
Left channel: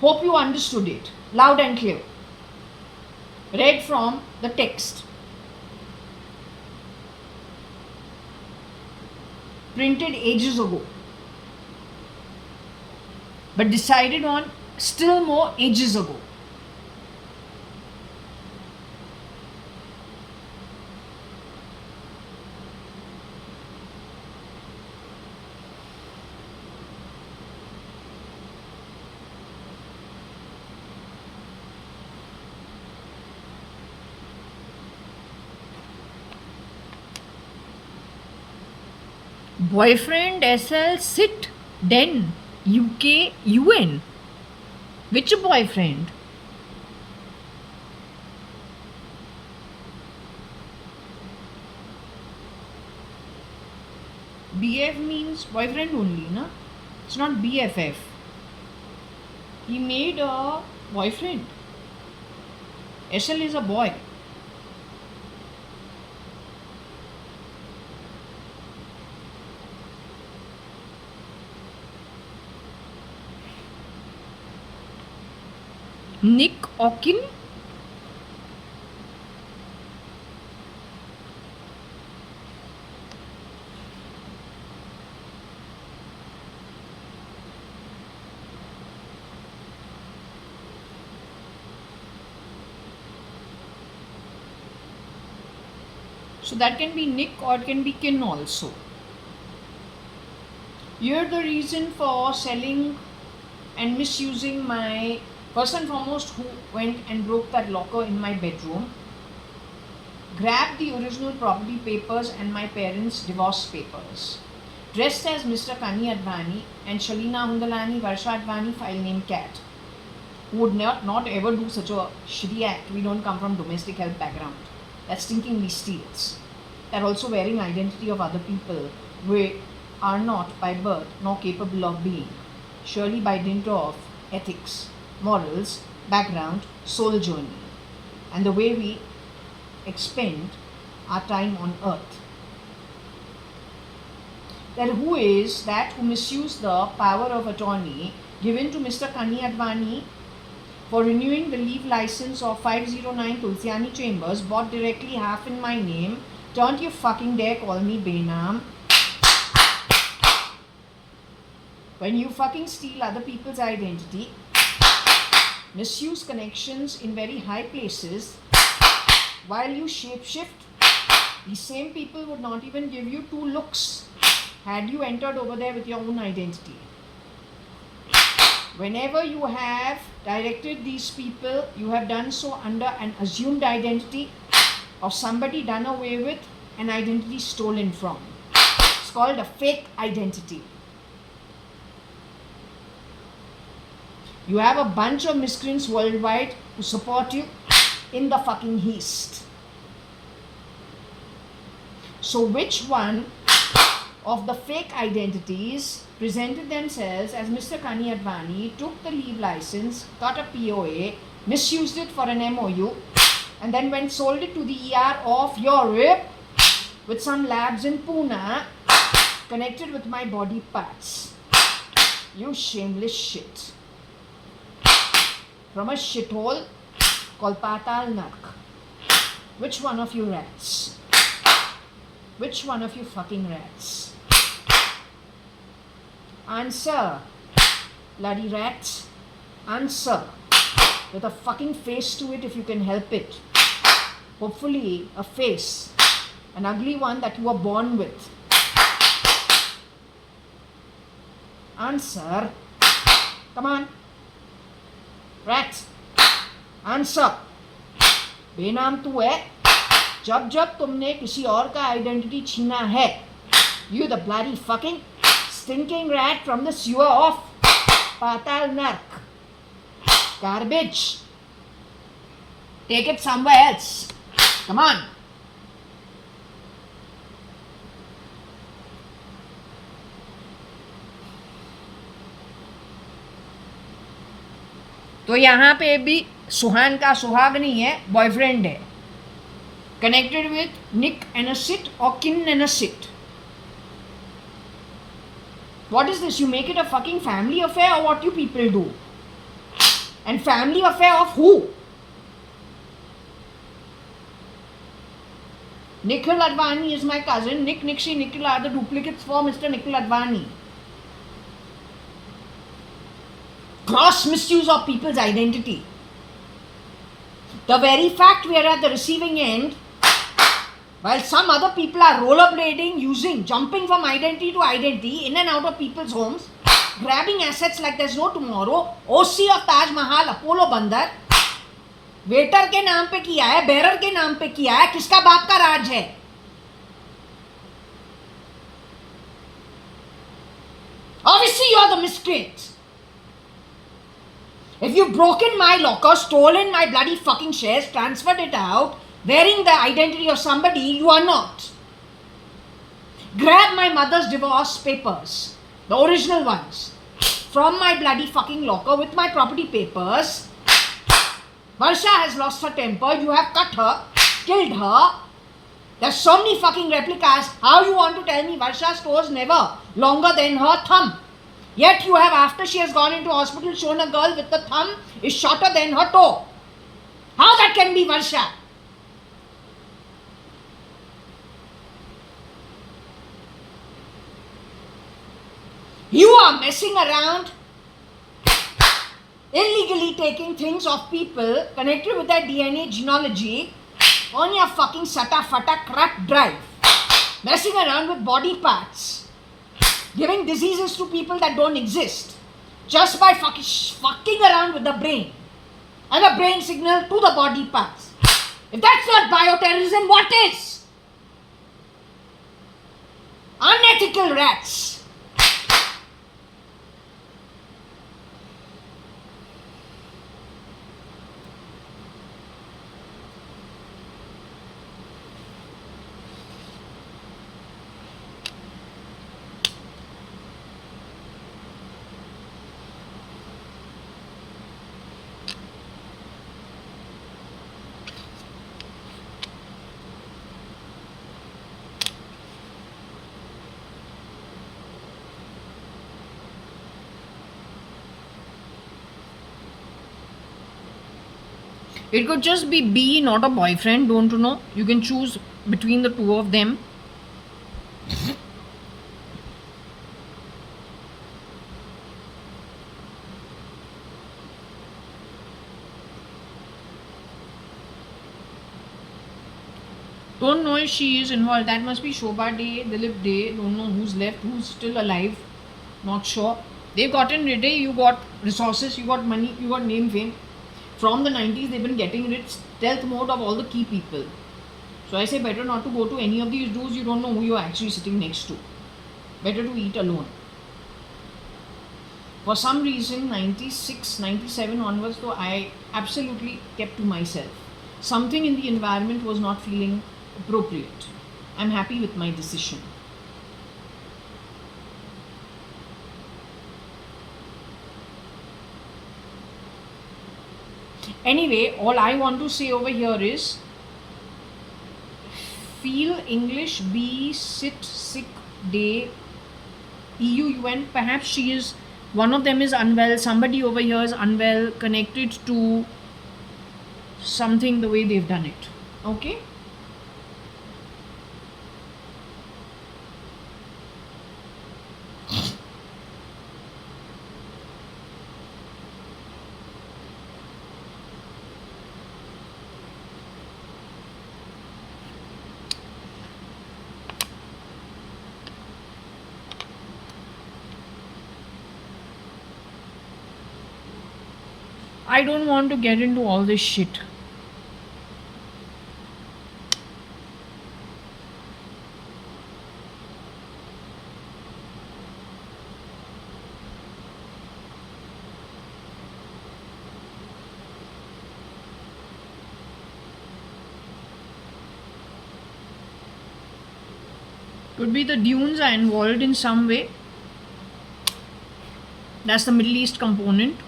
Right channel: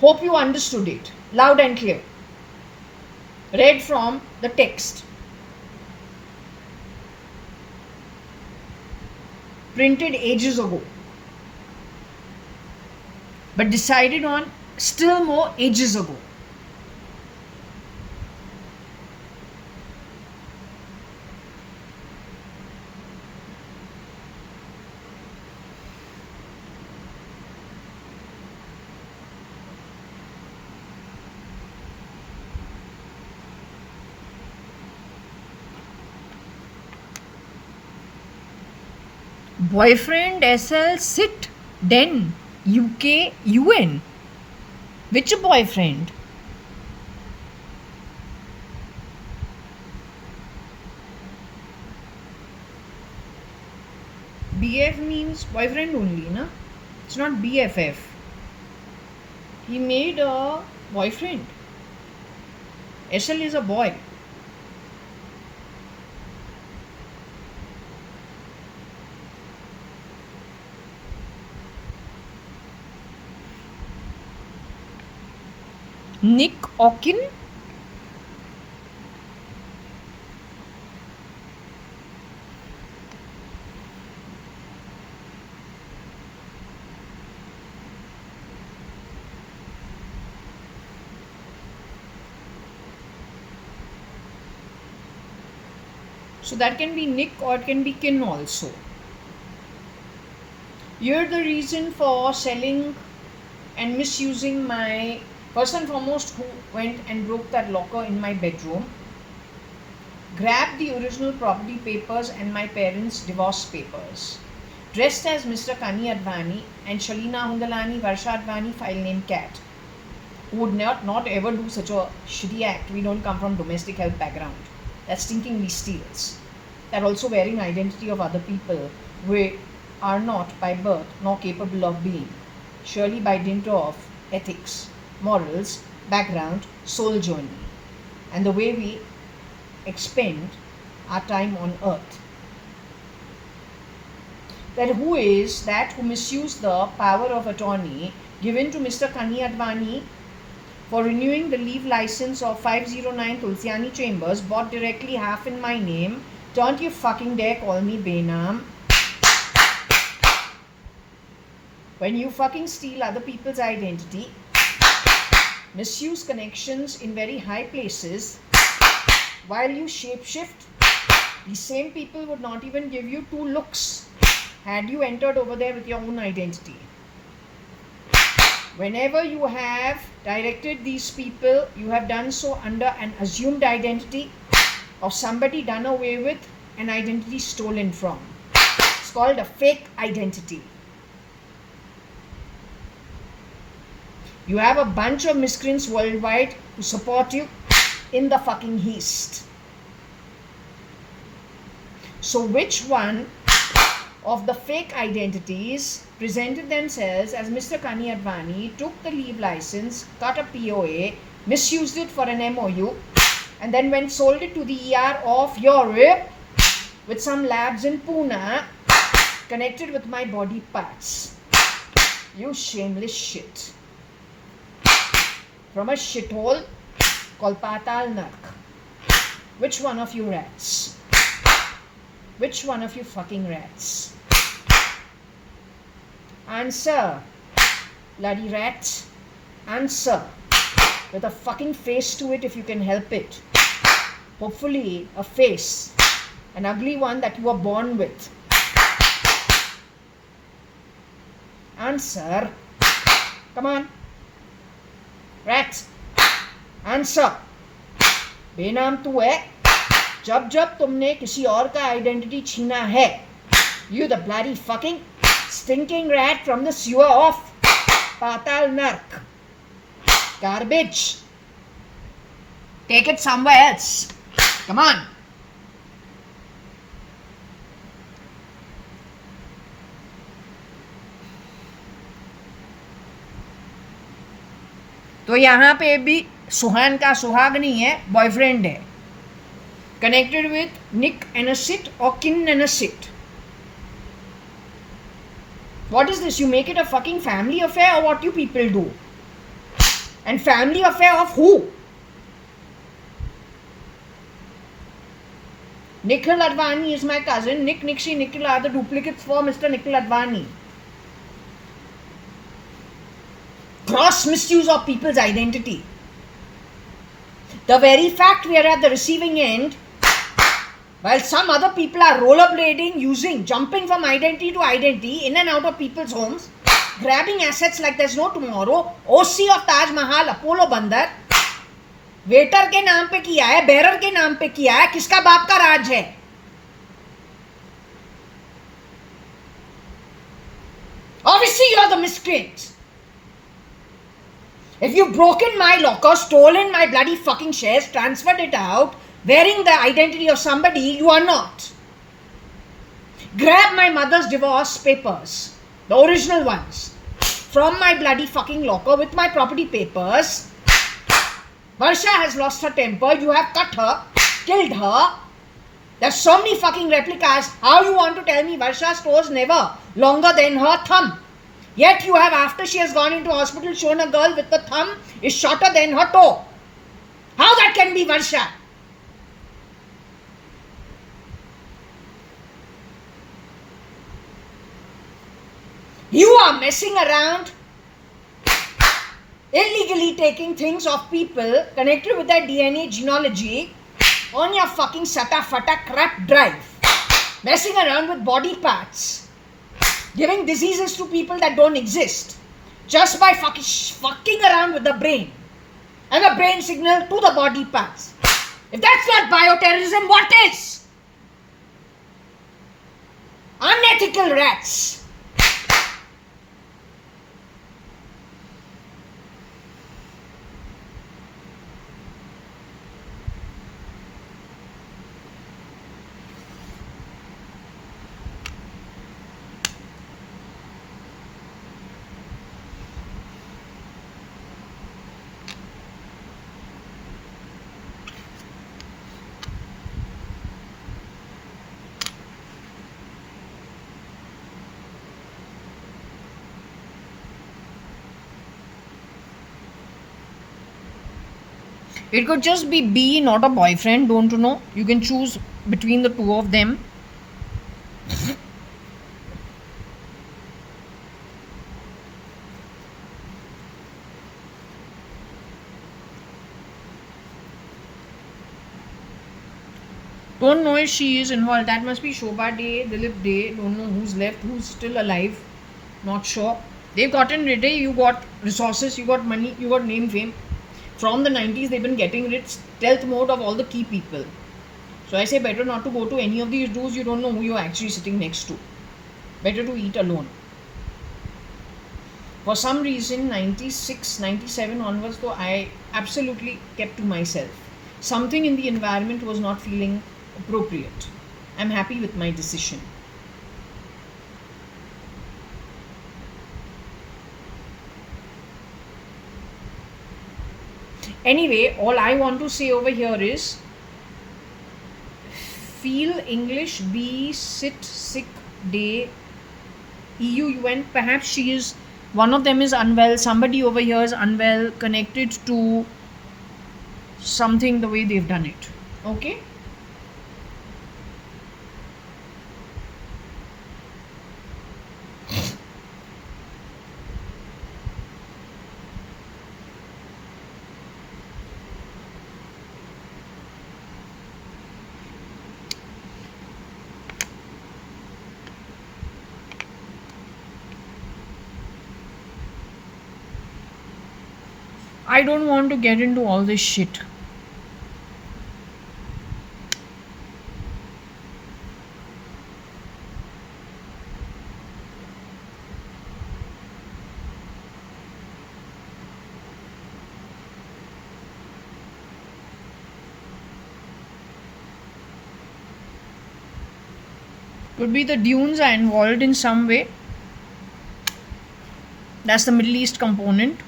Hope you understood it loud and clear. Read from the text. Printed ages ago. But decided on still more ages ago. Boyfriend SL sit den UK UN. Which boyfriend? BF means boyfriend only, na? It's not BFF. He made a boyfriend. SL is a boy. Nick Okin. So that can be Nick or it can be Kin also. You're the reason for selling and misusing my, first and foremost, who went and broke that locker in my bedroom, grabbed the original property papers and my parents' divorce papers, dressed as Mr. I-Advani and Shalina Hundalani Varsha-Advani, file name Cat, who would not ever do such a shitty act. We don't come from domestic help background. That stinkingly steals. That also wearing identity of other people we are not by birth nor capable of being, surely by dint of ethics, morals, background, soul journey, and the way we expend our time on earth. That who is that who misused the power of attorney given to Mr. I-Advani for renewing the leave license of 509 Tulsiani Chambers, bought directly half in my name? Don't you fucking dare call me Benam. When you fucking steal other people's identity, misuse connections in very high places, while you shapeshift, the same people would not even give you two looks had you entered over there with your own identity. Whenever you have directed these people, you have done so under an assumed identity of somebody done away with, an identity stolen from. It's called a fake identity. You have a bunch of miscreants worldwide who support you in the fucking East. So which one of the fake identities presented themselves as Mr. JAYA.ADVANI, took the leave license, cut a POA, misused it for an MOU, and then went sold it to the ER of Europe with some labs in Pune connected with my body parts. You shameless shit. From a shithole called Patal Nark. Which one of you rats? Which one of you fucking rats? Answer, bloody rat. Answer. With a fucking face to it if you can help it. Hopefully a face. An ugly one that you were born with. Answer. Come on. Rat. Answer. बेनाम तू है. जब जब तुमने किसी और का identity छीना है, you the bloody fucking stinking rat from the sewer of Patal Nark. Garbage. Take it somewhere else. Come on. तो यहाँ पे भी सुहान का सुहाग नहीं है, बॉयफ्रेंड है. Connected with Nick and a sit or Kim and a sit. What is this? You make it a fucking family affair, or what you people do? And family affair of who? Nikhil Advani is my cousin. Nick, Nixie, Nikhil are the duplicates for Mr. Nikhil Advani. Gross misuse of people's identity. The very fact we are at the receiving end, while some other people are rollerblading, jumping from identity to identity, in and out of people's homes, grabbing assets like there's no tomorrow. OC of Taj Mahal, Apollo Bandar, waiter के नाम पे किया है, bearer के नाम पे किया है. किसका बाप का राज है? Obviously you are the miscreant. If you've broken my locker, stolen my bloody fucking shares, transferred it out, wearing the identity of somebody you are not. Grab my mother's divorce papers, the original ones, from my bloody fucking locker with my property papers. Varsha has lost her temper. You have cut her, killed her. There's so many fucking replicas. How you want to tell me Varsha's toe is never longer than her thumb? Yet you have, after she has gone into hospital, shown a girl with the thumb is shorter than her toe. How that can be Varsha? You are messing around, illegally taking things of people connected with their DNA genealogy on your fucking sata fata crap drive. Messing around with body parts. Giving diseases to people that don't exist. Just by fucking around with the brain. And the brain signal to the body parts. If that's not bioterrorism, what is? Unethical rats. It could just be B, not a boyfriend, don't you know? You can choose between the two of them. Don't know if she is involved. That must be Shobha Day, Dilip Day. Don't know who's left, who's still alive. Not sure. They've gotten rid of, you got resources, you got money, you got name, fame. From the 90s, they've been getting rid, stealth mode of all the key people. So I say better not to go to any of these dudes. You don't know who you're actually sitting next to. Better to eat alone. For some reason, 96, 97 onwards, though, I absolutely kept to myself. Something in the environment was not feeling appropriate. I'm happy with my decision. Anyway, all I want to say over here is feel English, be sit sick day EUUN. Perhaps she is, one of them is unwell, somebody over here is unwell, connected to something the way they've done it. Okay? I don't want to get into all this shit. Could be the dunes are involved in some way. That's the Middle East component.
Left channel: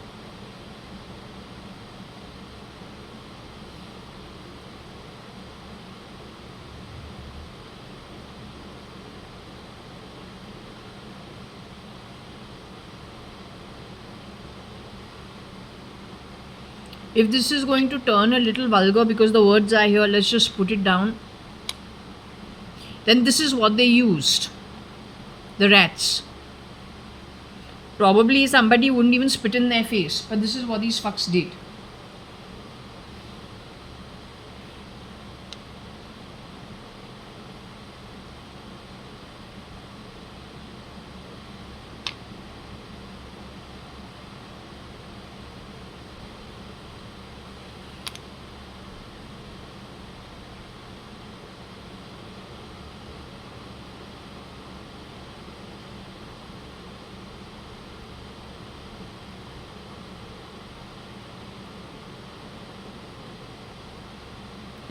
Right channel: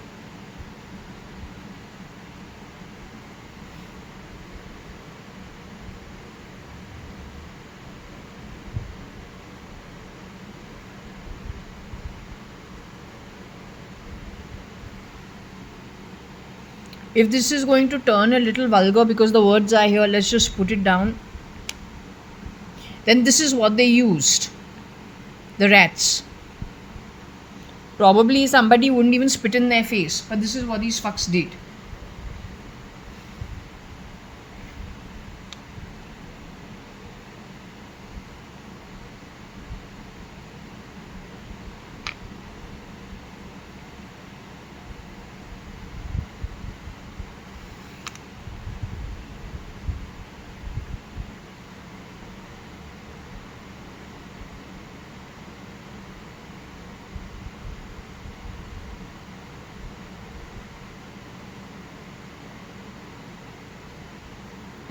If this is going to turn a little vulgar because the words are here, let's just put it down. Then this is what they used. The rats. Probably somebody wouldn't even spit in their face, but this is what these fucks did.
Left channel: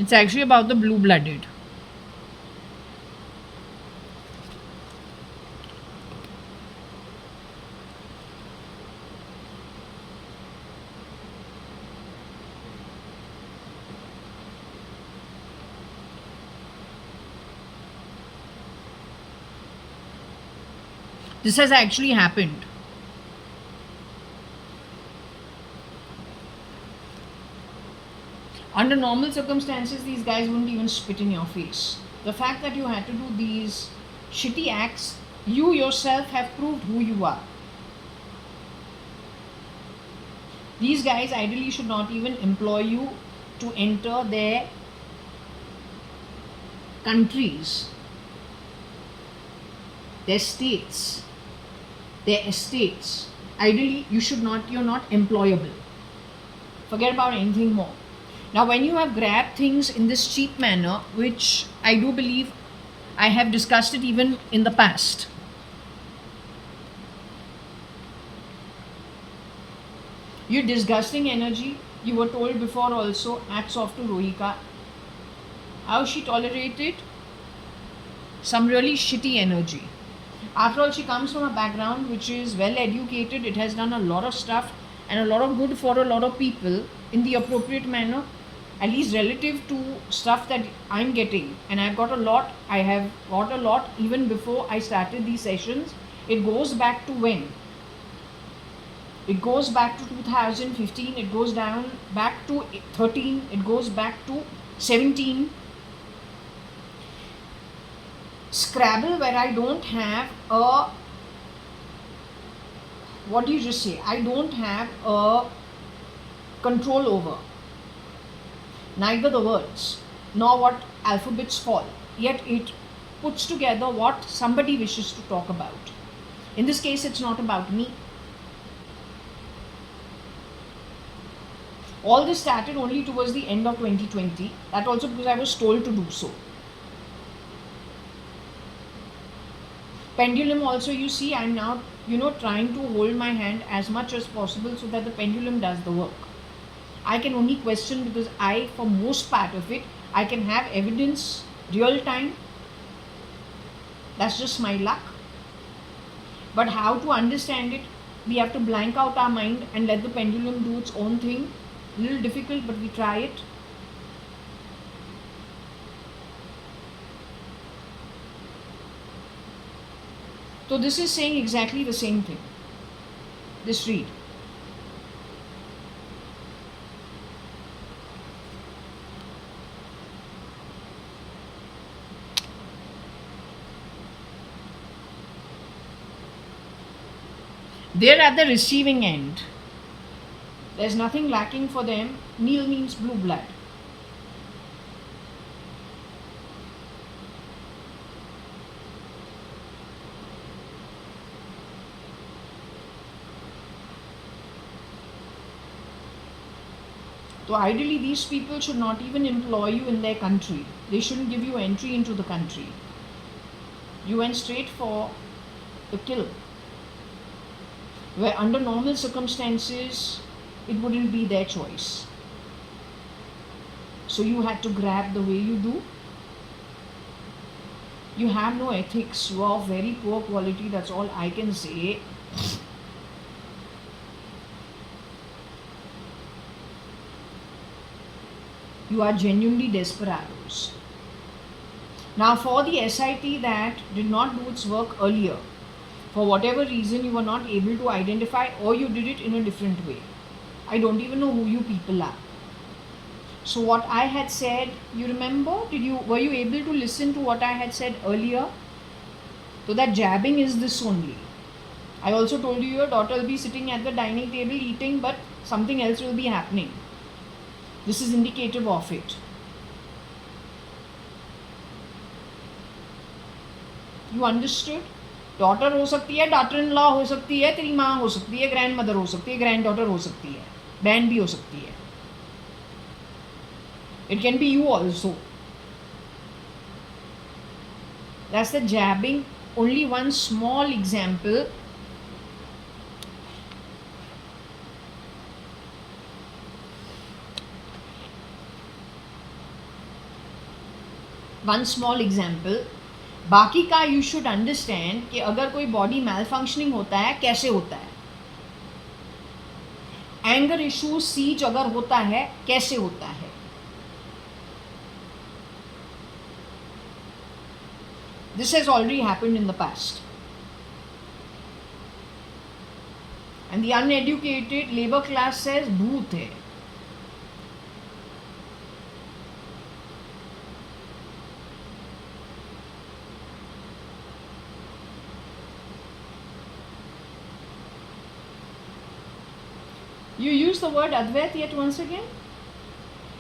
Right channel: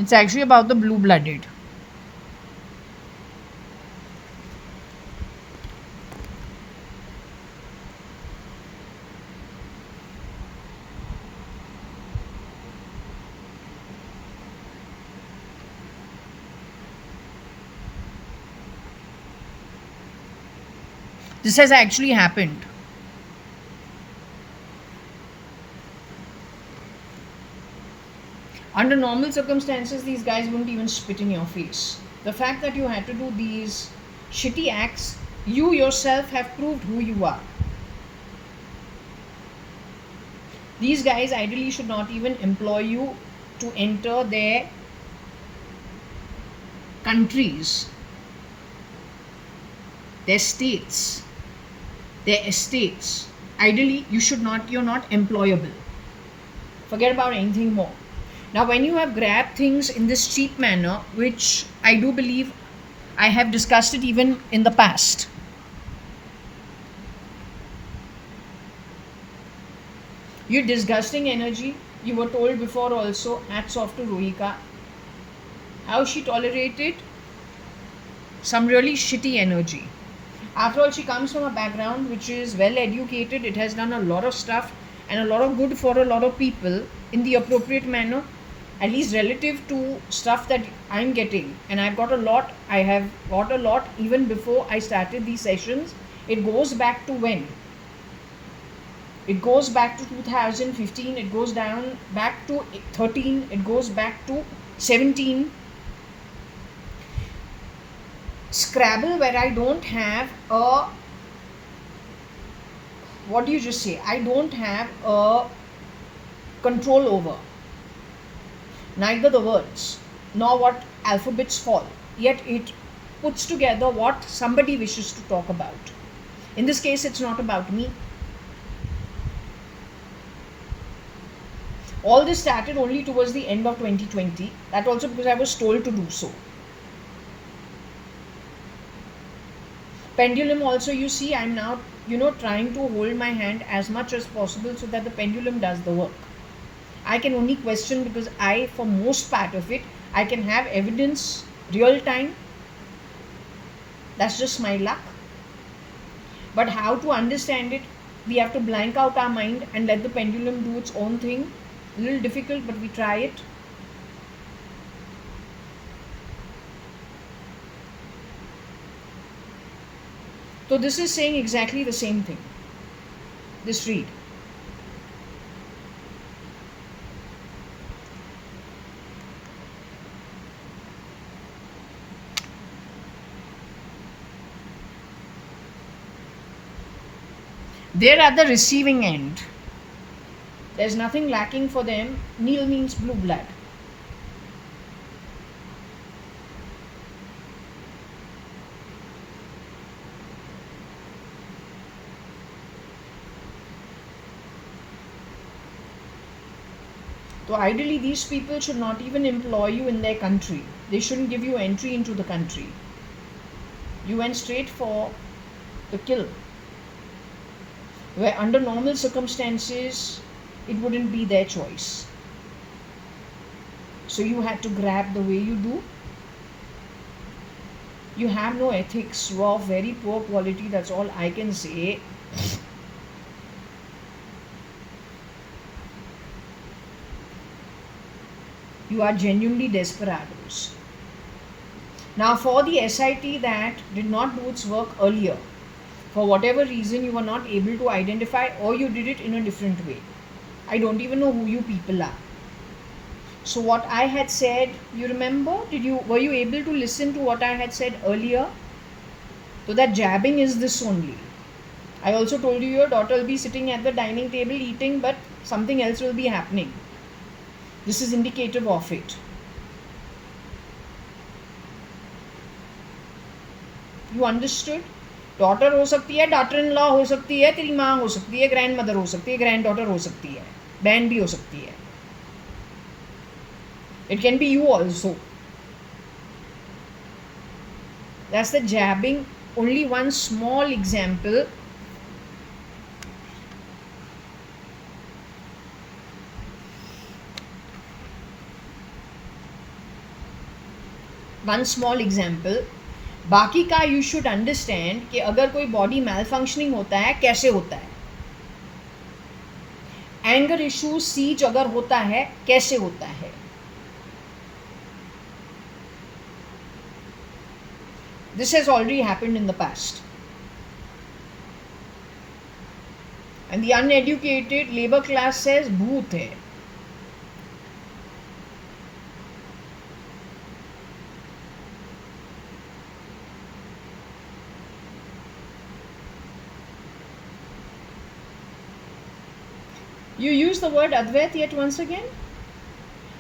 It's actually about the blue-blooded. This has actually happened. Under normal circumstances, these guys wouldn't even spit in your face. The fact that you had to do these shitty acts, you yourself have proved who you are. These guys ideally should not even employ you to enter their countries, their states, their estates. Ideally, you're not employable. Forget about anything more. Now, when you have grabbed things in this cheap manner, which I do believe I have discussed it even in the past, you disgusting energy, you were told before also, hats off to Rohika. How she tolerated some really shitty energy. After all, she comes from a background which is well educated, it has done a lot of stuff and a lot of good for a lot of people in the appropriate manner, at least relative to stuff that I'm getting. And I have got a lot even before I started these sessions. It goes back to when? It goes back to 2015, it goes down back to 13, it goes back to 17. Scrabble, where I don't have a, what do you just say? I don't have a control over neither the words nor what alphabets fall, yet it puts together what somebody wishes to talk about. In this case, it's not about me. All this started only towards the end of 2020, that also because I was told to do so. Pendulum also, you see, I'm now trying to hold my hand as much as possible so that the pendulum does the work. I can only question because for most part of it, I can have evidence real time. That's just my luck. But how to understand it, we have to blank out our mind and let the pendulum do its own thing. A little difficult, but we try it. So this is saying exactly the same thing. Just read. They're at the receiving end. There's nothing lacking for them. Nil means blue blood. So ideally these people should not even employ you in their country. They shouldn't give you entry into the country. You went straight for the kill. Where under normal circumstances it wouldn't be their choice. So you had to grab the way you do. You have no ethics. You are of very poor quality, that's all I can say. You are genuinely desperados. Now for the SIT that did not do its work earlier, for whatever reason you were not able to identify, or you did it in a different way. I don't even know who you people are. So what I had said, you remember? Were you able to listen to what I had said earlier? So that jabbing is this only. I also told you your daughter will be sitting at the dining table eating, but something else will be happening. This is indicative of it. You understood? Daughter हो सकती है, daughter in law हो सकती है, तेरी माँ हो सकती है, ग्रैंड मदर हो सकती है, ग्रैंड डॉटर हो सकती है, बहन भी हो सकती है. It can be you also. That's the jabbing. Only one small example. One small example. बाकी का यू शुड अंडरस्टैंड कि अगर कोई बॉडी मैल फंक्शनिंग होता है कैसे होता है. एंगर इशू सीज अगर होता है कैसे होता है. This has already happened in the past. And the uneducated labor class says भूत है. You use the word Advait yet once again?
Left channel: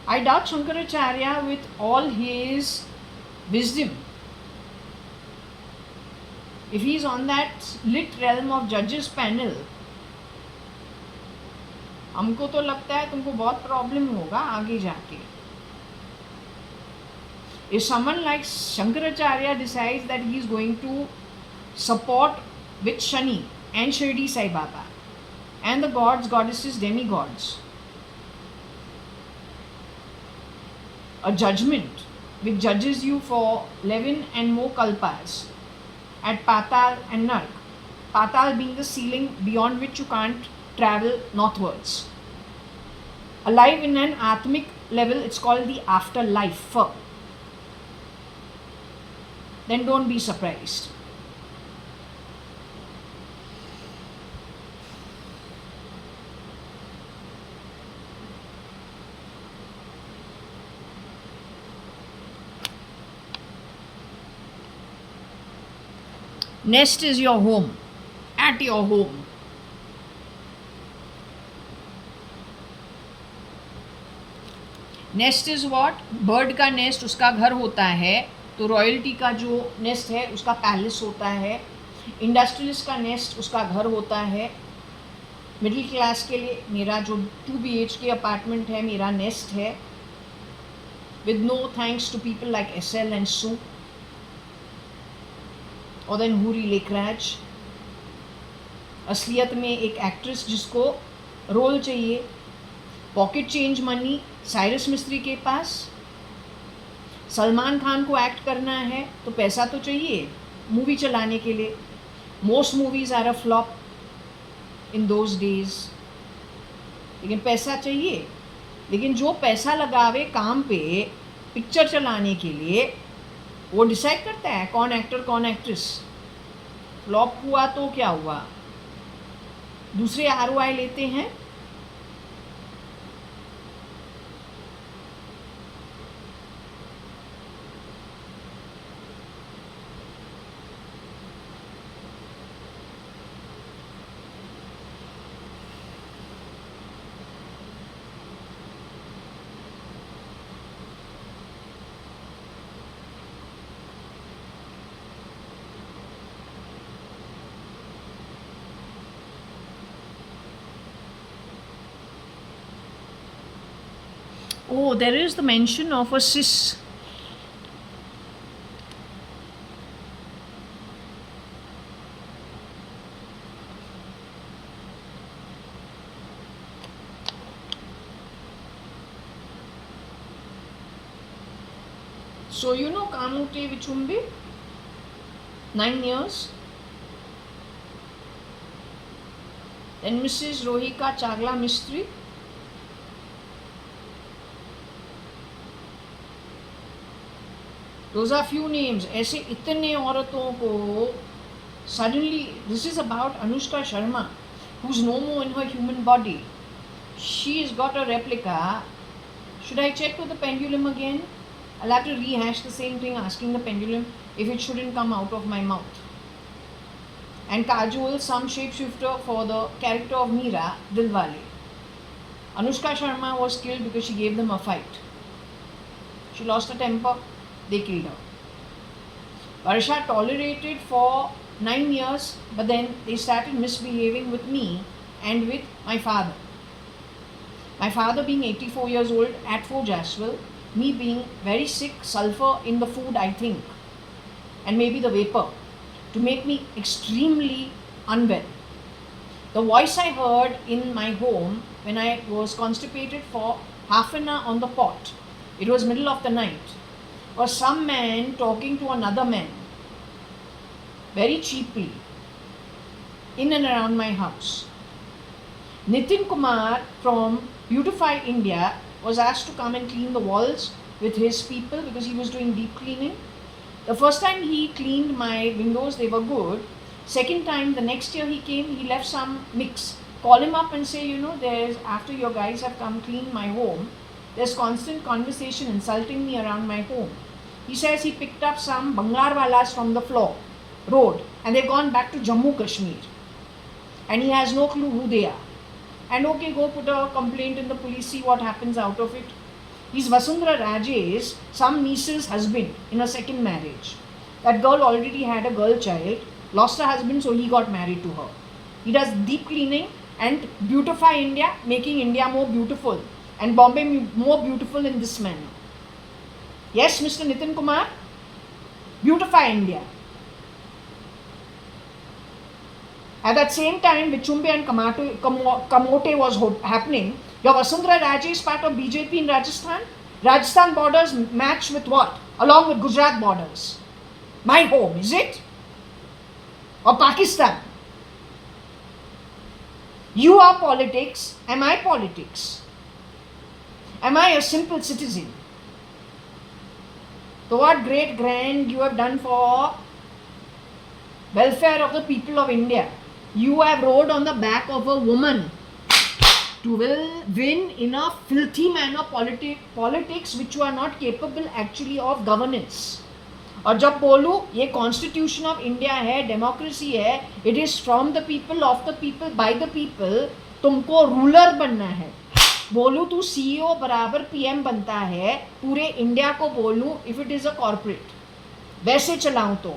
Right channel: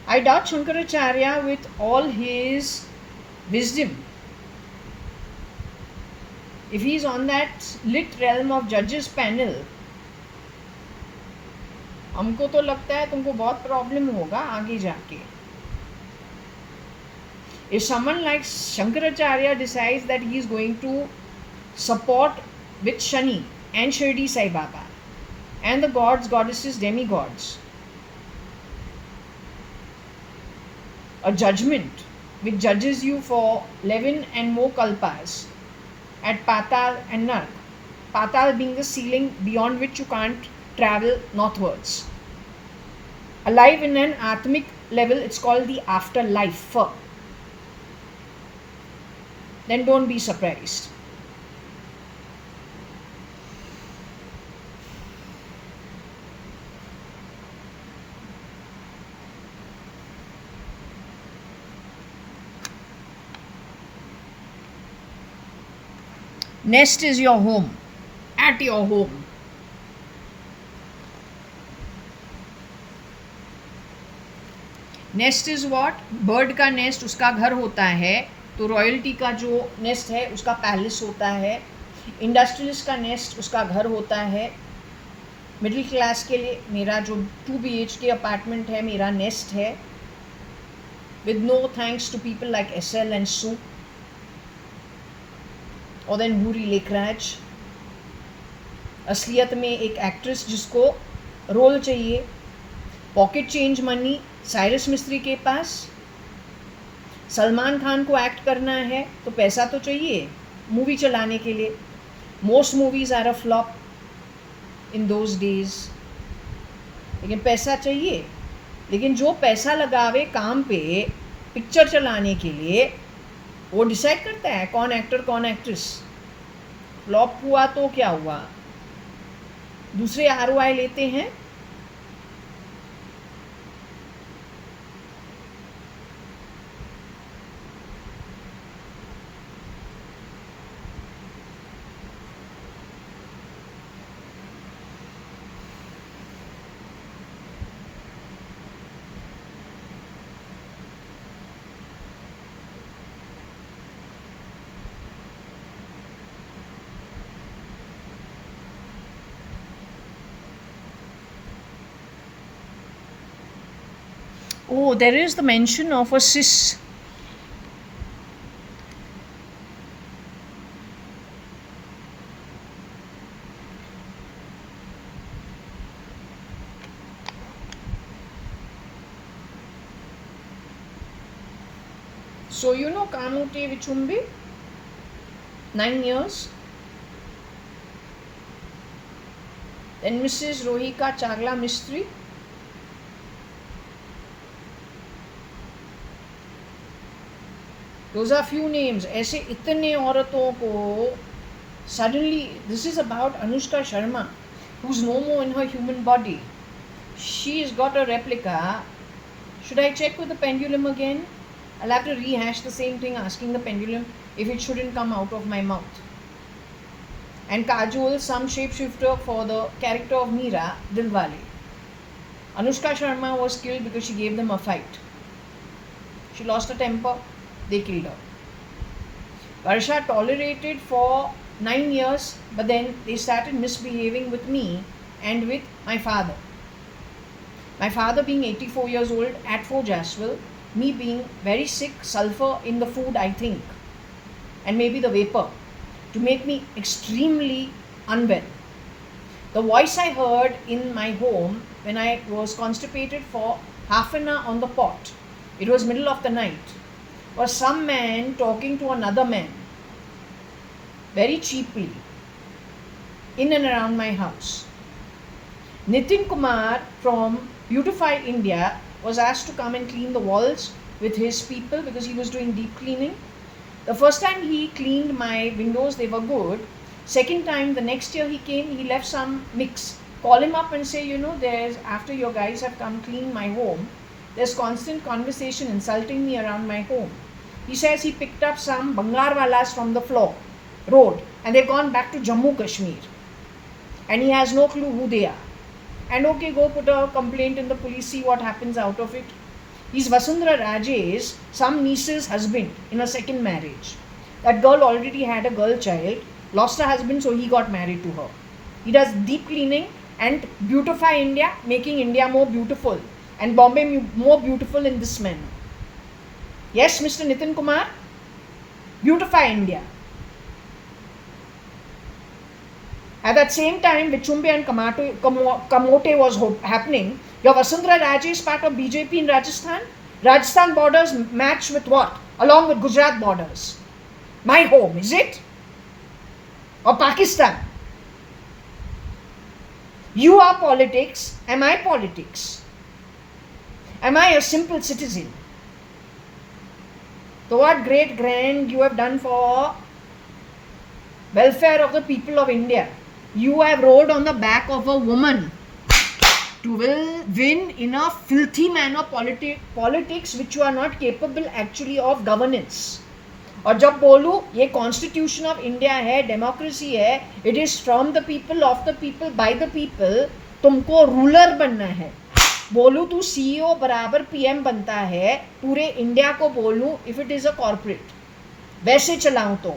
I doubt Shankaracharya with all his wisdom, if he's on that lit realm of judges panel, हमको तो लगता है तुमको बहुत problem होगा आगे जाके. If someone like Shankaracharya decides that he is going to support with Shani and Shirdi Sai Baba and the gods, goddesses, demigods, a judgment which judges you for 11 and more kalpas at Patal and Nark, Patal being the ceiling beyond which you can't travel northwards. Alive in an atmic level, it's called the afterlife. Then don't be surprised. Nest is your home, at your home. Nest is what? Bird का nest उसका घर होता है, तो royalty का जो nest है उसका पैलेस होता है. इंडस्ट्रियलिस्ट का नेस्ट उसका घर होता है. मिडिल क्लास के लिए मेरा जो 2 BHK अपार्टमेंट है मेरा नेस्ट है, with no thanks to people like SL and Sue or then हूरी Lekhraj. असलियत में एक एक्ट्रेस जिसको रोल चाहिए, पॉकेट चेंज मनी साइरस मिस्त्री के पास. सलमान खान को एक्ट करना है तो पैसा तो चाहिए मूवी चलाने के लिए. Most movies are a flop in those days, लेकिन पैसा चाहिए. लेकिन जो पैसा लगावे काम पे पिक्चर चलाने के लिए, वो डिसाइड करता है कौन एक्टर कौन एक्ट्रेस। फ्लॉप हुआ तो क्या हुआ, दूसरे ROI लेते हैं। Oh, there is the mention of a cis. So you know Kamute Vichumbi, 9 years. Then Mrs. Rohika Chagla Mistry. Those are few names. ऐसे इतने औरतों को suddenly, this is about Anushka Sharma, who's no more in her human body. She's got a replica. Should I check with the pendulum again? I'll have to rehash the same thing, asking the pendulum if it shouldn't come out of my mouth. And Kajol, some shapeshifter for the character of Meera, Dilwale. Anushka Sharma was killed because she gave them a fight. She lost her temper, they killed her. Varsha tolerated for 9 years, but then they started misbehaving with me and with my father. My father being 84 years old at 4 Jaswell, me being very sick, sulfur in the food, I think, and maybe the vapor, to make me extremely unwell. The voice I heard in my home when I was constipated for half an hour on the pot, it was middle of the night, was some man talking to another man very cheaply in and around my house. Nitin Kumar from Beautify India was asked to come and clean the walls with his people because he was doing deep cleaning. The first time he cleaned my windows, they were good. Second time, the next year he came, he left some mix. Call him up and say, there's, after your guys have come clean my home, there's constant conversation insulting me around my home. He says he picked up some Bangarwalas from the road, and they've gone back to Jammu Kashmir. And he has no clue who they are. And okay, go put a complaint in the police, see what happens out of it. He's Vasundhara Rajesh, some niece's husband in a second marriage. That girl already had a girl child, lost her husband, so he got married to her. He does deep cleaning and beautify India, making India more beautiful and Bombay more beautiful in this manner. Yes, Mr. Nitin Kumar, beautify India. At that same time, Vichumbi and Kamote was happening. Your Vasundhara Raje is part of BJP in Rajasthan. Rajasthan borders match with what? Along with Gujarat borders. My home, is it? Or Pakistan? You are politics. Am I politics? Am I a simple citizen? So what great grand you have done for welfare of the people of India. You have rode on the back of a woman to win in a filthy manner politics which you are not capable actually of governance. और जब बोलूँ ये constitution of India है, democracy है, it is from the people, of the people, by the people, तुमको ruler बनना है. बोलूँ तू CEO बराबर PM बनता है, पूरे इंडिया को बोलूँ if it is a corporate, वैसे चलाऊँ तो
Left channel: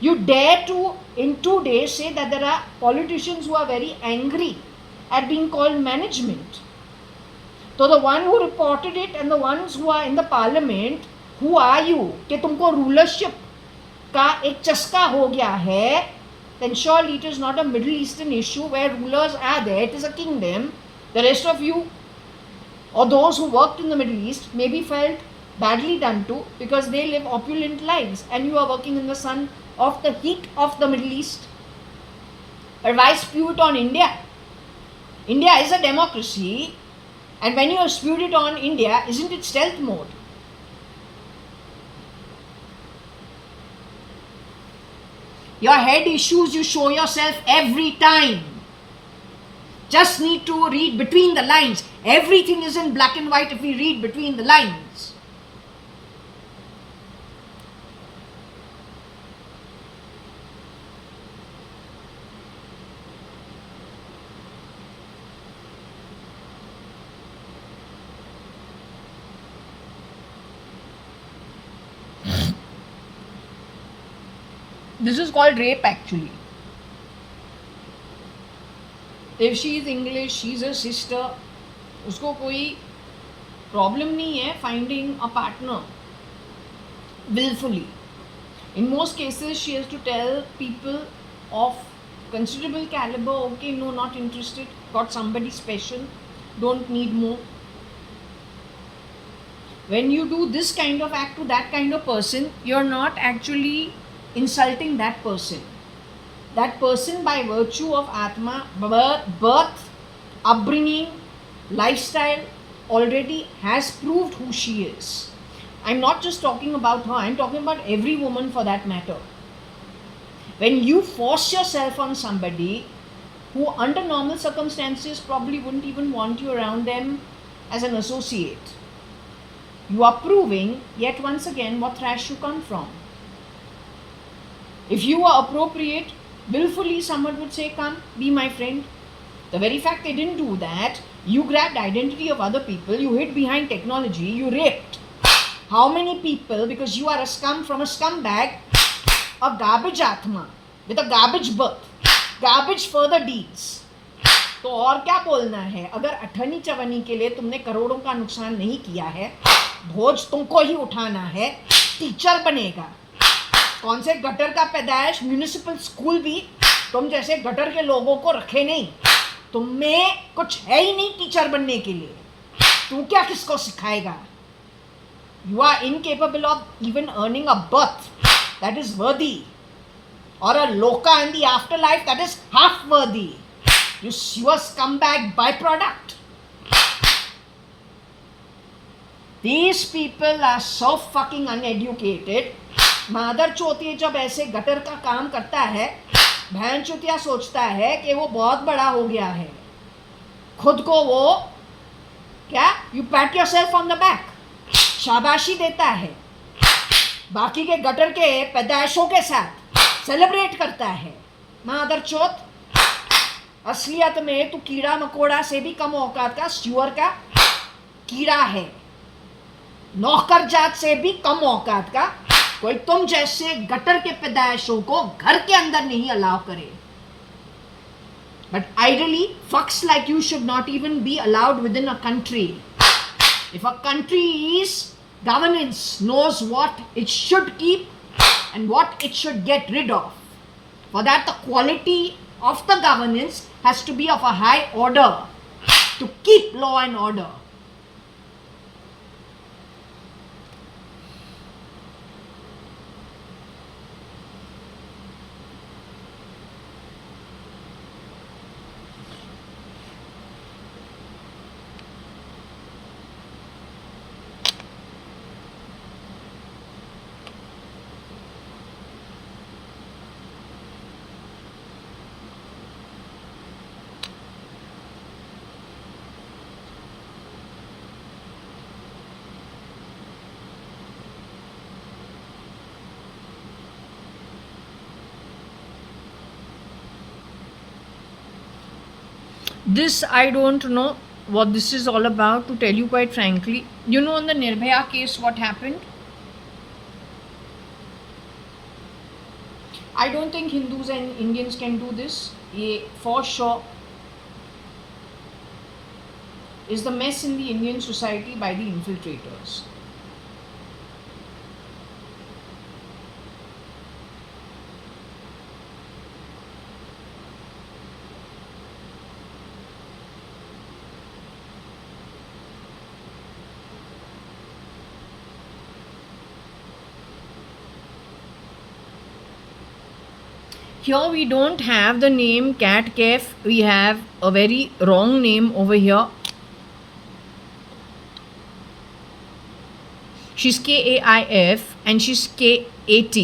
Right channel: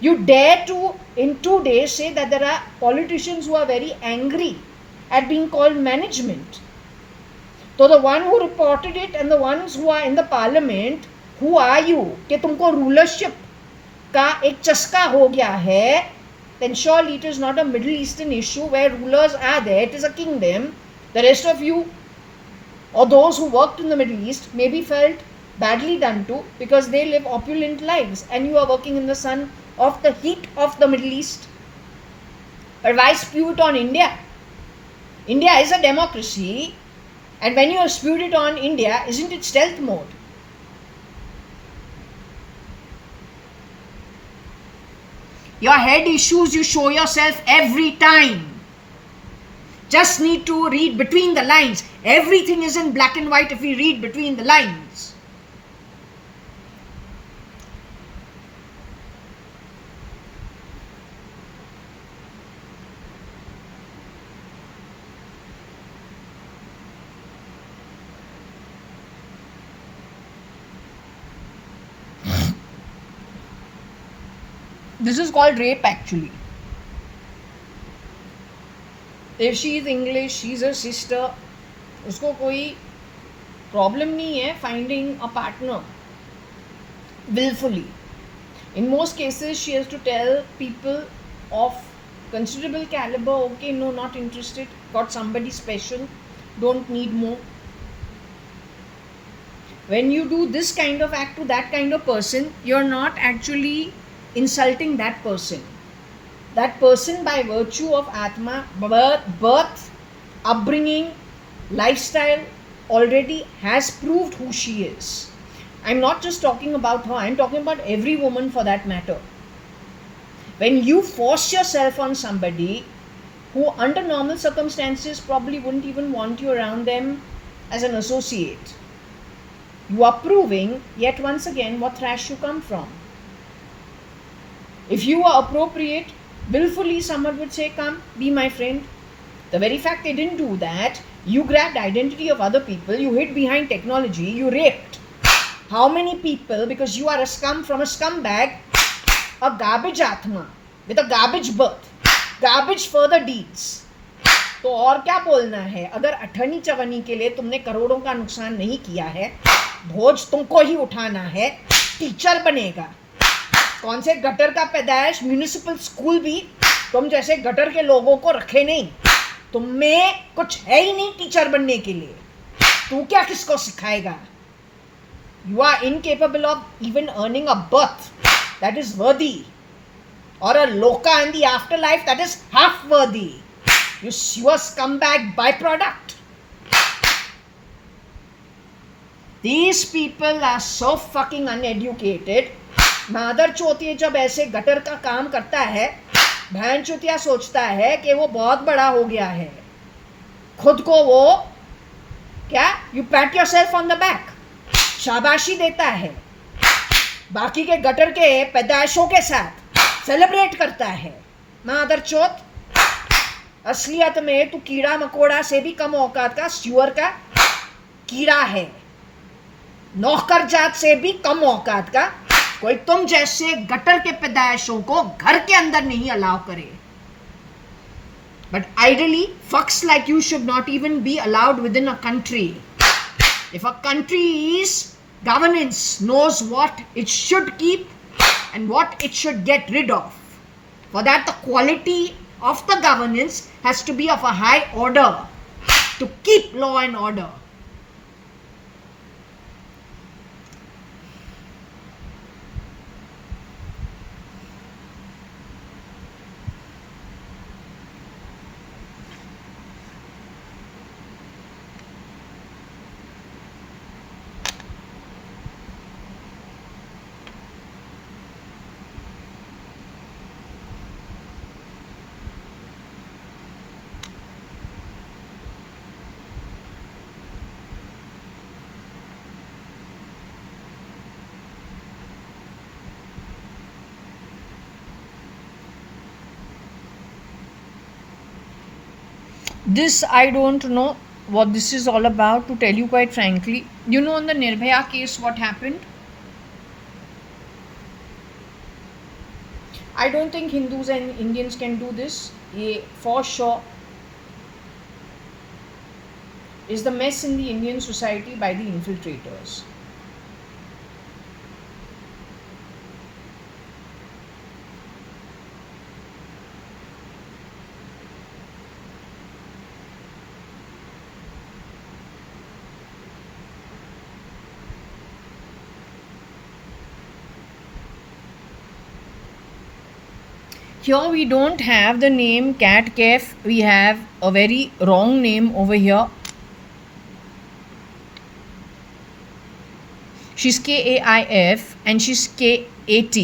you dare to in 2 days say that there are politicians who are very angry at being called management. So the one who reported it and the ones who are in the parliament, who are you कि तुमको rulership का एक चस्का हो गया है? Then surely it is not a Middle Eastern issue where rulers are there, it is a kingdom. The rest of you or those who worked in the Middle East may be felt badly done to because they live opulent lives and you are working in the sun of the heat of the Middle East. But why spew it on India? India is a democracy. And when you have spewed it on India, isn't it stealth mode? Your head issues, you show yourself every time. Just need to read between the lines. Everything is in black and white if we read between the lines. This is called rape actually. If she is English, she's a sister, उसको कोई problem नहीं है finding a partner willfully. In most cases, she has to tell people of considerable caliber, okay, no, not interested, got somebody special, don't need more. When you do this kind of act to that kind of person, you're not actually insulting that person. That person, by virtue of Atma, birth, upbringing, lifestyle, already has proved who she is. I'm not just talking about her, I'm talking about every woman for that matter. When you force yourself on somebody who, under normal circumstances, probably wouldn't even want you around them as an associate, you are proving yet once again what thrash you come from. If you are appropriate, willfully someone would say, come, be my friend. The very fact they didn't do that, you grabbed identity of other people, you hid behind technology, you raped. How many people, because you are a scum from a scumbag, a garbage Atma, with a garbage birth, garbage further deeds. तो और क्या बोलना है? अगर अठनी चवनी के लिए तुमने करोड़ों का नुकसान नहीं किया है, भोज तुमको ही उठाना है, टीचर बनेगा. कौन से गटर का पैदाइश, म्यूनिसिपल स्कूल भी तुम जैसे गटर के लोगों को रखे नहीं. तुम में कुछ है ही नहीं टीचर बनने के लिए. तू क्या किसको सिखाएगा? You are incapable of even earning a birth that is worthy, or a loka in the afterlife that is half worthy. You are scumbag byproduct. These people are so fucking uneducated. मादर चौथी जब ऐसे gutter का काम करता है, बहन चौथिया सोचता है कि वो बहुत बड़ा हो गया है. खुद को वो क्या, you PAT yourself on the back, शाबाशी देता है. बाकी के गटर के पैदाइशों के साथ सेलिब्रेट करता है. मादर चौथ, असलियत में तू कीड़ा मकोड़ा से भी कम औकात का स्यूअर का कीड़ा है. नौकर जात से भी कम औकात का कोई तुम जैसे गटर के पैदाइशों को घर के अंदर नहीं अलाउ करे. But ideally, fucks like you should not even be allowed within a country. If a country's governance knows what it should keep and what it should get rid of, for that the quality of the governance has to be of a high order to keep law and order. This, I don't know what this is all about, to tell you quite frankly. You know, in the Nirbhaya case, what happened? I don't think Hindus and Indians can do this. Ye for sure is the mess in the Indian society by the infiltrators. Here we don't have the name cat caf, we have a very wrong name over here. She's KAIF and she's KAT.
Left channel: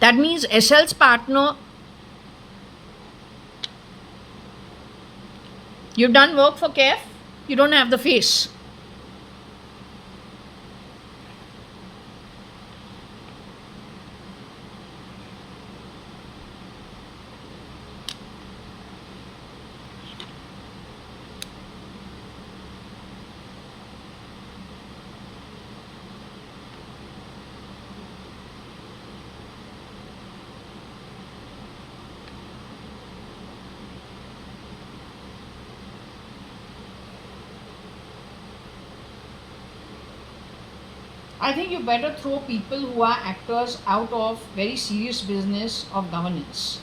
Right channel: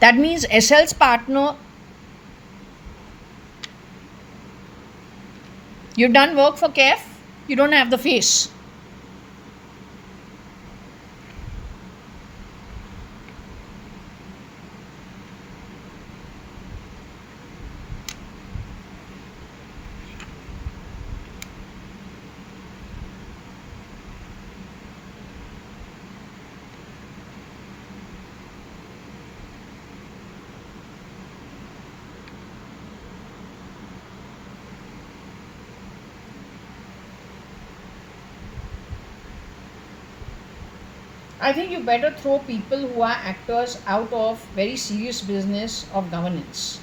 That means SL's partner. You've done work for KF, you don't have the face. I think you better throw people who are actors out of very serious business of governance.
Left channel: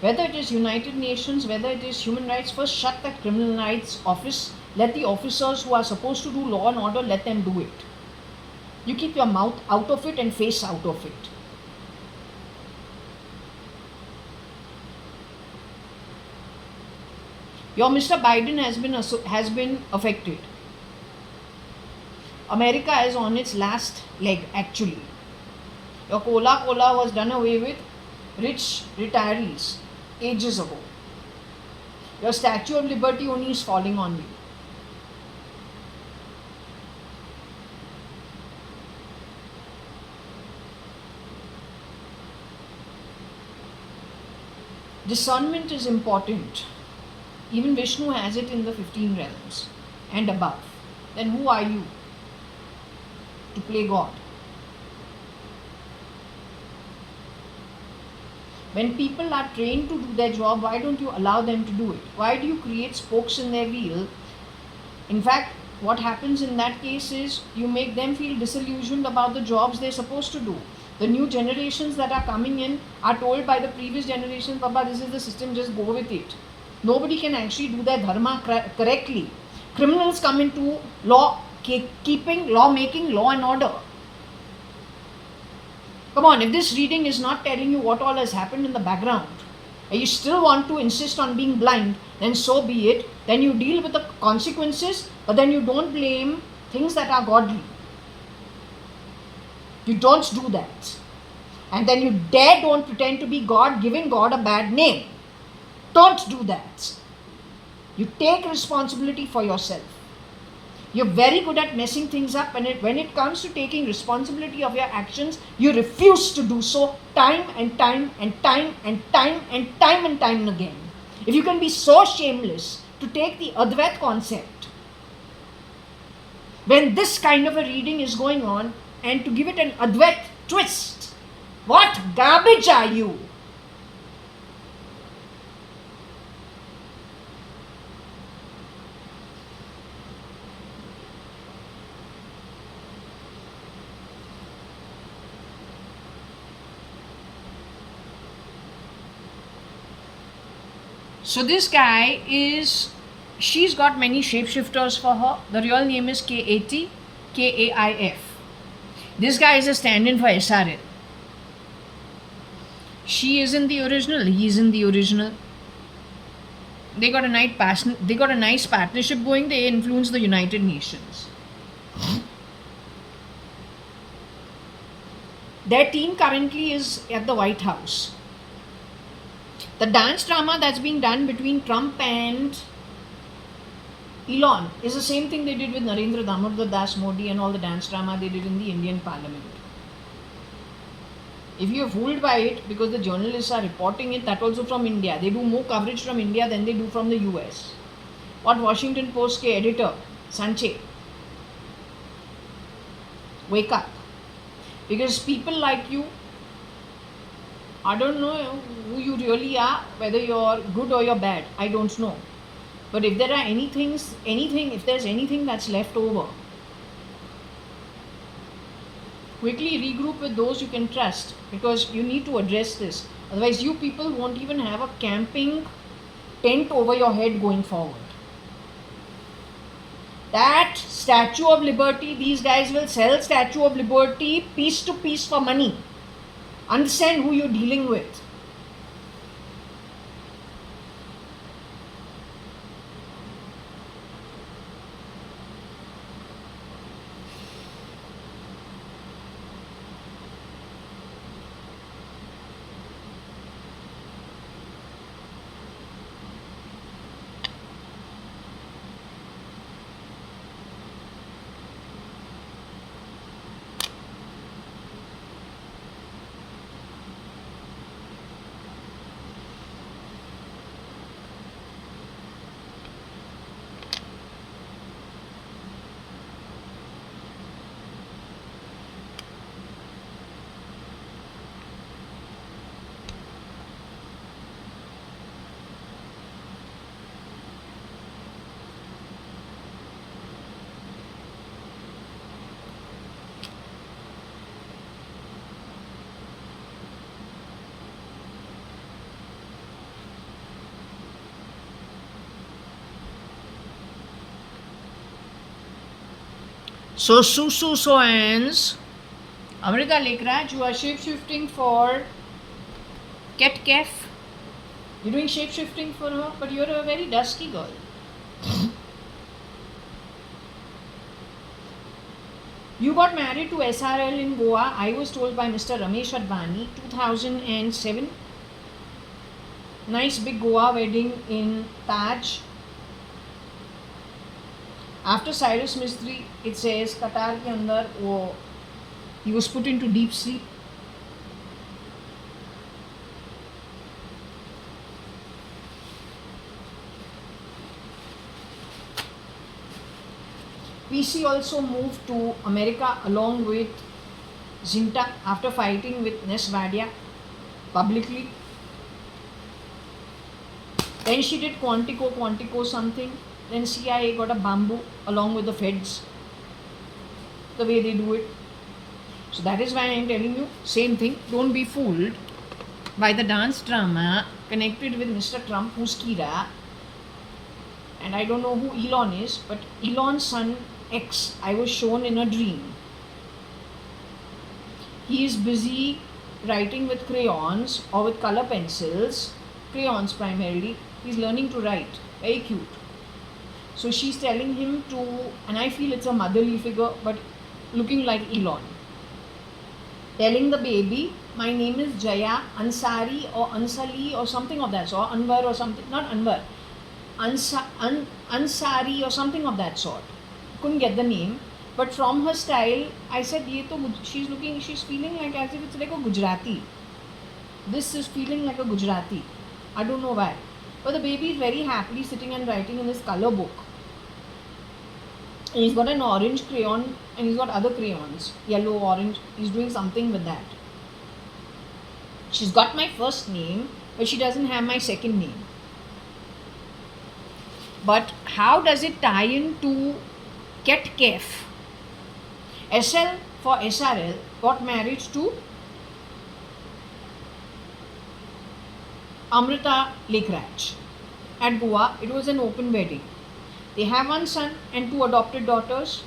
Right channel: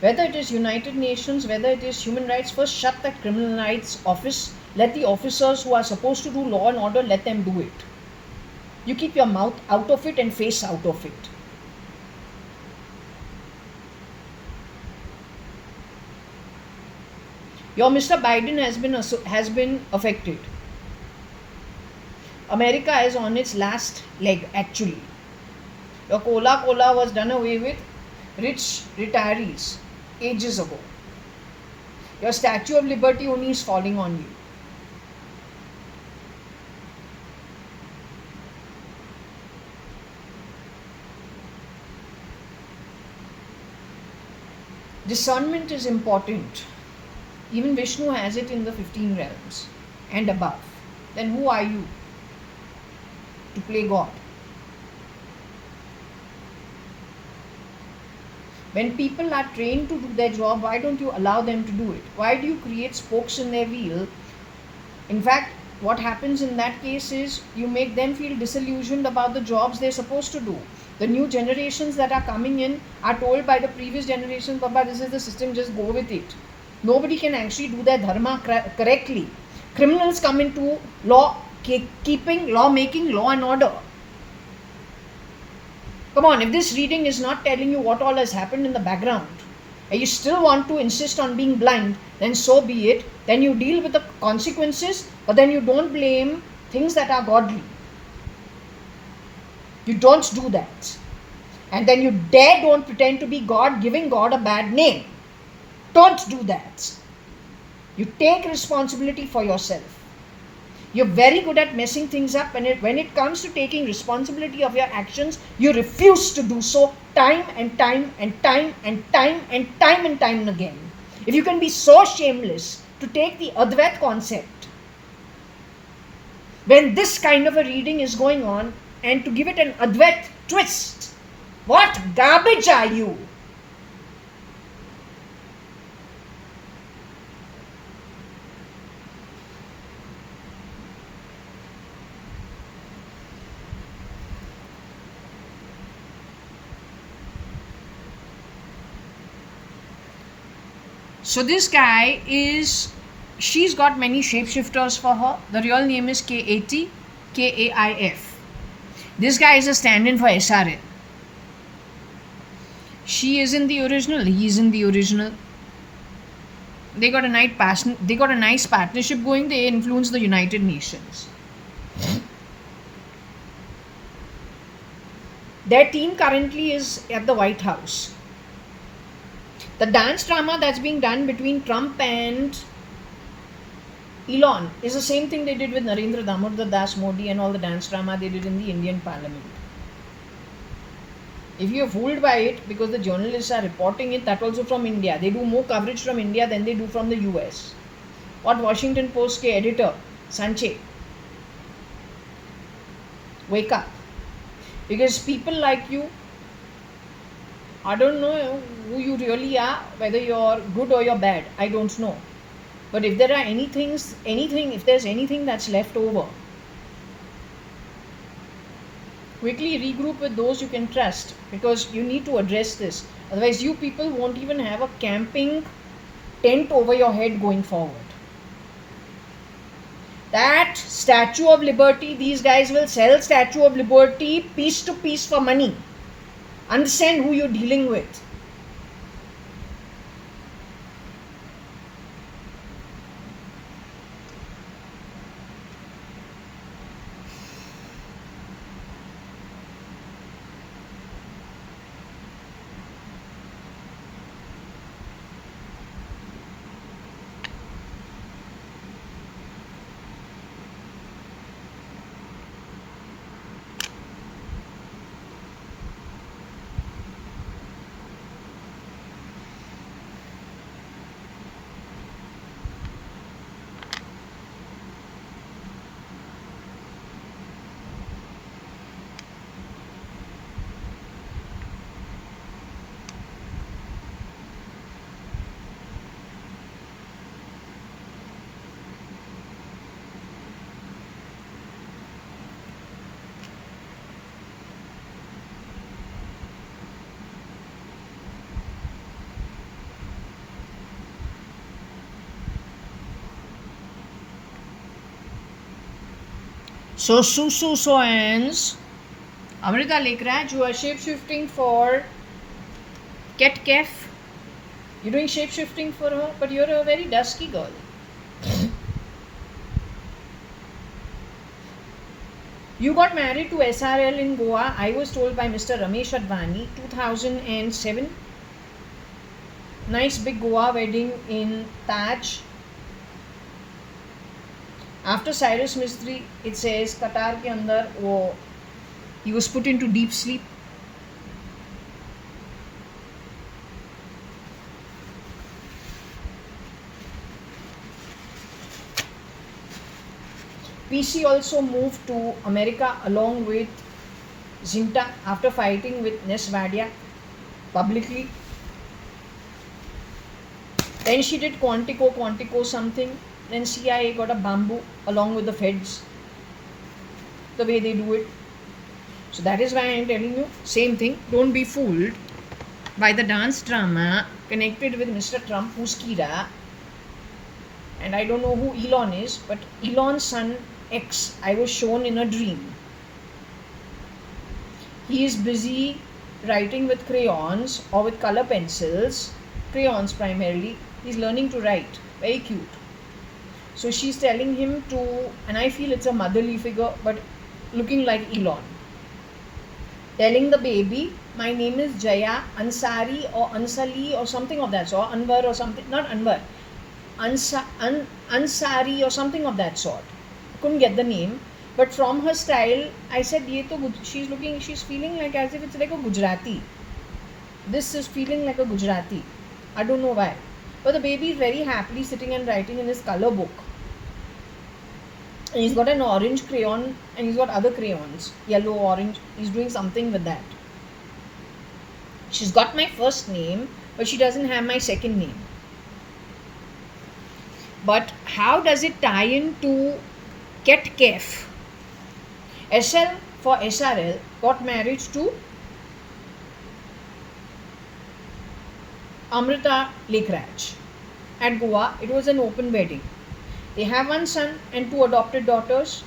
Whether it is United Nations, whether it is human rights, first shut that criminal rights office. Let the officers who are supposed to do law and order, let them do it. You keep your mouth out of it and face out of it. Your Mr. Biden has been affected. America is on its last leg actually. Your cola was done away with rich retirees ages ago. Your Statue of Liberty only is falling on you. Discernment is important. Even Vishnu has it in the 15 realms and above. Then who are you to play God? When people are trained to do their job, why don't you allow them to do it? Why do you create spokes in their wheel? In fact, what happens in that case is you make them feel disillusioned about the jobs they're supposed to do. The new generations that are coming in are told by the previous generations, Baba, this is the system, just go with it. Nobody can actually do their dharma correctly. Criminals come into law keeping, law making, law and order. Come on, if this reading is not telling you what all has happened in the background, and you still want to insist on being blind, then so be it. Then you deal with the consequences, but then you don't blame things that are godly. You don't do that. And then you don't pretend to be God, giving God a bad name. Don't do that. You take responsibility for yourself. You're very good at messing things up, and when it comes to taking responsibility of your actions, you refuse to do so time and time and time and time and time and time again. If you can be so shameless to take the Advait concept when this kind of a reading is going on and to give it an Advait twist, what garbage are you? So this guy she's got many shapeshifters for her. The real name is KAT, KAIF. This guy is a stand-in for SRL. She is in the original, he is in the original. They got a nice partnership going. They influence the United Nations. Their team currently is at the White House. The dance drama that's being done between Trump and Elon is the same thing they did with Narendra Damodar Das Modi and all the dance drama they did in the Indian Parliament. If you are fooled by it because the journalists are reporting it, that also from India. They do more coverage from India than they do from the US. What Washington Post ke editor, Sanche, wake up. Because people like you, I don't know who you really are, whether you're good or you're bad, I don't know. But if there are if there's anything that's left over, quickly regroup with those you can trust, because you need to address this. Otherwise, you people won't even have a camping tent over your head going forward. That Statue of Liberty, these guys will sell Statue of Liberty piece to piece for money. Understand who you're dealing with. So Susu Soans, Amrita Lekraj, you are shape-shifting for Ket Kef. You're doing shape-shifting for her, but you're a very dusky girl. You got married to SRL in Goa, I was told by Mr. Ramesh Advani, 2007. Nice big Goa wedding in Taj. After Cyrus Mistry, it says Qatar ke andar he was put into deep sleep. PC also moved to America along with Zinta after fighting with Nesvadia publicly. Then she did Quantico something. Then CIA got a bamboo along with the feds. The way they do it. So that is why I am telling you, same thing. Don't be fooled by the dance drama connected with Mr. Trump, who's Kira. And I don't know who Elon is, but Elon's son X, I was shown in a dream. He is busy writing with crayons or with color pencils, crayons primarily. He's learning to write. Very cute. So she's telling him to, and I feel it's a motherly figure, but looking like Elon. Telling the baby, my name is Jaya Ansari or Ansali or something of that sort, Anwar or something, not Anwar, Ansari or something of that sort. Couldn't get the name, but from her style, I said, she's feeling like as if it's like a Gujarati. This is feeling like a Gujarati. I don't know why. But the baby is very happily sitting and writing in his color book. And he's got an orange crayon and he's got other crayons, yellow, orange. He's doing something with that. She's got my first name, but she doesn't have my second name. But how does it tie into Ket Kef? SL for SRL got married to Amrita Lekraj at Goa. It was an open wedding. They have one son and 2 adopted daughters.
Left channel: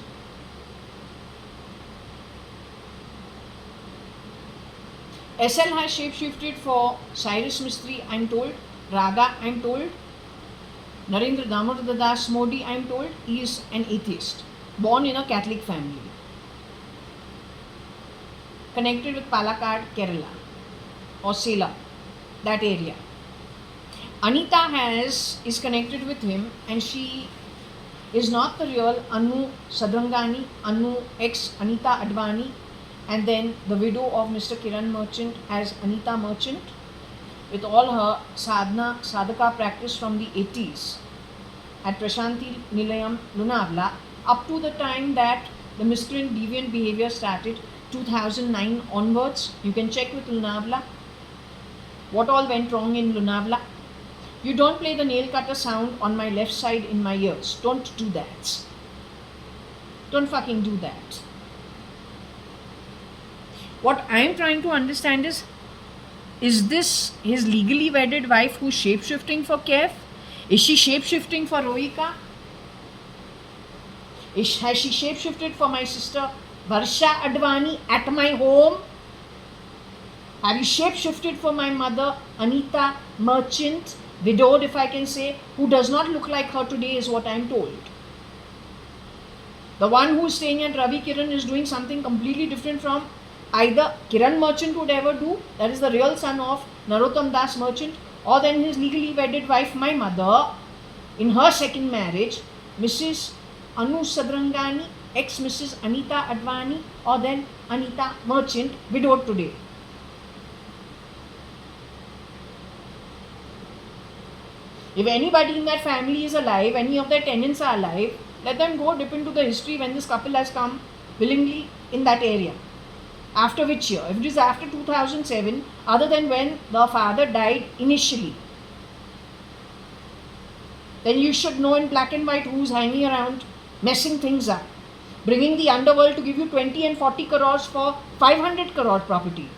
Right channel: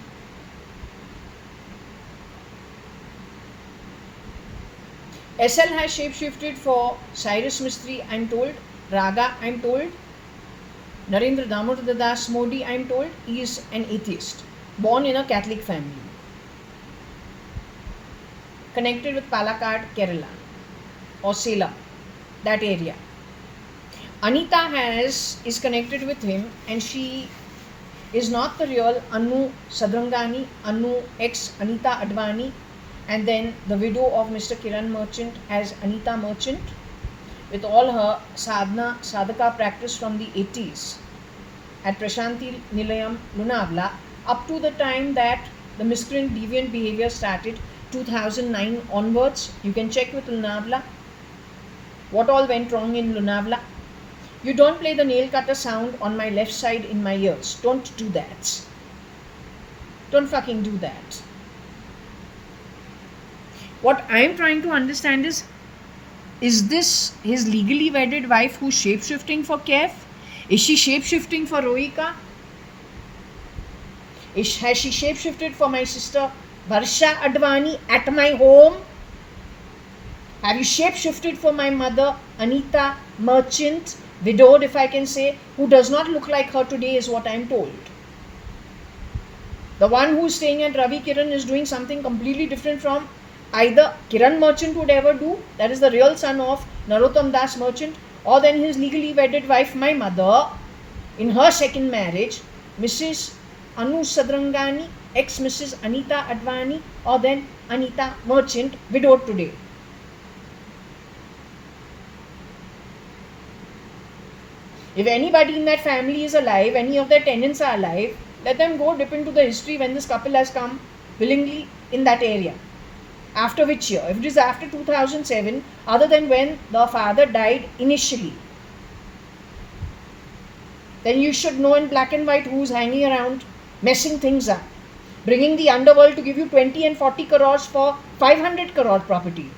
SL has shapeshifted for Cyrus Mistry, I'm told. Raga, I'm told. Narendra Damodar Das Modi, I'm told. He is an atheist, born in a Catholic family. Connected with Palakkad, Kerala or Salem, that area. Anita is connected with him, and she is not the real Anu Sadrangani, Anu ex Anita Advani, and then the widow of Mr. Kiran Merchant as Anita Merchant, with all her sadhaka practice from the 80s at Prashanti Nilayam, Lonavala, up to the time that the miscreant deviant behavior started, 2009 onwards. You can check with Lonavala what all went wrong in Lonavala. You don't play the nail cutter sound on my left side in my ears. Don't do that. Don't fucking do that. What I'm trying to understand is this his legally wedded wife who's shape-shifting for Kef? Is she shape-shifting for Rohika? Has she shape-shifted for my sister Varsha Advani at my home? Have you shape-shifted for my mother Anita Merchant, widowed if I can say, who does not look like her today is what I'm told. The one who's staying at Ravi Kiran is doing something completely different from either Kiran Merchant would ever do, that is the real son of Narottam Das Merchant, or then his legally wedded wife, my mother, in her second marriage, Mrs. Anu Sadrangani, ex-Mrs. Anita Advani, or then Anita Merchant, widowed today. If anybody in that family is alive, any of their tenants are alive, let them go dip into the history when this couple has come willingly in that area. After which year? If it is after 2007, other than when the father died initially, then you should know in black and white who's hanging around, messing things up, bringing the underworld to give you 20 and 40 crores for 500 crore property.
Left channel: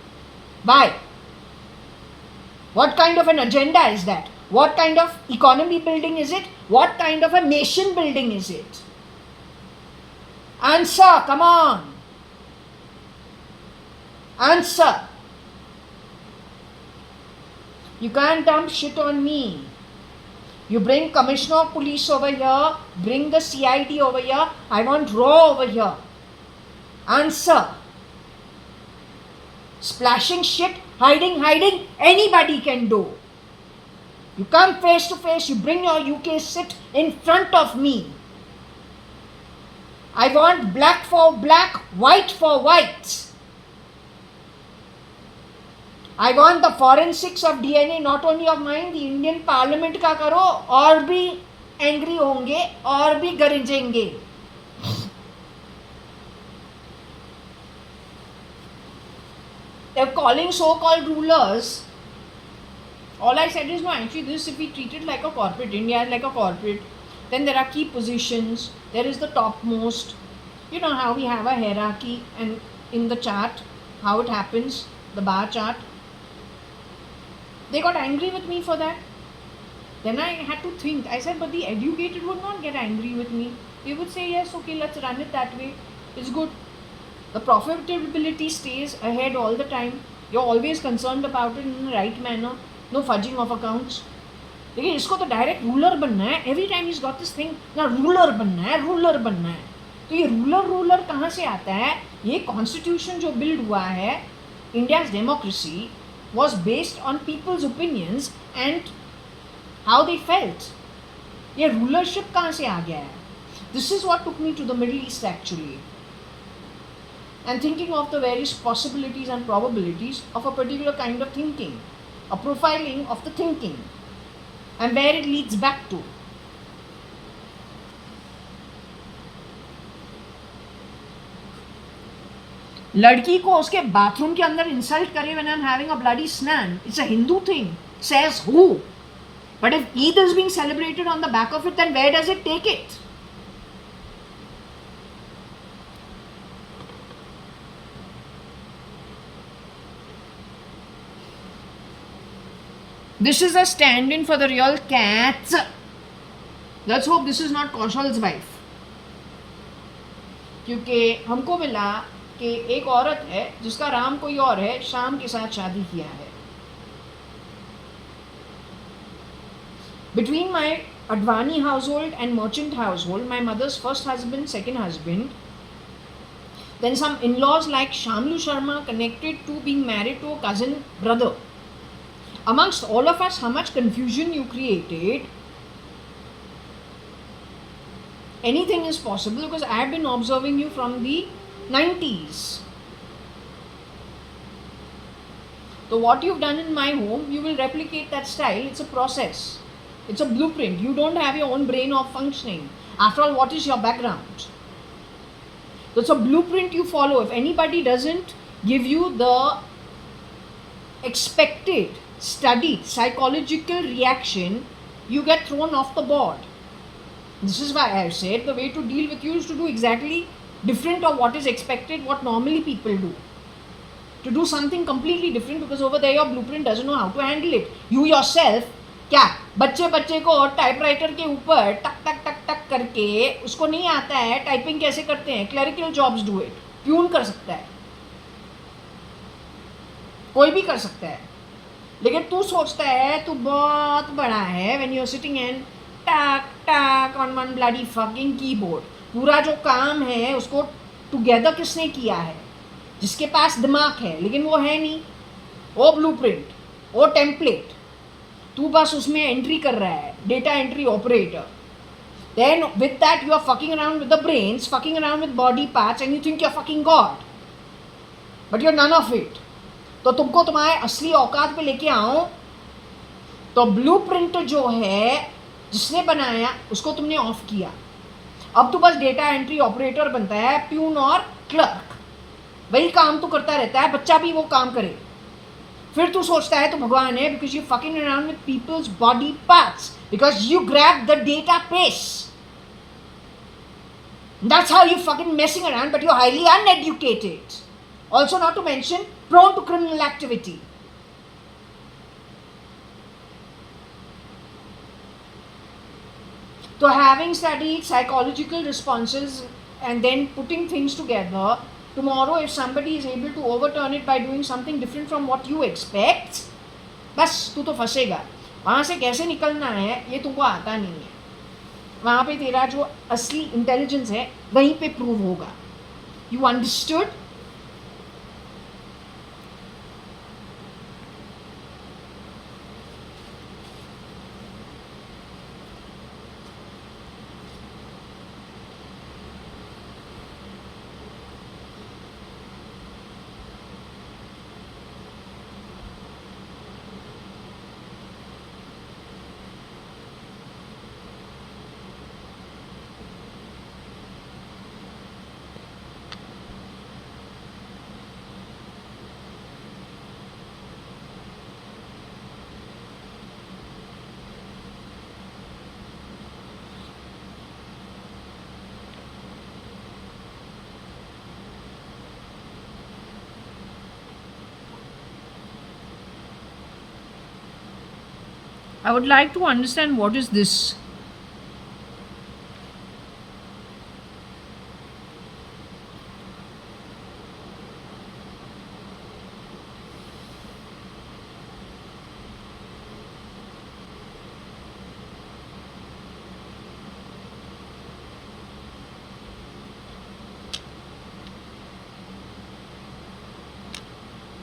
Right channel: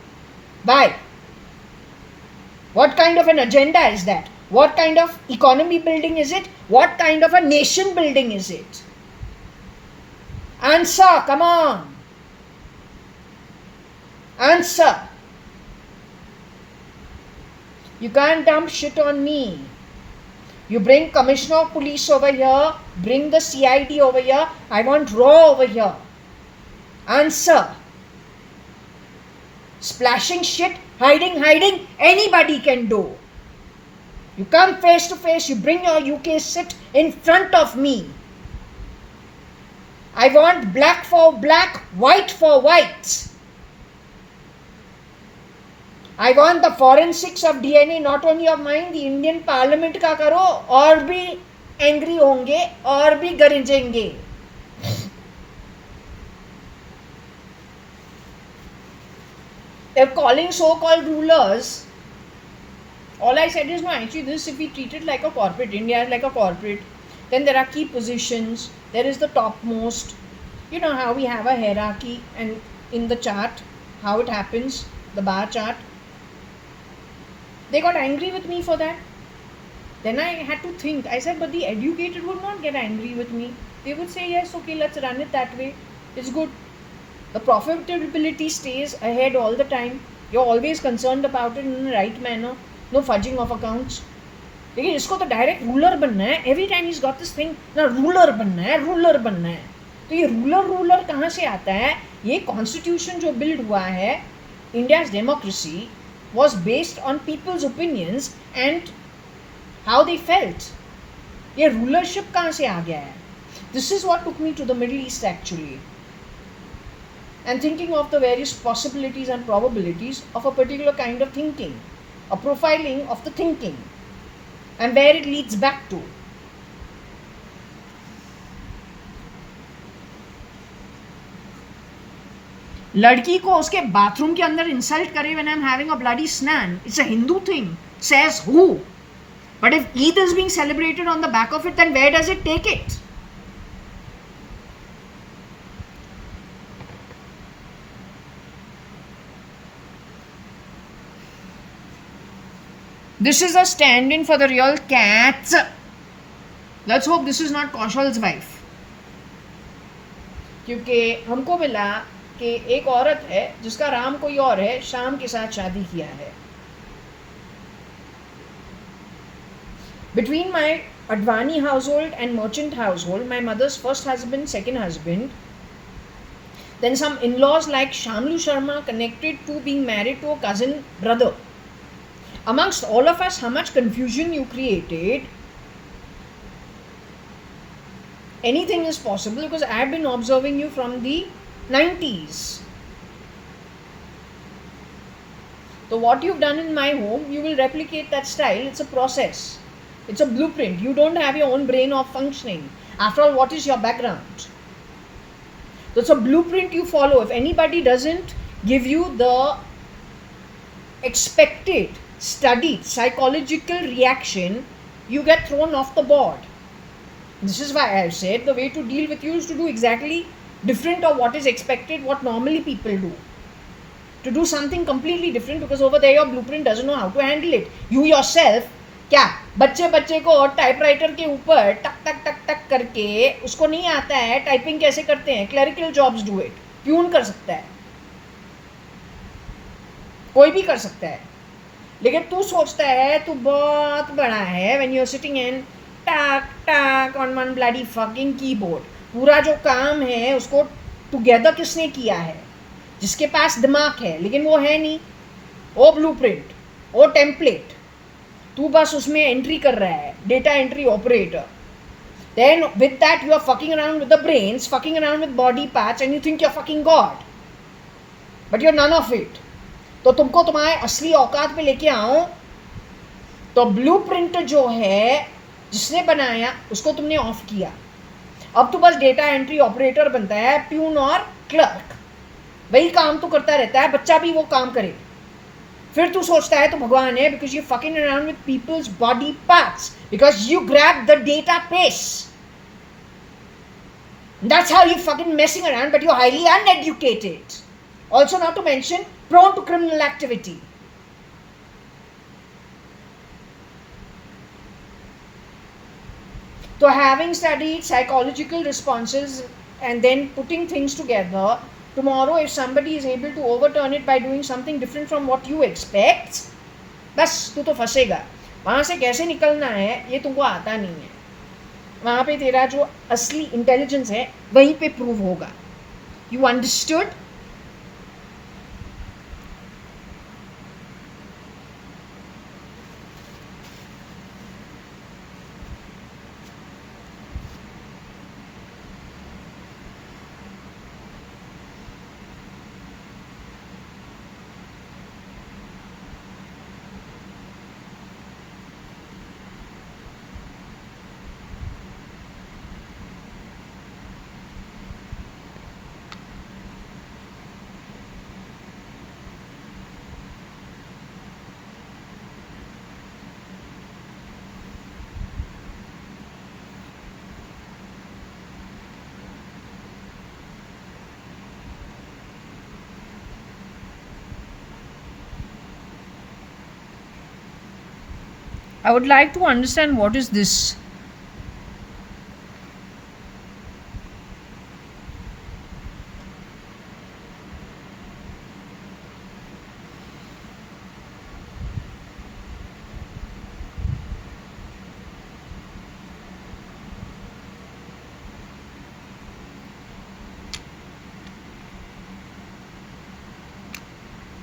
Why? What kind of an agenda is that? What kind of economy building is it? What kind of a nation building is it? Answer, come on. Answer. You can't dump shit on me. You bring Commissioner of Police over here, bring the CID over here. I want raw over here. Answer. Splashing shit, hiding, anybody can do. You come face to face, you bring your UK, sit in front of me. I want black for black, white for white. I want the forensics of DNA, not only of mine, the Indian Parliament का करो, और भी angry होंगे, और भी गरजेंगे. They're calling so-called rulers. All I said is, no, actually this, if we treat it like a corporate, India is like a corporate, then there are key positions, there is the topmost. You know how we have a hierarchy, and in the chart, how it happens, the bar chart. They got angry with me for that. Then I had to think. I said, but the educated would not get angry with me. They would say, yes, okay, let's run it that way. It's good. The profitability stays ahead all the time. You're always concerned about it in the right manner. No fudging of accounts. लेकिन इसको तो direct ruler बनना है. Every time is got this thing ना, ruler बनना है, ruler बनना है. तो ये रूलर कहाँ से आता है? ये कॉन्स्टिट्यूशन जो बिल्ड हुआ है, India's democracy was based on people's opinions and how they felt. ये rulership कहाँ से आ गया है? This is what took me to the Middle East actually, and thinking of the various possibilities and probabilities of a particular kind of thinking, a profiling of the thinking, and where it leads back to. लड़की को उसके bathroom के अंदर insult करे when I'm having a bloody snan, it's a Hindu thing. Says who? But if Eid is being celebrated on the back of it, then where does it take it? This is a stand-in for the real cats. Let's hope this is not Kaushal's wife. क्योंकि हमको मिला कि एक औरत है जिसका राम कोई और है, शाम के साथ शादी किया है. Between my Advani household and merchant household, my mother's first husband, second husband, then some in-laws like Shamlu Sharma connected to being married to a cousin brother. Amongst all of us, how much confusion you created. Anything is possible because I have been observing you from the 90s. So what you've done in my home, you will replicate that style. It's a process. It's a blueprint. You don't have your own brain of functioning. After all, what is your background? So it's a blueprint you follow. If anybody doesn't give you the expected, studied, psychological reaction, you get thrown off the board. This is why I have said the way to deal with you is to do exactly different of what is expected, what normally people do. To do something completely different because over there your blueprint doesn't know how to handle it. You yourself, क्या बच्चे को typewriter के ऊपर टक टक टक टक करके उसको नहीं आता है टाइपिंग कैसे करते हैं. Clerical jobs do it. Peon कर सकता है, कोई भी कर सकता है. लेकिन तू सोचता है तू बहुत बड़ा है when you are sitting and टक टक on one bloody fucking keyboard. पूरा जो काम है उसको टुगेदर किसने किया है? जिसके पास दिमाग है, लेकिन वो है नहीं. वो ब्लूप्रिंट, वो टेम्पलेट, तू बस उसमें एंट्री कर रहा है, data entry operator. Then with that you are fucking around with the brains, fucking around with body parts and you think you are fucking god, but you are none of it. तो तुमको तुम्हारे असली औकात पे लेके आओ तो blueprint जो है जिसने बनाया उसको तुमने ऑफ किया. अब तो बस डेटा एंट्री ऑपरेटर बनता है, प्यून और क्लर्क. वही काम तो करता रहता है, बच्चा भी वो काम करे. फिर तू सोचता है तो भगवान है because you fucking around with people's body parts, because you grab the database. That's how you fucking messing around, but you're highly uneducated. Also, not to mention, prone to criminal activity. So having studied psychological responses and then putting things together. Tomorrow, if somebody is able to overturn it by doing something different from what you expect, बस तू तो फंसेगा. वहाँ से कैसे निकलना है ये तुमको आता नहीं है. वहाँ पे तेरा जो असली इंटेलिजेंस है वहीं पे प्रूव होगा. You understood? I would like to understand what is this.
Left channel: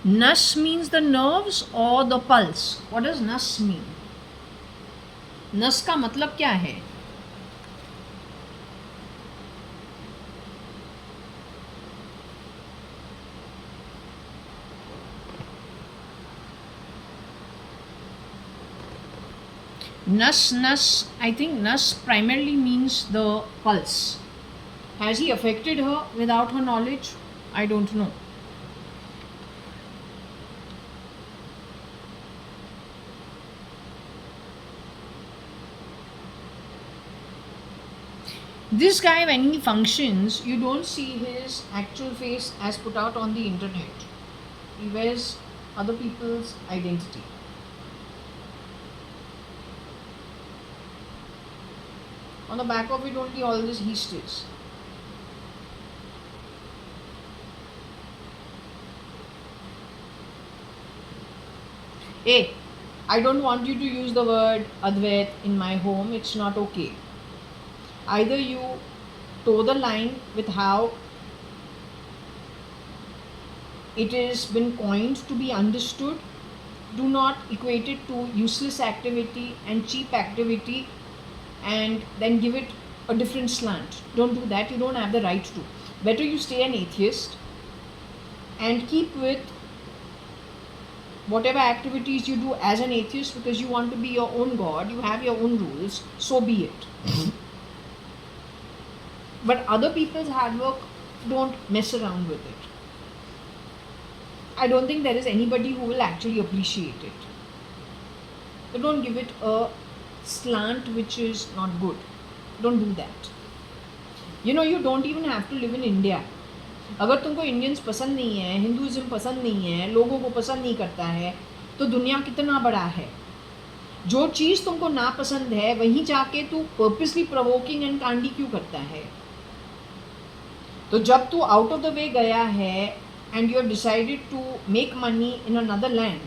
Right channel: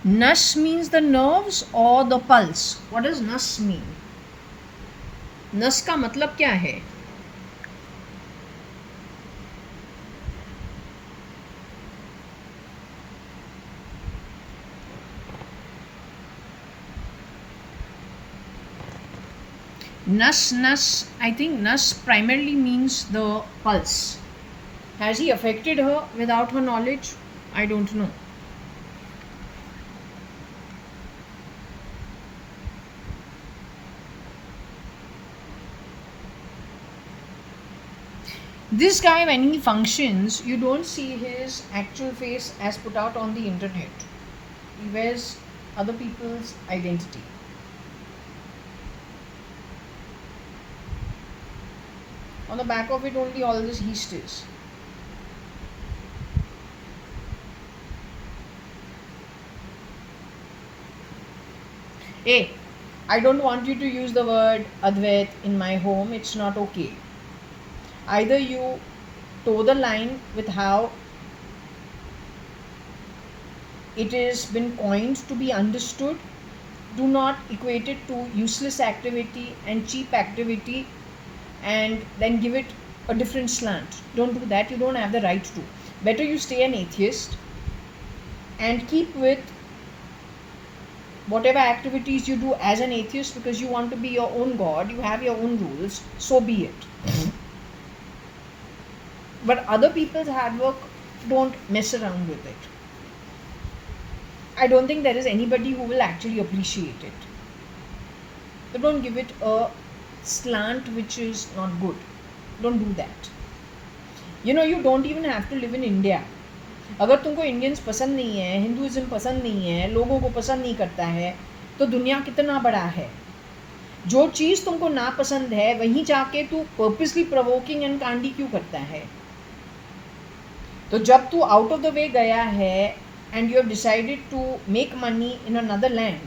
Nus means the nerves or the pulse. What does nus mean? नस का मतलब क्या है? Nus, I think nus primarily means the pulse. Has he affected her without her knowledge? I don't know. This guy, when he functions, you don't see his actual face as put out on the internet. He wears other people's identity. On the back of it only all this yeast is. Hey, I don't want you to use the word Advait in my home. It's not okay. Either you toe the line with how it has been coined to be understood. Do not equate it to useless activity and cheap activity and then give it a different slant. Don't do that. You don't have the right to. Better you stay an atheist and keep with whatever activities you do as an atheist, because you want to be your own God, you have your own rules, so be it. But other people's hard work, don't mess around with it. I don't think there is anybody who will actually appreciate it. So don't give it a slant which is not good. Don't do that. You know, you don't even have to live in India. अगर तुमको Indians पसंद नहीं है, Hinduism पसंद नहीं है, लोगों को पसंद नहीं करता है, तो दुनिया कितना बड़ा है. जो चीज़ तुमको ना पसंद है वहीं जाके तू पर्पसली प्रोवोकिंग एंड कांडी क्यों करता है? तो जब तू आउट ऑफ द वे गया है and you have decided to make money in another land,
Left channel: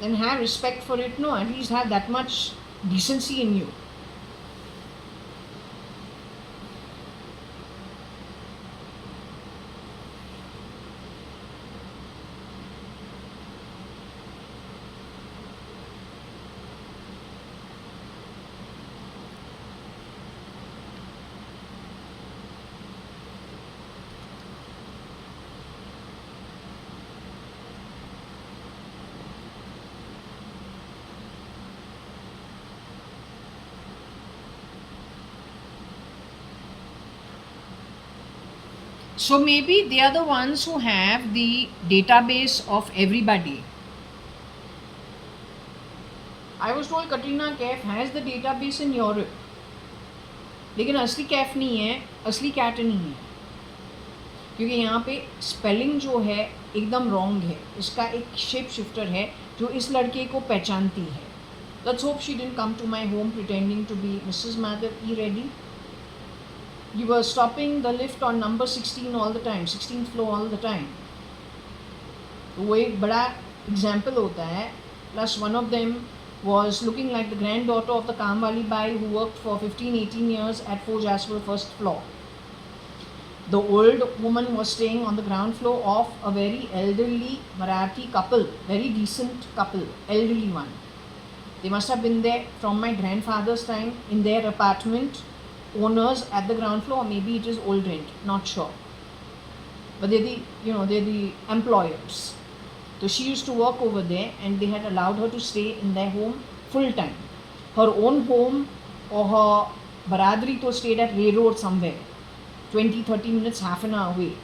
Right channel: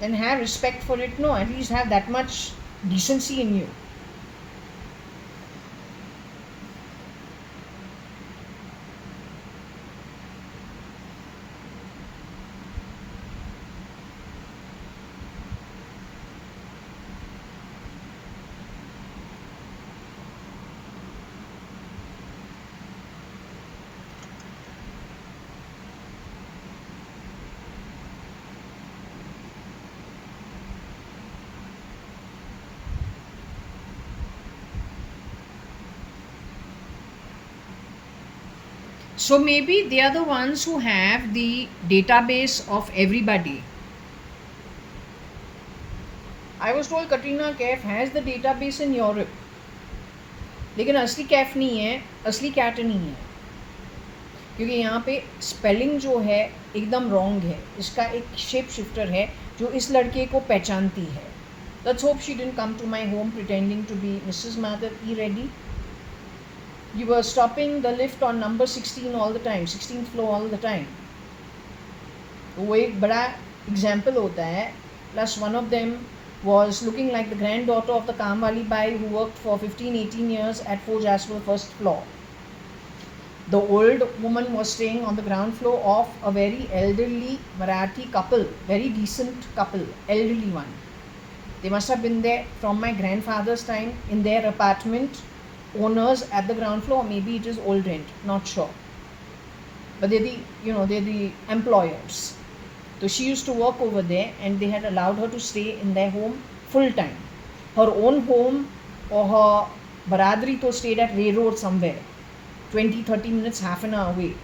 then have respect for it. No, at least have that much decency in you. So maybe they are the ones who have the database of everybody. I was told Katrina Kaif has the database in Europe. लेकिन असली कैफ नहीं है, असली cat नहीं है, क्योंकि यहाँ पे स्पेलिंग जो है एकदम रॉन्ग है. इसका एक शेप शिफ्टर है जो इस लड़के को पहचानती है. Let's hope she didn't come to my home pretending to be Mrs. Madhav E. Reddy. You were stopping the lift on number 16 all the time, 16th floor all the time. तो वो एक बड़ा एग्जाम्पल होता है. Plus one of them was looking like the granddaughter of the Kamwali Bai who worked for 15-18 years at 4 Jasper first floor. The old woman was staying on the ground floor of a very elderly Marathi couple, very decent couple, elderly one. They must have been there from my grandfather's time in their apartment, owners at the ground floor, or maybe it is old rent, not sure. But they're the employers. So she used to work over there and they had allowed her to stay in their home full time. Her own home or her baradri to stayed at railroad somewhere, 20-30 minutes, half an hour away.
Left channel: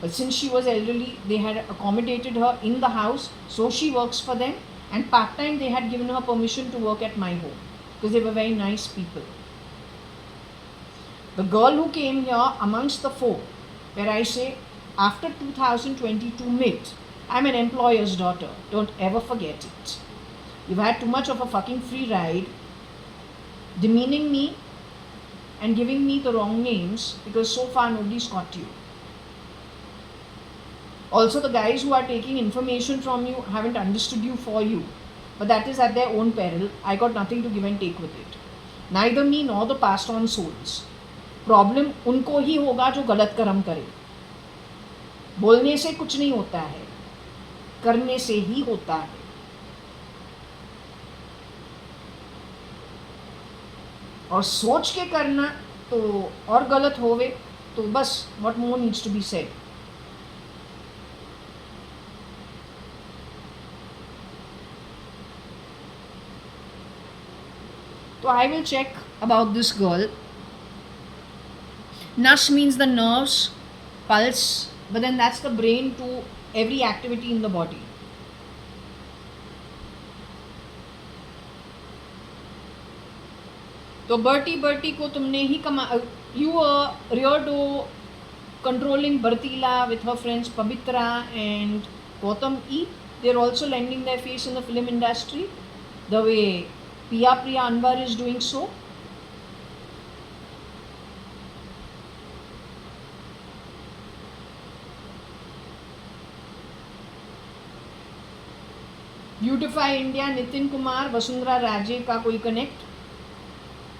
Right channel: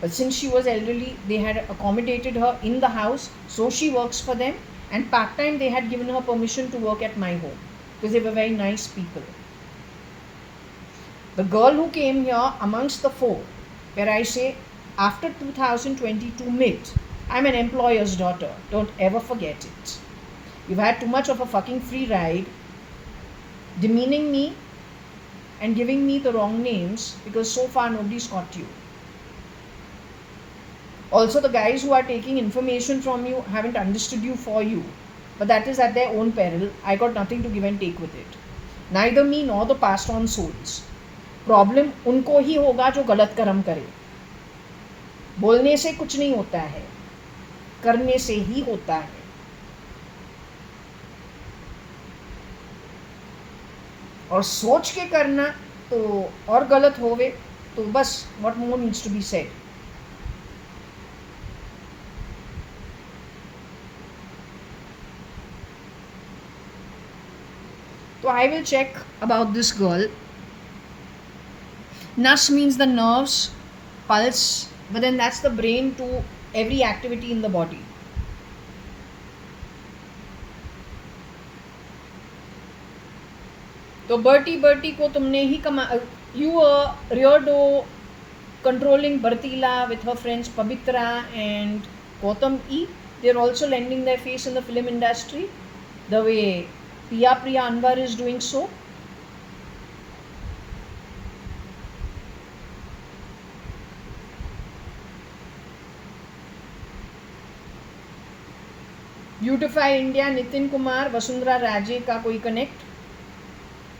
But since she was elderly, they had accommodated her in the house, so she works for them, and part-time they had given her permission to work at my home because they were very nice people. The girl who came here amongst the four, where I say after 2022 mid, I'm an employer's daughter, don't ever forget it. You've had too much of a fucking free ride, demeaning me and giving me the wrong names, because so far nobody's caught you. Also, the guys who are taking information from you haven't understood you for you, but that is at their own peril. I got nothing to give and take with it. Neither me nor the passed on souls. Problem उनको ही होगा जो गलत कर्म करे. बोलने से कुछ नहीं होता है, करने से ही होता है. और सोच के करना तो और गलत होवे तो बस what more needs to be said. So I will check about this girl. Nas means the nerves, pulse, but then that's the brain to every activity in the body. तो बर्टी को तुमने ही you were Riodo controlling Bartila with her friends Pabitra and Gautam E. They're also lending their face in the film industry the way Priya Anwar is doing so. Beautify India, Nitin Kumar, Vasundhara Raje ka koi connect.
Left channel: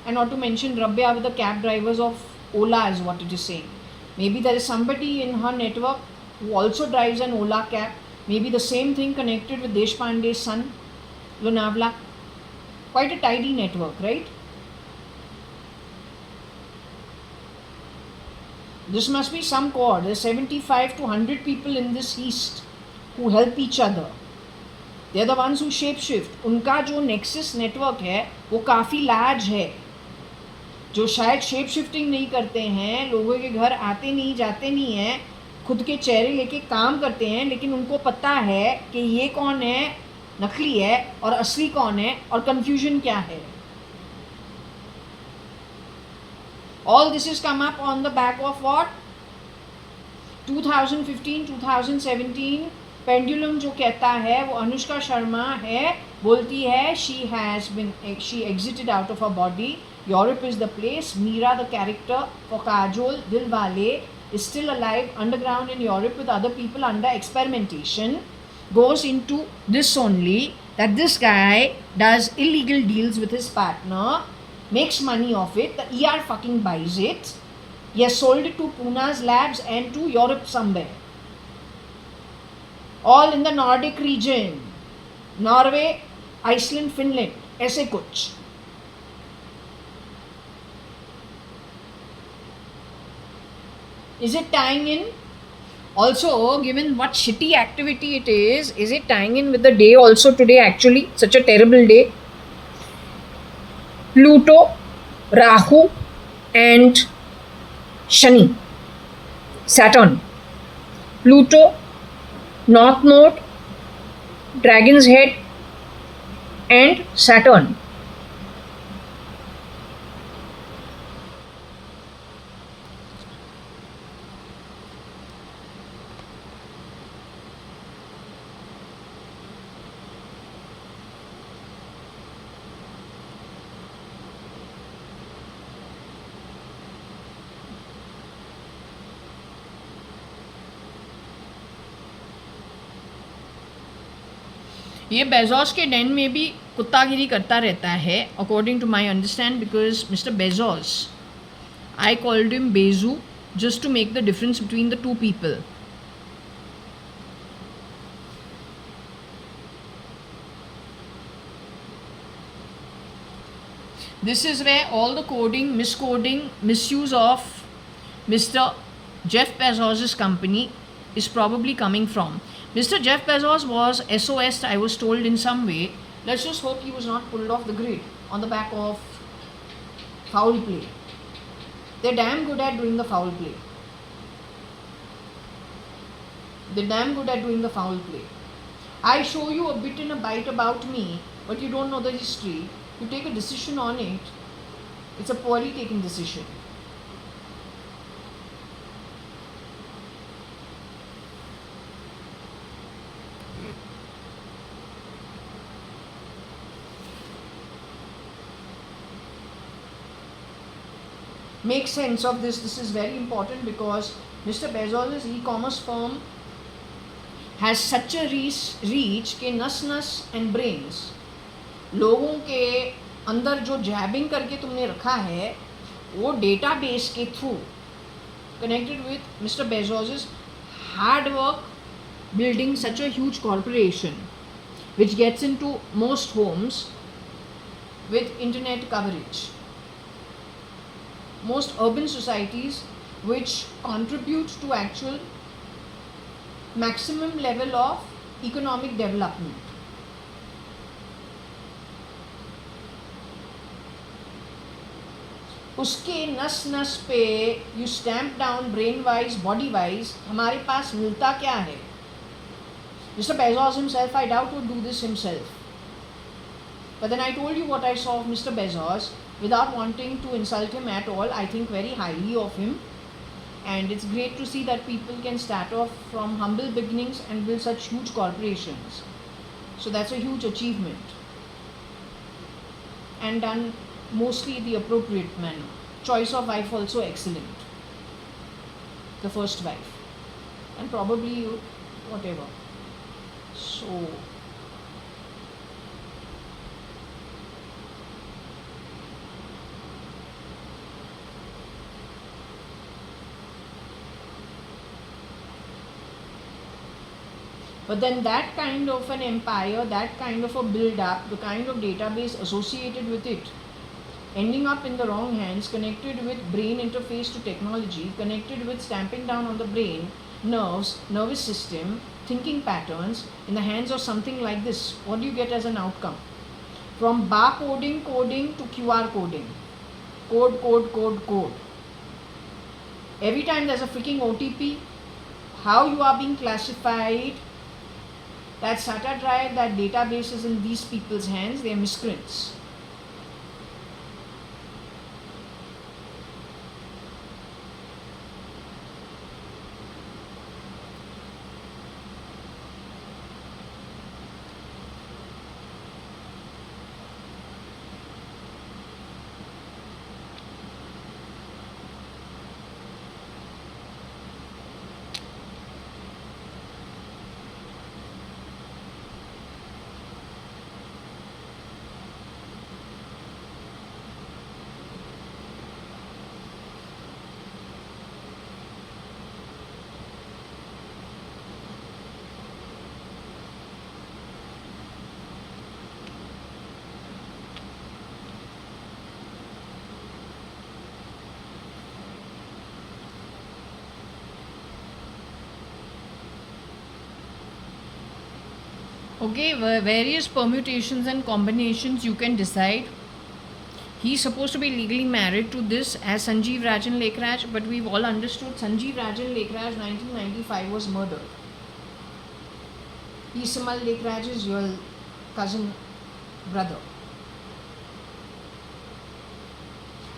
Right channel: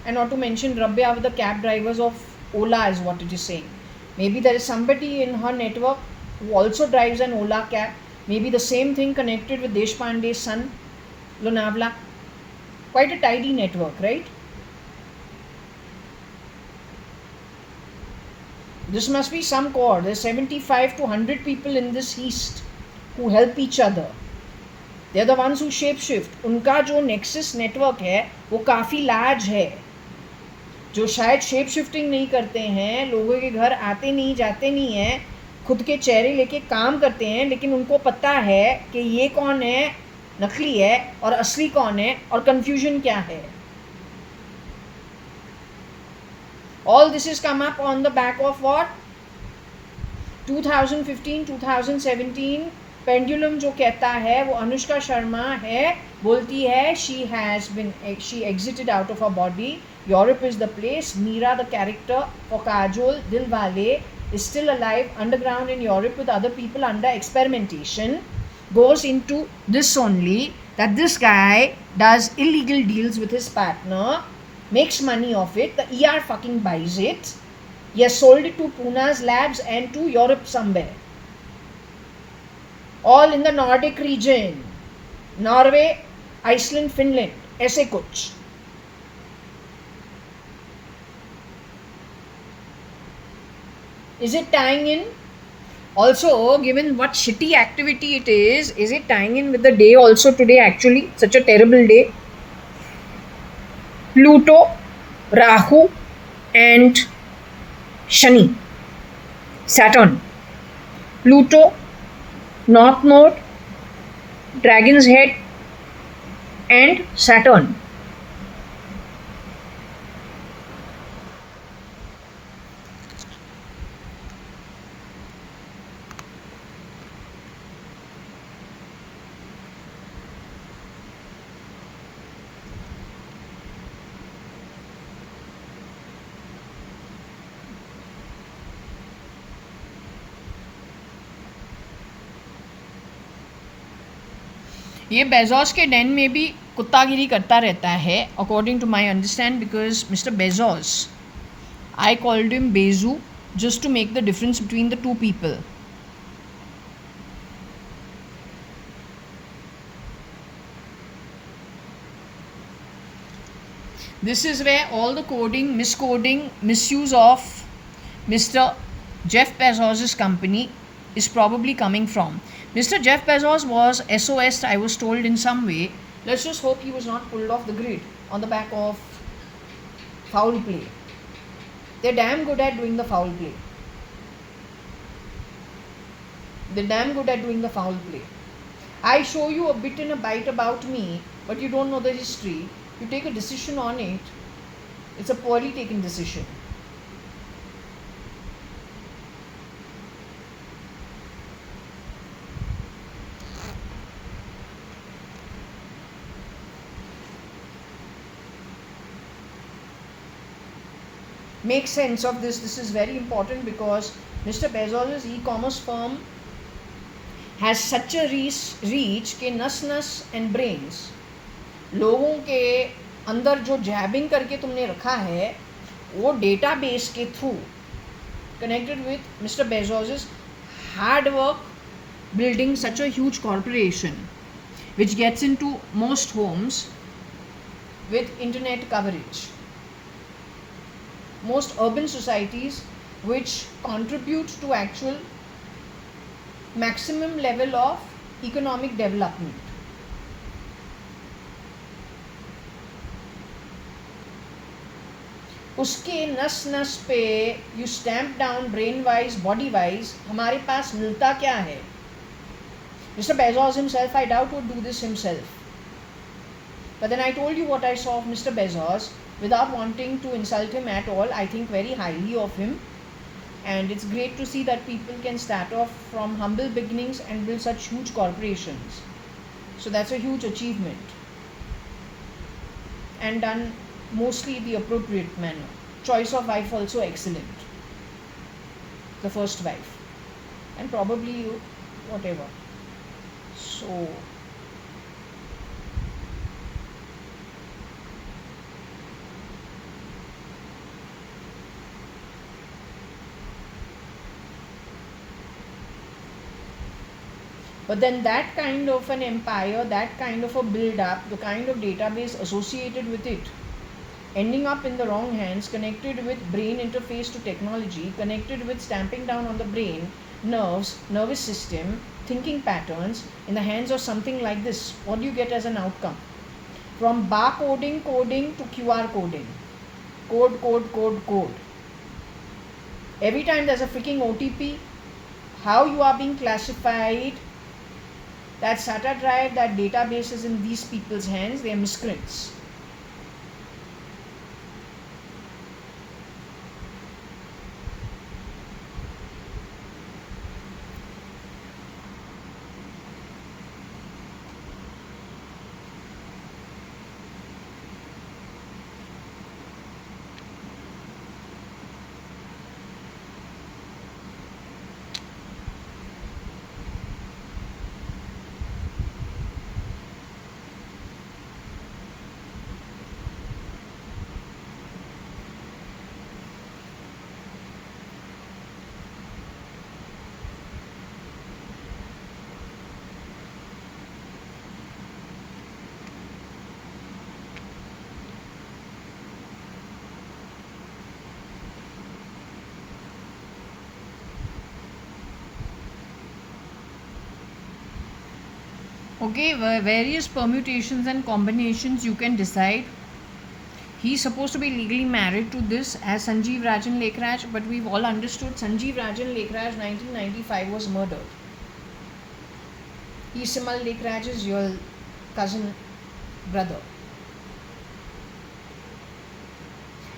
And not to mention Rabya with the cab drivers of Ola is what it is saying. Maybe there is somebody in her network who also drives an Ola cab. Maybe the same thing connected with Deshpande's son, Lonavla. Quite a tidy network, right? This must be some core. There's 75 to 100 people in this east who help each other. They're the ones who shapeshift. उनका जो nexus network है वो काफ़ी large है. जो शायद shape shifting नहीं करते हैं, लोगों के घर आते नहीं जाते नहीं हैं, खुद के चेहरे लेके काम करते हैं, लेकिन उनको पता है कि ये कौन है, नकली है और असली कौन है और कंफ्यूजन क्या है. All this has come up on the back of what? 2015, 2017 pendulum जो कहता है वो अनुष्का शर्मा है, बोलती है she exited out of her body. Europe is the place. Meera, the character for Kajol Dilwale, is still alive underground in Europe with other people under experimentation. Goes into this only, that this guy does illegal deals with his partner, makes money off it, the ER fucking buys it. He has sold it to Puna's labs and to Europe somewhere. All in the Nordic region. Norway, Iceland, Finland. ऐसे कुछ. Is it tying in? Also, given what shitty activity it is it tying in with the day also today actually? Such a terrible day. Pluto, Rahu and Shani. Saturn. Pluto, North Node, Dragon's Head and Saturn. ये Bezos के den में भी कुत्तागिरी करता रहता है, according to my understand, because mister Bezos, I called him Bezu just to make the difference between the two people. This is where all the coding, miscoding, misuse of Mr. Jeff Bezos' company is probably coming from. Mr. Jeff Bezos was SOS, I was told, in some way. Let's just hope he was not pulled off the grid on the back of foul play. They're damn good at doing the foul play. They're damn good at doing the foul play. I show you a bit and a bite about me, but you don't know the history. You take a decision on it. It's a poorly taken decision. Make sense of this. This is very important because Mr. Bezos' e-commerce firm has such a reach कि नस नस and brains, लोगों के अंदर जो जैबिंग करके तुमने रखा है वो डेटाबेस के through connected with Mr. Bezos' hard work building such a huge corporation which gets into most homes with internet coverage. Most urban societies which contribute to actual maximum level of economic development. उसके नस नस पे you stamp down brain wise, body wise, हमारे पास मिलता क्या है? Mr. Bezos himself, I doubt, would do this himself. But then I told you what I saw of Mr. Bezos. Without wanting to insult him at all, I think very highly of him. And it's great to see that people can start off from humble beginnings and build such huge corporations. So that's a huge achievement. And done mostly the appropriate manner. Choice of wife also excellent. The first wife. And probably whatever. So but then that kind of an empire, that kind of a build-up, the kind of database associated with it, ending up in the wrong hands, connected with brain interface to technology, connected with stamping down on the brain, nerves, nervous system, thinking patterns, in the hands of something like this, what do you get as an outcome? From barcoding, coding to QR coding. Code, code, code, code. Every time there's a freaking OTP, how you are being classified, that SATA drive, that database is in these people's hands, they are miscreants. Okay, various permutations and combinations you can decide. He's supposed to be legally married to this as Sanjeev Rajan Lekhraj, but we've all understood Sanjeev Rajan Lekhraj 1995 was murdered. Simal Lekhraj is your cousin brother.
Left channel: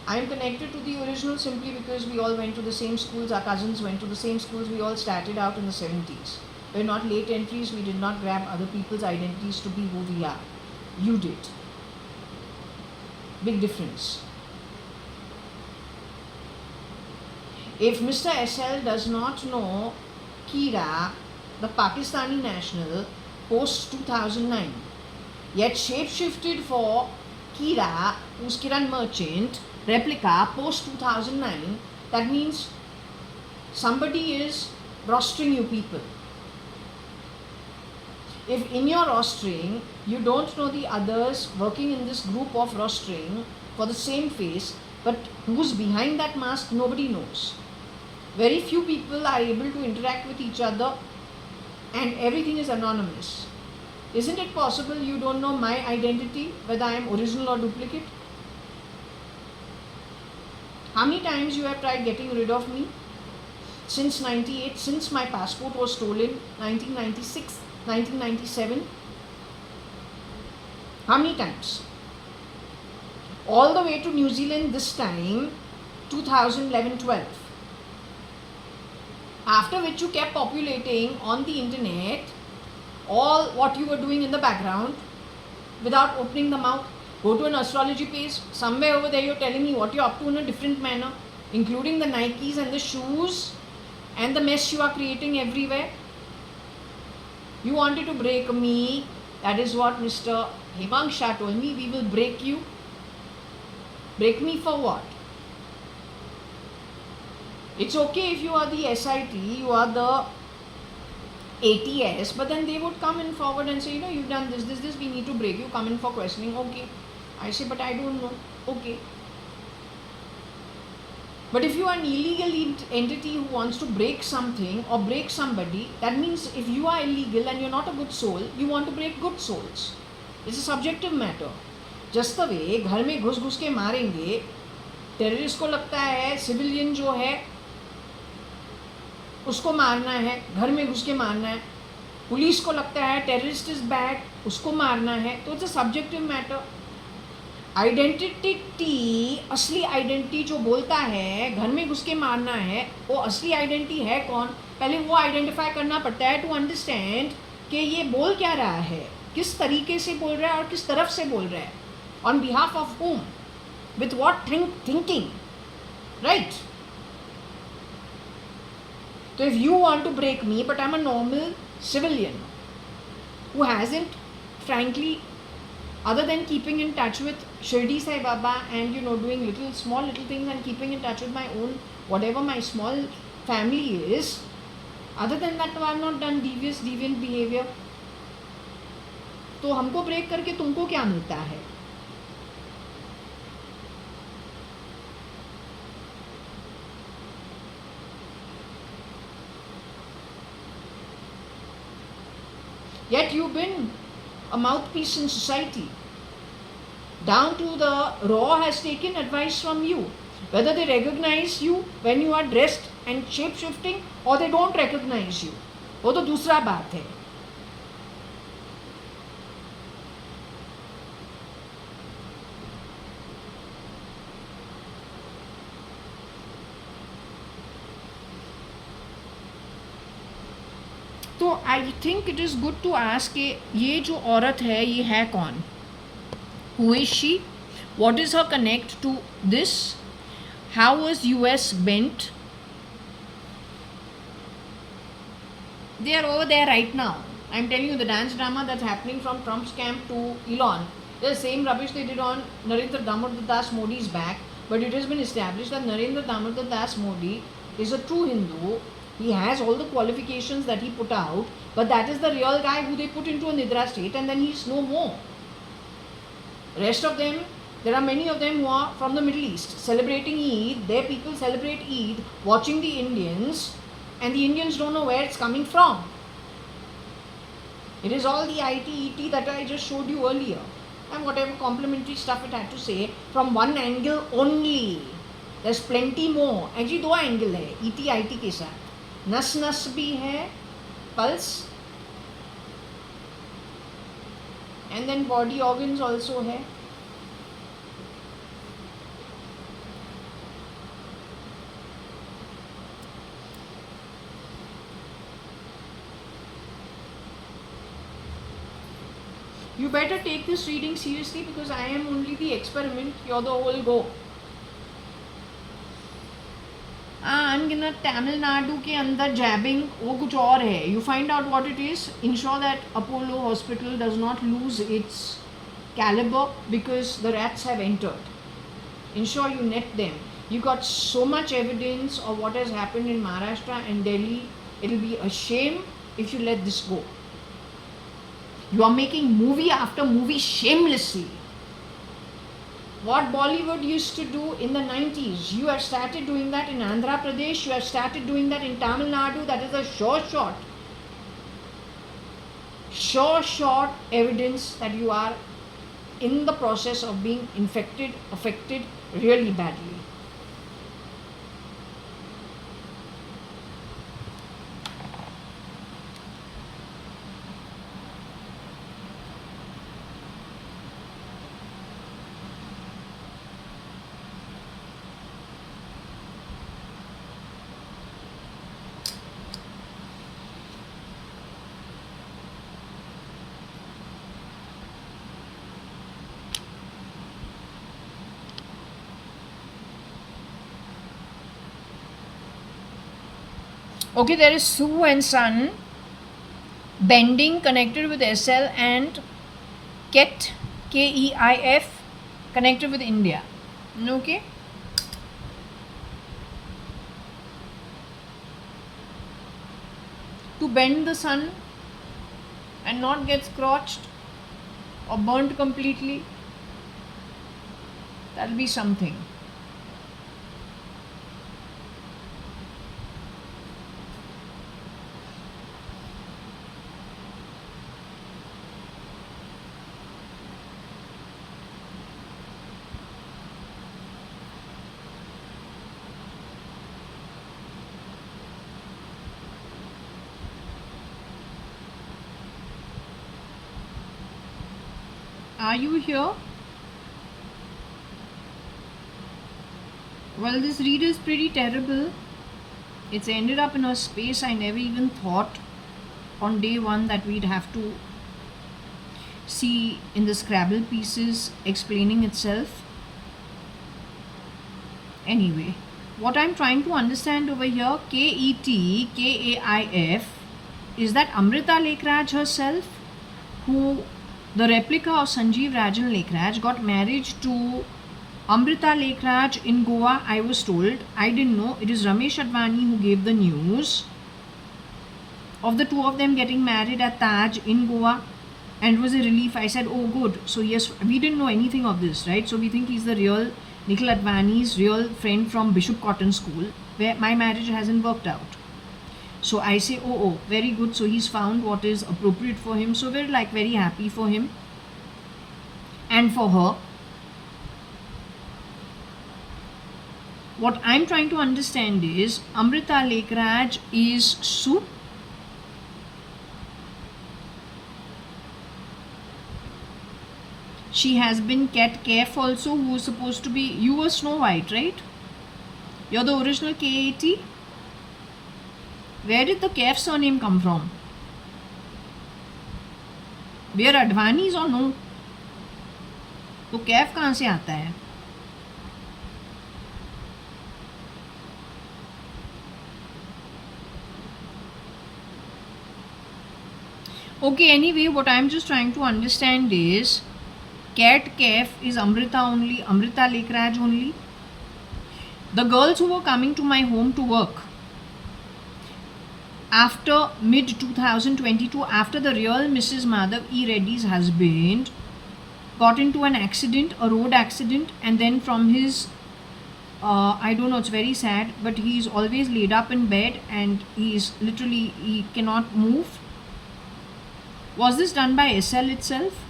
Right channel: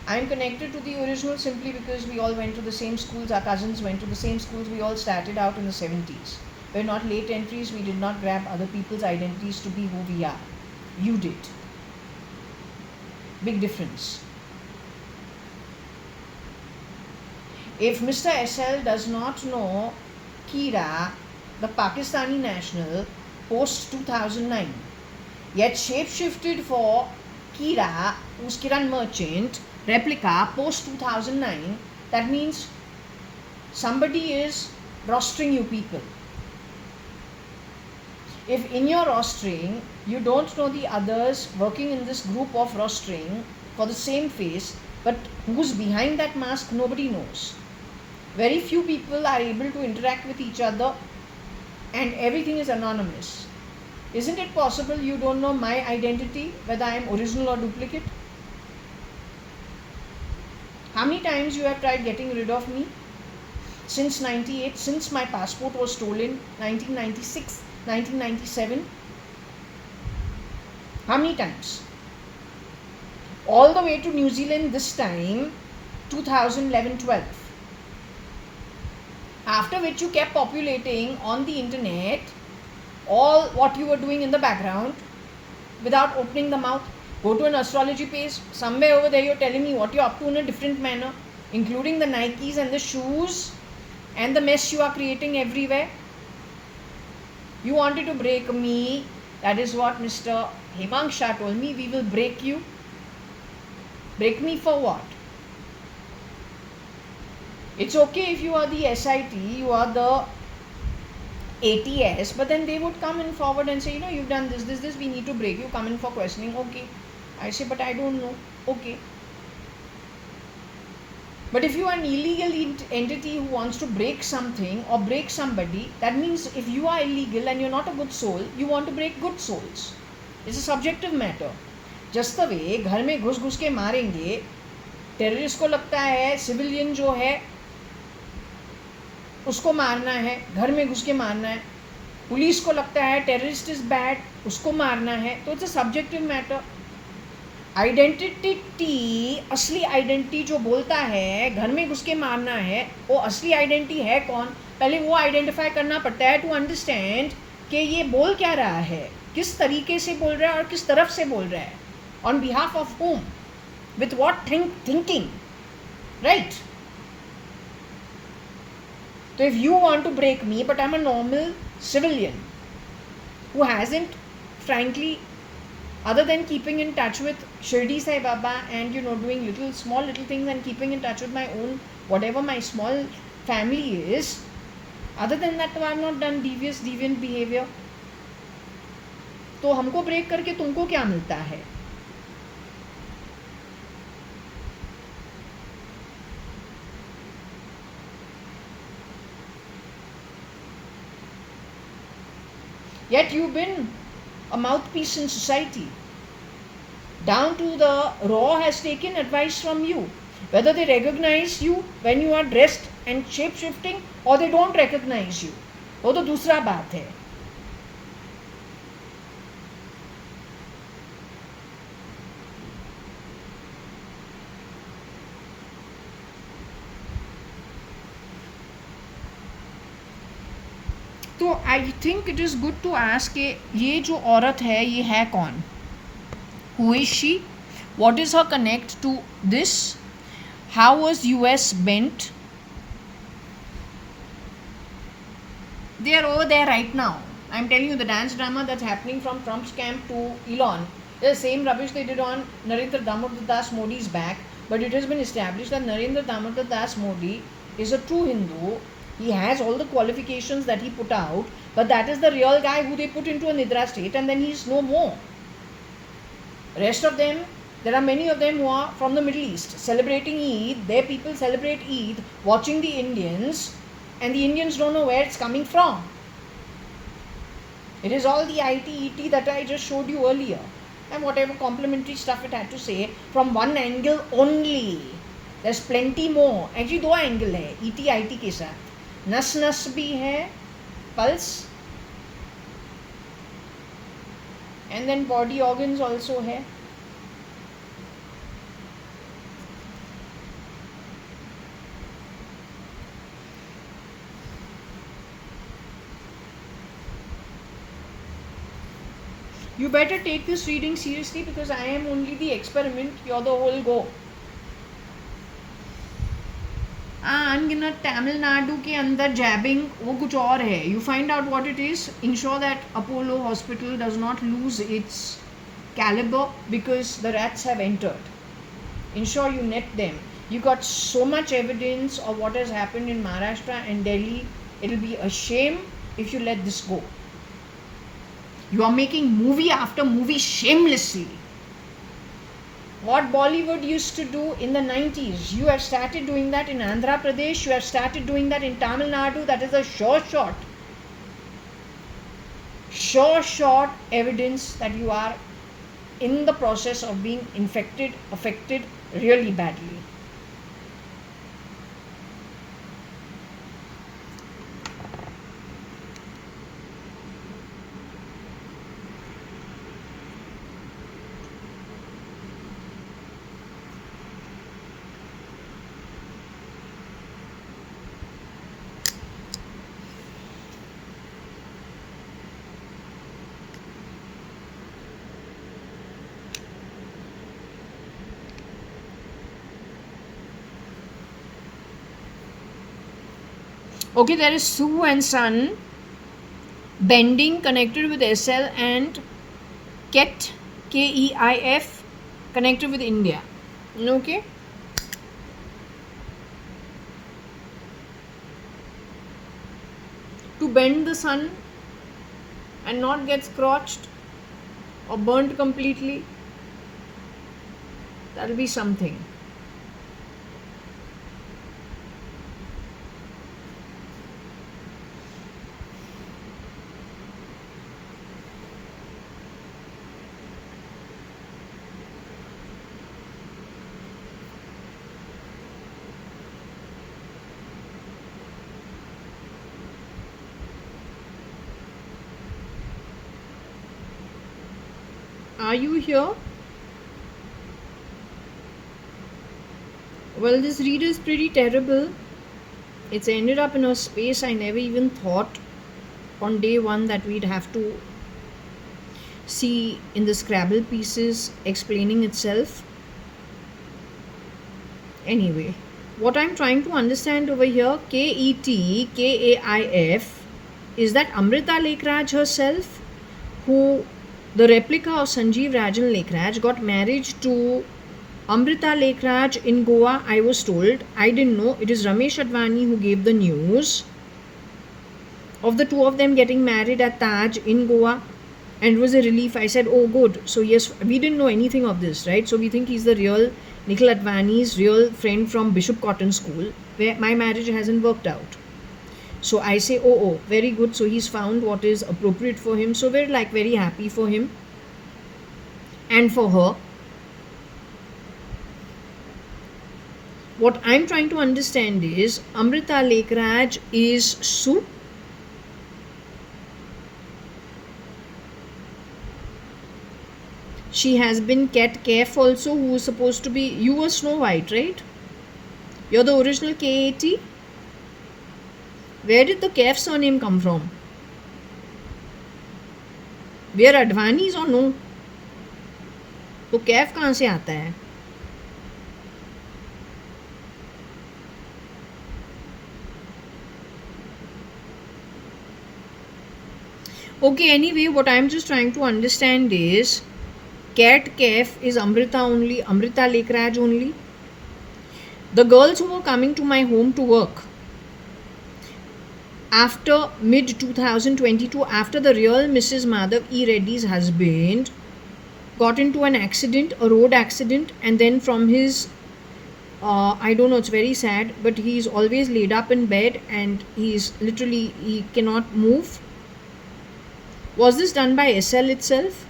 I'm connected to the original simply because we all went to the same schools, our cousins went to the same schools, we all started out in the 70s. We're not late entries, we did not grab other people's identities to be who we are. You did. Big difference. If Mr. SL does not know Kira, the Pakistani national, post 2009, yet shapeshifted for Kira, who's Kiran Merchant, replica post 2009. That means somebody is rostering you people. If in your rostering you don't know the others working in this group of rostering for the same face, but who's behind that mask, nobody knows. Very few people are able to interact with each other and everything is anonymous. Isn't it possible you don't know my identity, whether I am original or duplicate? How many times you have tried getting rid of me? Since 98, since my passport was stolen, 1996, 1997. How many times? All the way to New Zealand this time, 2011-12. After which you kept populating on the internet all what you were doing in the background without opening the mouth. Go to an astrology page, somewhere over there you're telling me what you're up to in a different manner, including the Nikes and the shoes and the mess you are creating everywhere. You wanted to break me. That is what Mr. Hemang Shah told me. We will break you. Break me for what? It's okay if you are the SIT, you are the ATS, but then they would come in forward and say, you've done this, we need to break you, come in for questioning. Okay. I say, but I don't know. Okay. But if you are an illegal entity who wants to break something or break somebody, that means if you are illegal and you're not a good soul, you want to break good souls. It's a subjective matter. Just the way घर में घुस घुस के मारेंगे, terrorist को लगता है civilian जो है उसको मारना है, घर में घुस के मारना है, पुलिस को लगता है टेररिस्ट इज बैड, उसको मारना है, तो it's a subjective matter. Identity, असली आइडेंटिटी जो बोलता है घर में घुस के मारना है, वो असली आइडेंटिटी है कौन, पहले वो आइडेंटिफाई करना पड़ता है टू अंडरस्टैंड कि ये बोल क्या रहा है, किस तरीके से बोल रहा है और किस तरफ से बोल रहा है, on behalf of home, with what thinking, right? So if you want to break me, but I'm a normal civilian who hasn't, frankly, other than keeping in touch with Shirdi Sai Baba and doing small little things and keeping in touch with my own, whatever my small family is, other than that I have not done deviant behavior. तो हमको break करके तुमको क्या मिलता है? Yet you've been a mouthpiece in society. Down to the raw has taken advice from you. Whether they recognize you when you are dressed and shape-shifting or they don't recognize you, वो तो दूसरा बात है. तो I think it is good to ask कि ये जो औरत है ये है कौन? Who is she? What is her connect to this? How was US bent? They are over there right now. I'm telling you, the dance drama that's happening from Trump's camp to Elon, the same rubbish they did on Narendra Damodar Das Modi's back, but it has been established that Narendra Damodar Das Modi is a true Hindu. He has all the qualifications that he put out, but that is the real guy who they put into a Nidra state and then he is no more. Rest of them, there are many of them who are from the Middle East, celebrating Eid. Their people celebrate Eid, watching the Indians, and the Indians don't know where it's coming from. It is all the IT that I just showed you earlier, and whatever complimentary stuff it had to say from one angle only. There's plenty more. Actually, दो angle है IT के साथ. नस नस भी है, pulse, and then body organs also है. You better take this reading seriously because I am only the experiment, you're the whole go. and Tamil Nadu के अंदर jabbing वो कुछ और है. You find out what it is. Ensure that Apollo Hospital does not lose its caliber because the rats have entered. Ensure you net them. You got so much evidence of what has happened in Maharashtra and Delhi. It will be a shame if you let this go. You are making movie after movie shamelessly. What Bollywood used to do in the 90s, you have started doing that in Andhra Pradesh, you have started doing that in Tamil Nadu. That is a sure shot evidence that you are in the process of being affected really badly. Okay, there is Sue and Son bending connected with SL and Ket KEIF connected with India. Okay. To bend the sun and not get scorched or burnt completely, that'll be something. Are you here? Well, this read is pretty terrible. It's ended up in a space I never even thought on day one that we'd have to see in the Scrabble pieces explaining itself. Anyway, what I'm trying to understand over here, KETKAIF, is that Amrita Lekhraj herself, who the replica of Sanjeev Rajan Lekhraj, got married to Amrita Lekhraj in Goa, I was told. I didn't know. It is Ramesh Advani who gave the news of the two of them getting married at Taj in Goa, and it was a relief. I said, oh good. So yes, we didn't know anything of this, right? So we think he's the real Nikhil Advani's real friend from Bishop Cotton School, where my marriage hasn't worked out. So I say, oh, very good. So he's found what is appropriate for him. So we're like very happy for him and for her. What I'm trying to understand is Amrita Lekhraj is Sue. She has been Cat Kef also, who is supposed to be, you were Snow White, right? You're the original KAT. Where did the Kef surname come from? We are Advanis or no? तो Kef कहाँ से आता है? Okay, anyway, what I'm just trying to understand is Cat Kef is Amrita only, Amrita Lekhraj only. The girls who were coming to my home to work after mid 2022, after the real Mrs. Madhav E. Reddy's husband got into an accident, a road accident, and then from his I don't know, it's very sad, but he's always laid up in bed and he's literally, he cannot move. Was this done by SL itself?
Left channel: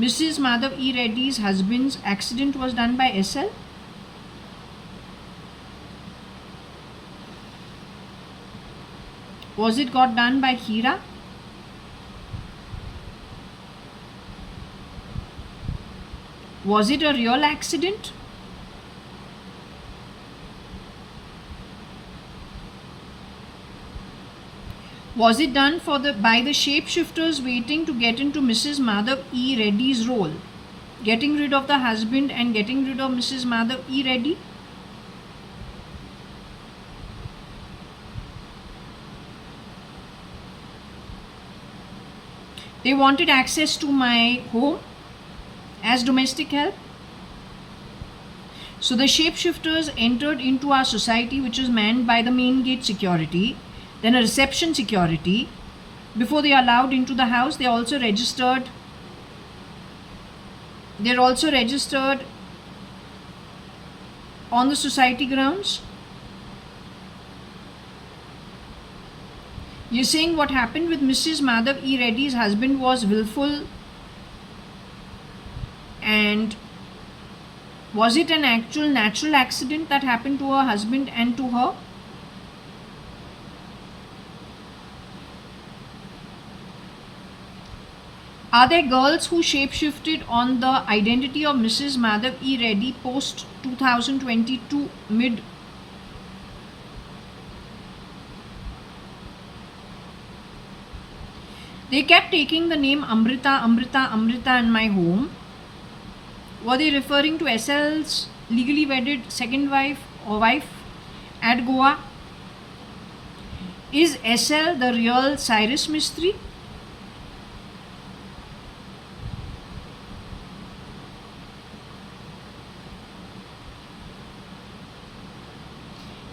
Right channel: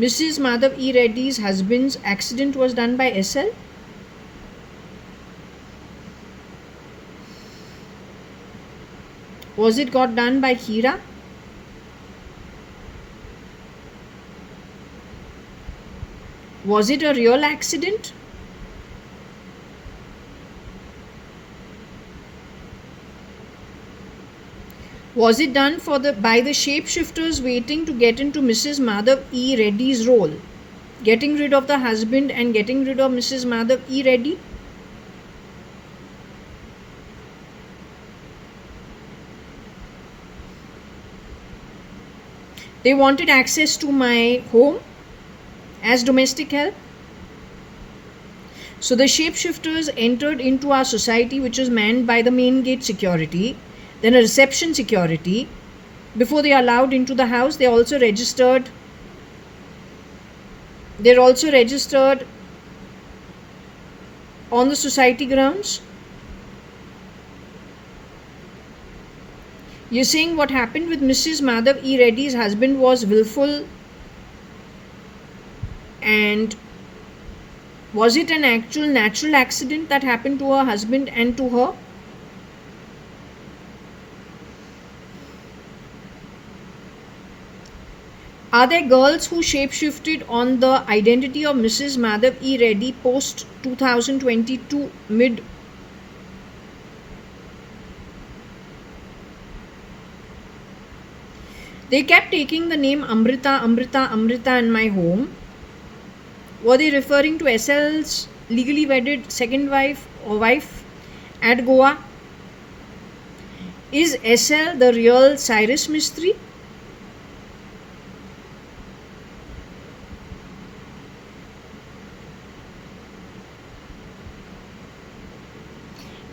Mrs. Madhav E. Reddy's husband's accident was done by SL? Was it got done by Hira? Was it a real accident? Was it done by the shapeshifters waiting to get into Mrs. Madhav E. Reddy's role? getting rid of the husband and getting rid of Mrs. Madhav E. Reddy. They wanted access to my home as domestic help. So the shapeshifters entered into our society, which was manned by the main gate security, then a reception security. Before they are allowed into the house, they're also registered on the society grounds. You're saying what happened with Mrs. Madhav E. Reddy's husband was willful, and was it an actual natural accident that happened to her husband and to her? Are there girls who shapeshifted on the identity of Mrs. Madhav E. Reddy post 2022 mid? They kept taking the name Amrita, Amrita, Amrita in my home. Were they referring to SL's legally wedded second wife or wife at Goa? Is SL the real Cyrus Mistry?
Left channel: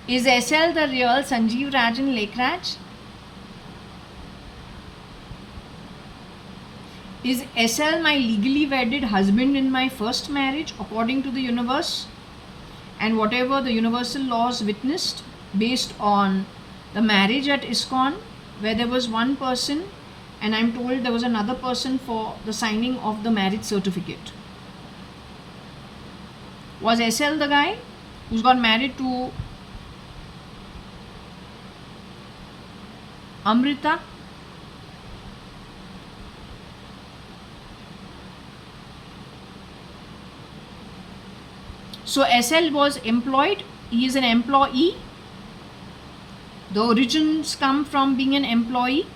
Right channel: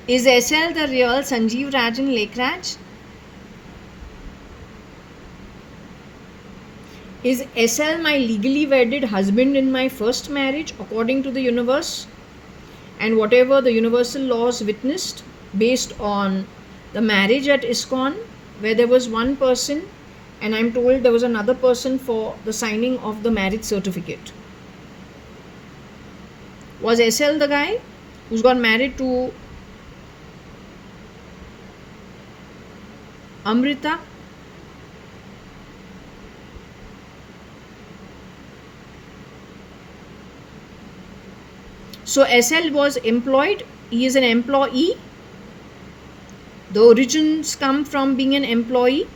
Is SL the real Sanjeev Rajan Lekraj? Is SL my legally wedded husband in my first marriage according to the universe and whatever the universal laws witnessed based on the marriage at ISKCON, where there was one person and I'm told there was another person for the signing of the marriage certificate? Was SL the guy who's got married to Amrita? So SL was employed, he is an employee. The origins come from being an employee,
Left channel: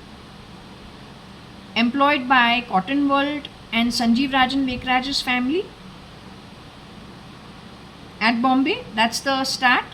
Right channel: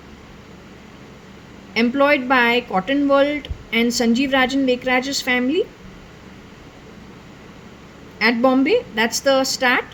employed by Cotton World and Sanjeev Rajan Lekraj's family at Bombay. That's the start.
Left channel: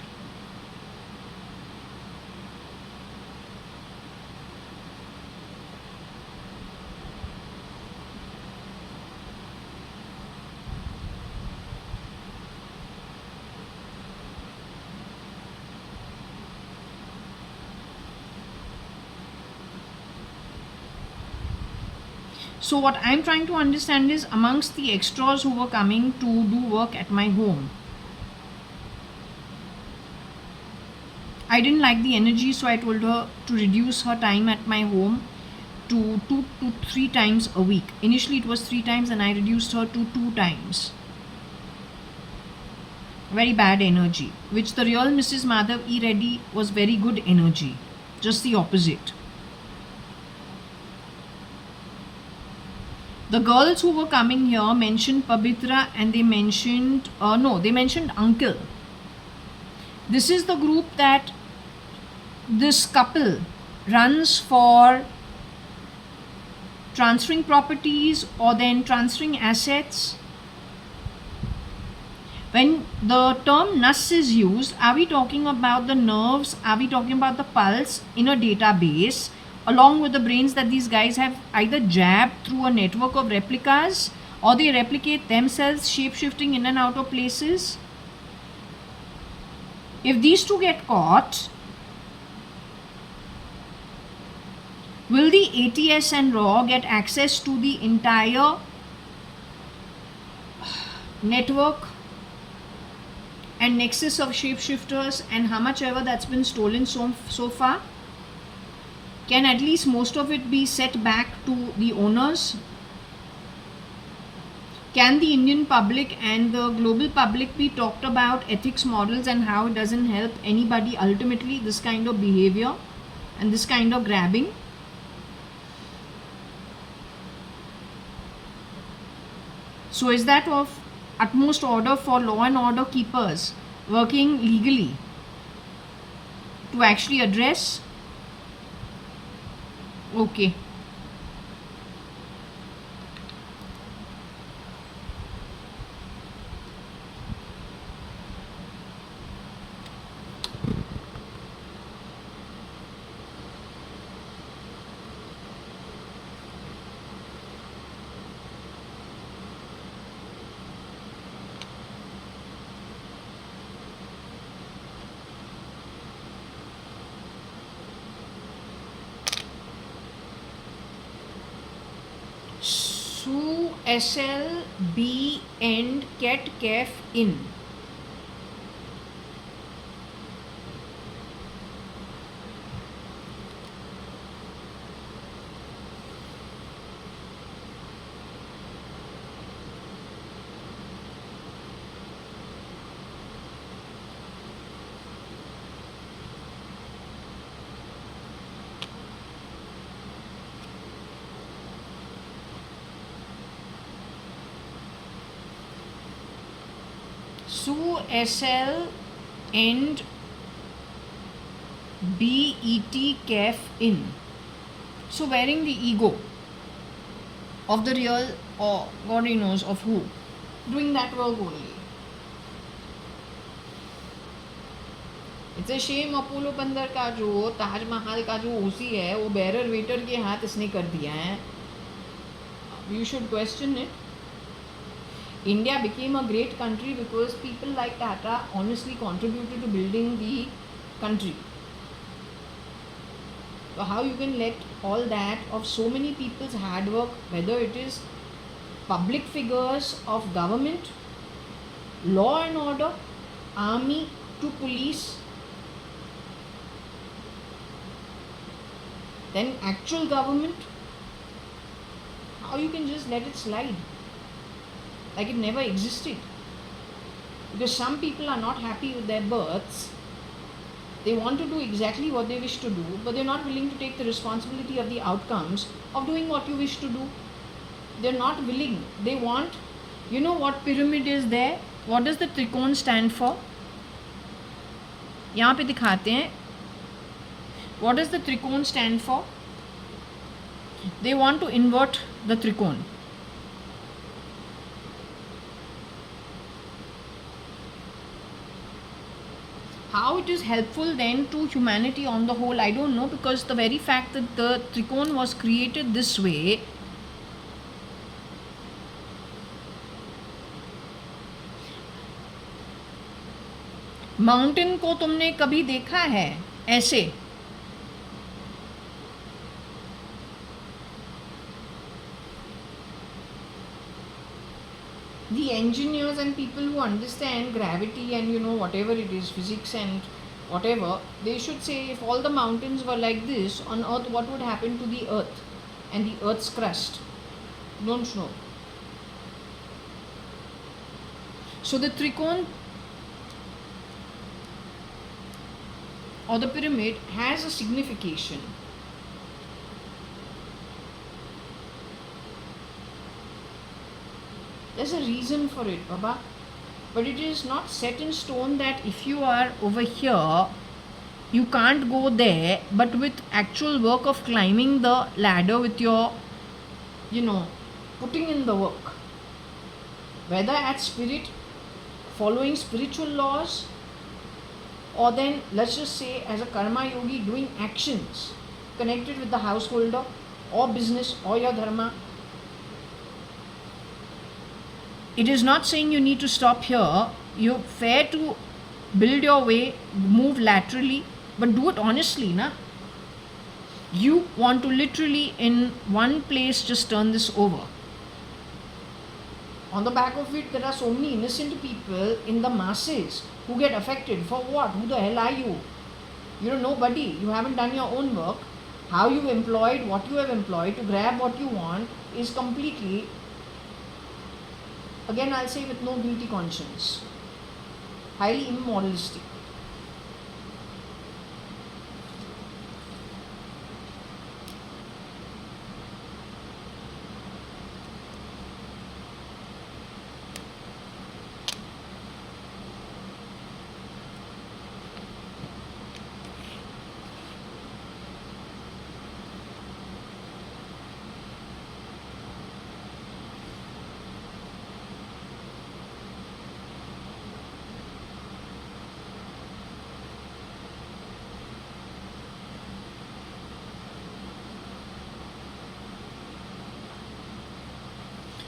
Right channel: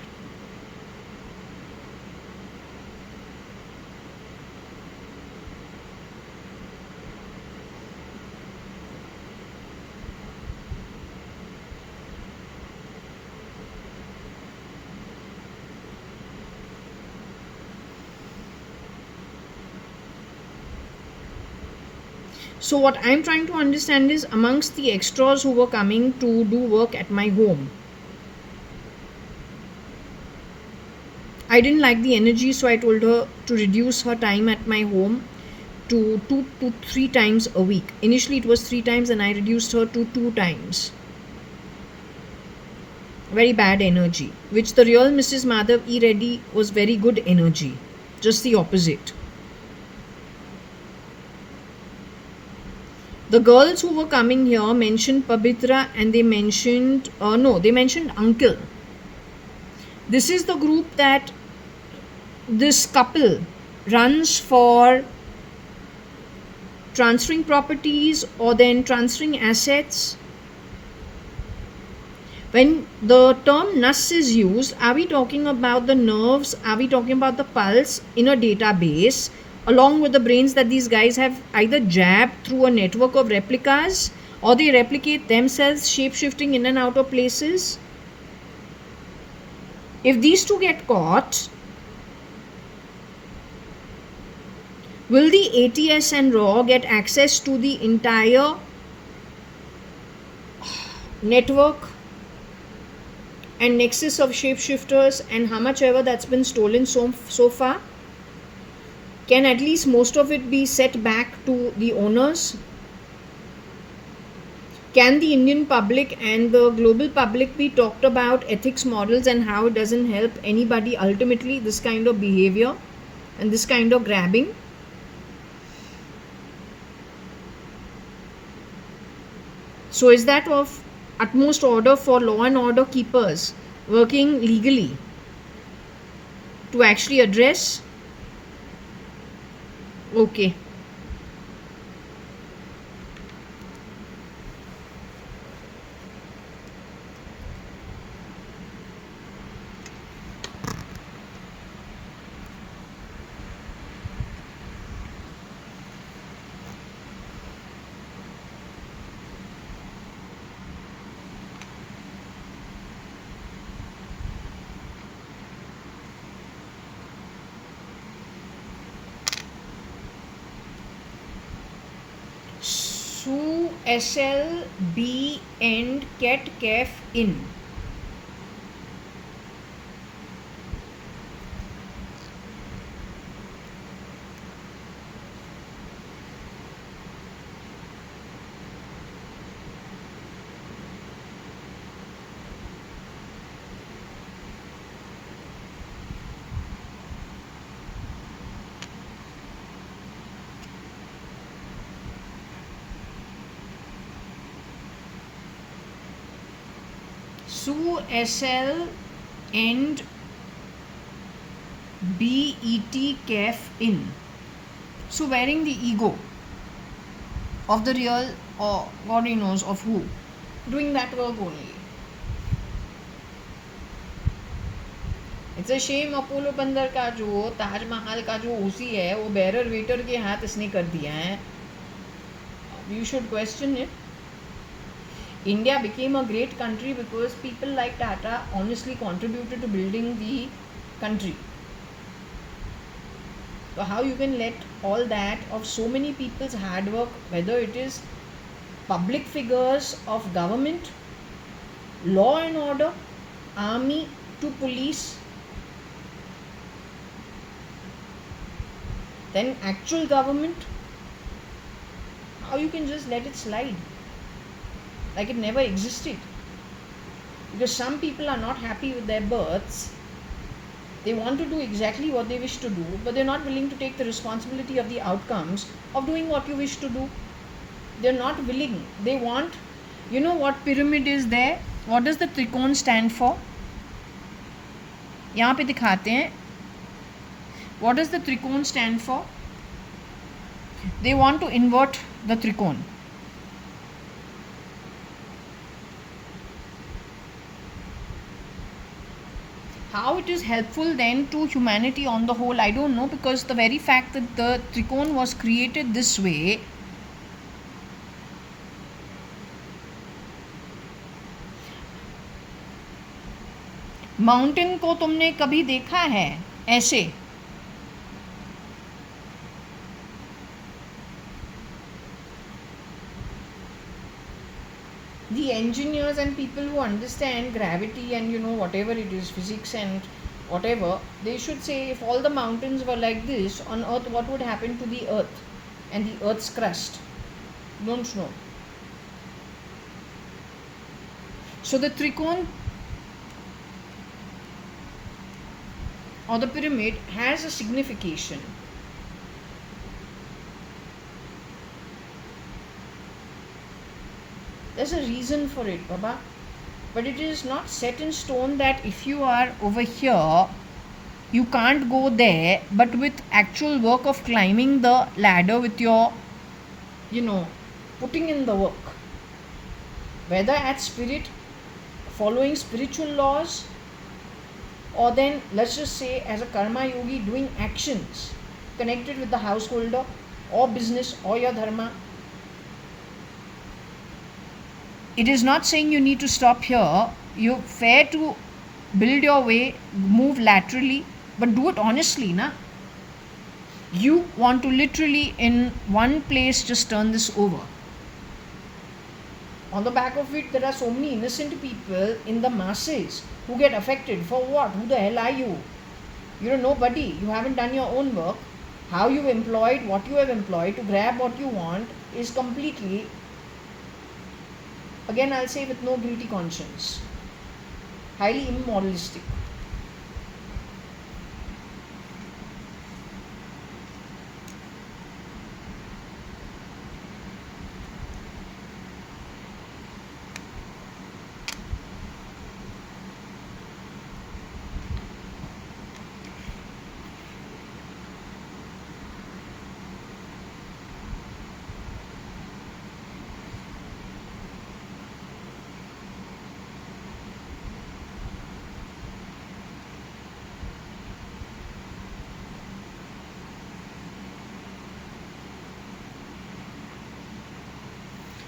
So what I'm trying to understand is, amongst the extras who were coming to do work at my home, I didn't like the energy, so I told her to reduce her time at my home to 2 to 3 times a week. Initially it was 3 times and I reduced her to 2 times. Very bad energy, which the real Mrs. Madhav E. Reddy was very good energy, just the opposite. The girls who were coming here mentioned Pabitra and they mentioned Uncle. This is the group that this couple runs for transferring properties or then transferring assets. When the term NUS is used, are we talking about the nerves? Are we talking about the pulse in a database along with the brains that these guys have either jabbed through a network of replicas or they replicate themselves, shape-shifting in and out of places? If these two get caught, will the ATS and RAW get access to the entire network and nexus of shapeshifters, and how much ever that's been stolen so far? Can at least most of it be set back to the owners? Can the Indian public and the global public be talked about ethics models and how it doesn't help anybody ultimately, this kind of behavior and this kind of grabbing? So is that of utmost order for law and order keepers working legally to actually address? Okay. SL B end cat caf in. Sue SL and BET caf in. So wearing the ego of the real, or God he knows of who, doing that work only. It's a shame Apollo बंदर का जो ताजमहल का जो ओसी है वो bearer waiter के हाथ इसने कर दिया है. You should question it. India became a great country because people like Tata honestly contributed to building the country. So how you can let all that of so many people's hard work, whether it is public figures of government, law and order, army to police, then actual government, how you can just let it slide like it never existed? Because some people are not happy with their births. They want to do exactly what they wish to do, but they're not willing to take the responsibility of the outcomes of doing what you wish to do. They're not willing. They want, you know what pyramid is there? What does the त्रिकोण stand for? यहाँ पे दिखाते हैं. What does the त्रिकोण stand for? They want to invert the त्रिकोण. How it is helpful then to humanity on the whole, I don't know, because the very fact that the त्रिकोण was created this way, mountain को तुमने कभी देखा है ऐसे? The engineers and people who understand gravity and whatever it is, physics and whatever, they should say if all the mountains were like this on earth, what would happen to the earth and the earth's crust? Don't know. So the त्रिकोण or the pyramid has a signification. There's a reason for it, Baba. But it is not set in stone that if you are over here, you can't go there, but with actual work of climbing the ladder with your, putting in the work. Whether at spirit, following spiritual laws, or then let's just say as a karma yogi doing actions connected with the householder or business or your dharma. It is not saying you need to stop here. You're fair to build your way, move laterally, but do it honestly, na? You want to literally in one place just turn this over. On the back of it, there are so many innocent people in the masses who get affected. For what? Who the hell are you? You're nobody. You haven't done your own work. How you've employed what you have employed to grab what you want is completely, again I'll say, with no guilty conscience. Highly immoralistic.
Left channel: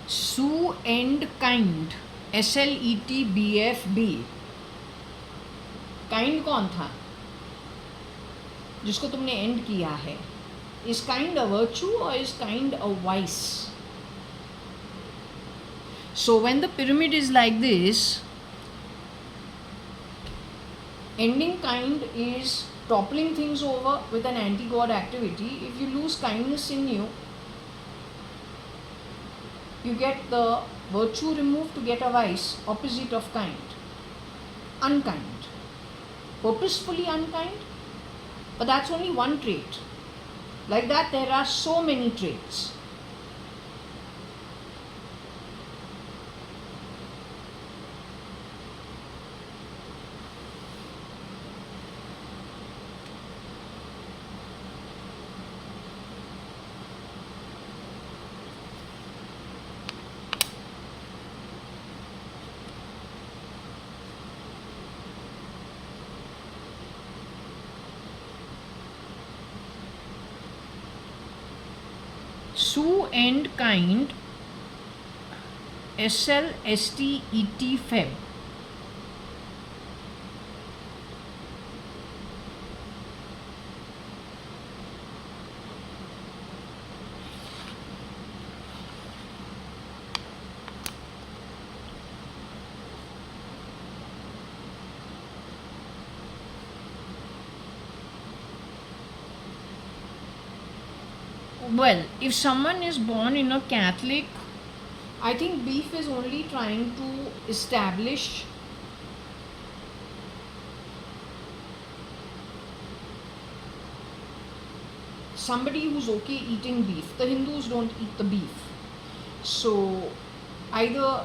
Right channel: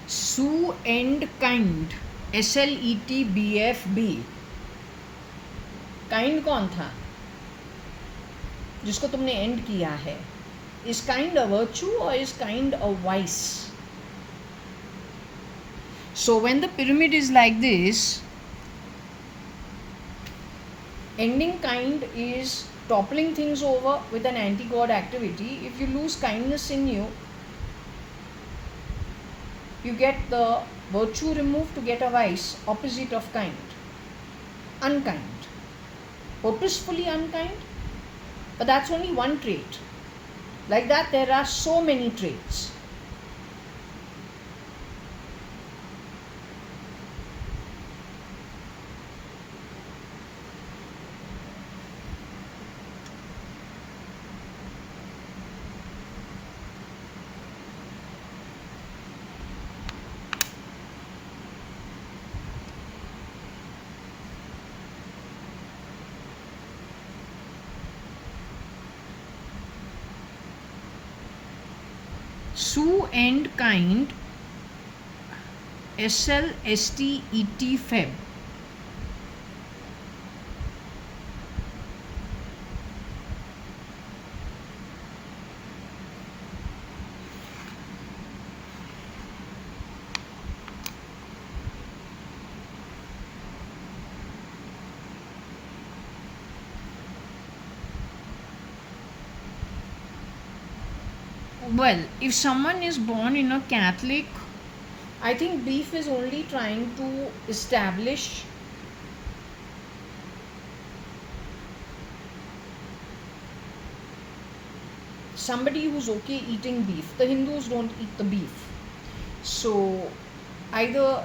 Sue and kind, SLETBFB. Kind कौन था जिसको तुमने and किया है? Is kind a virtue और is kind a vice? So when the pyramid is like this, ending kind is toppling things over with an anti-god activity. If you lose kindness in you, you get the virtue removed to get a vice, opposite of kind. Unkind. Purposefully unkind, but that's only one trait. Like that, there are so many traits. Sue and kind, SLSTET Feb. Well, if someone is born in a Catholic, I think beef is only trying to establish somebody who's okay eating beef. The Hindus don't eat the beef. So either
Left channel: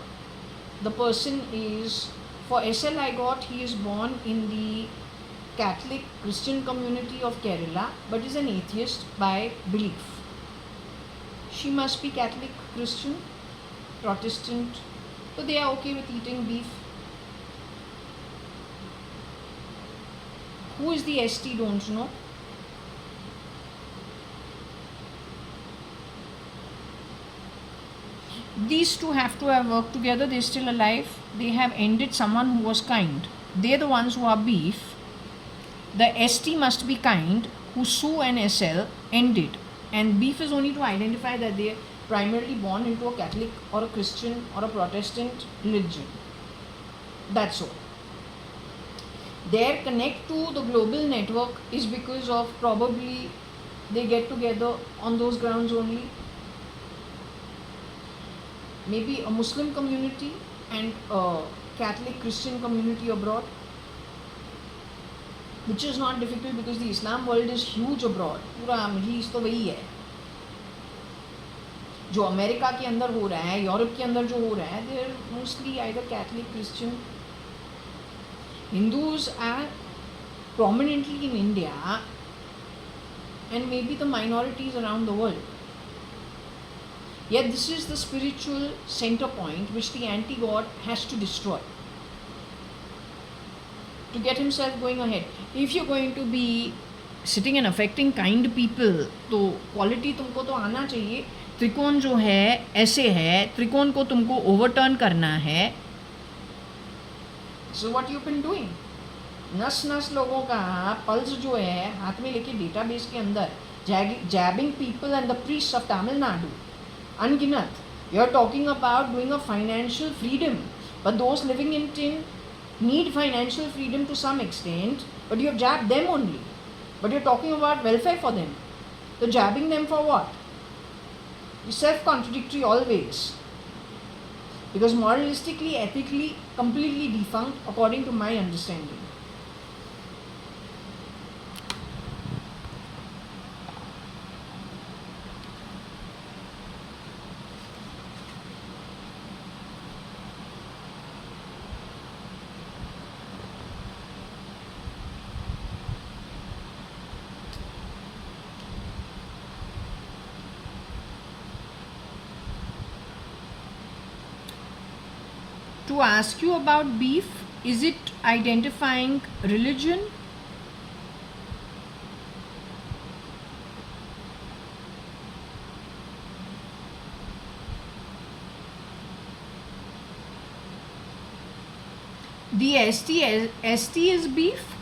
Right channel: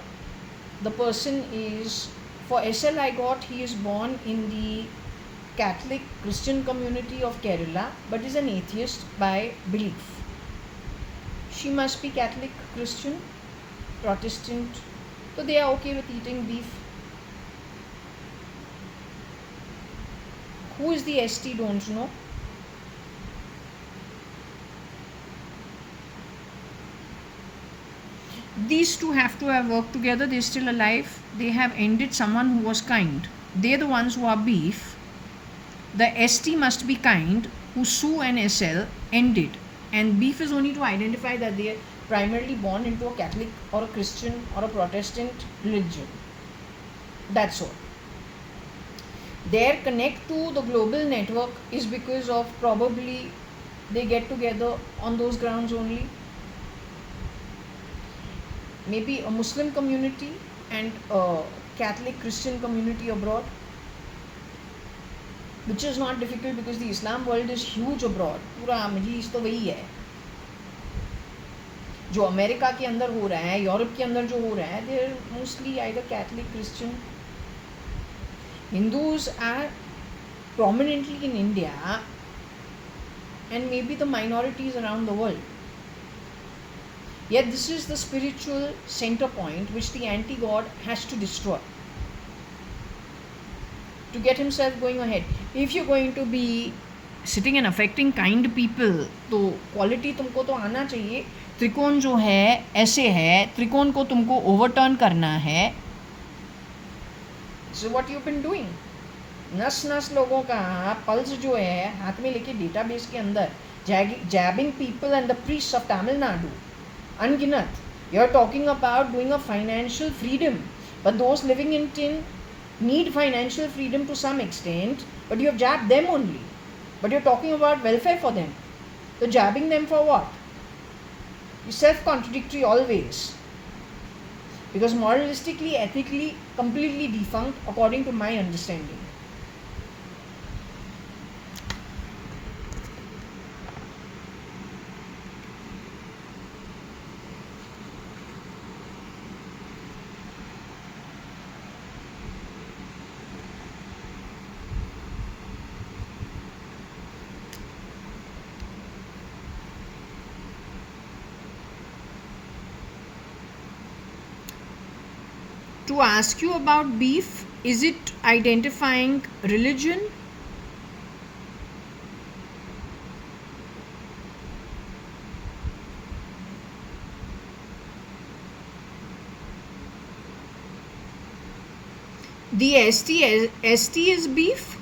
the person is, for SL I got, he is born in the Catholic Christian community of Kerala, but is an atheist by belief. She must be Catholic Christian, Protestant, so they are okay with eating beef. Who is the ST, don't know. These two have to have worked together. They're still alive. They have ended someone who was kind. They're the ones who are beef. The ST must be kind, who Sue and SL ended. And beef is only to identify that they are primarily born into a Catholic or a Christian or a Protestant religion. That's all. Their connect to the global network is because of probably they get together on those grounds only. Maybe a Muslim community and a Catholic Christian community abroad, which is not difficult because the Islam world is huge abroad. पूरा middle east तो वही है जो America के अंदर हो रहा है, यूरोप के अंदर जो हो रहा है. They are mostly either Catholic, Christian. Hindus are prominently in India and maybe the minorities around the world. Yet this is the spiritual center point which the anti-god has to destroy to get himself going ahead. If you're going to be sitting and affecting kind people, तो quality तुमको तो आना चाहिए. त्रिकोण जो है ऐसे है, त्रिकोण को तुमको ओवरटर्न करना है. So what you've been doing? नस नस लोगों का पल्स जो है हाथ में लेके डेटाबेस के अंदर jabbing people and the priests of Tamil Nadu. Unginat. You're talking about doing a financial freedom, but those living in tin need financial freedom to some extent, but you have jabbed them only. But you're talking about welfare for them. So jabbing them for what? You're self-contradictory always. Because moralistically, ethically, completely defunct according to my understanding. To ask you about beef, is it identifying religion? The ST is beef?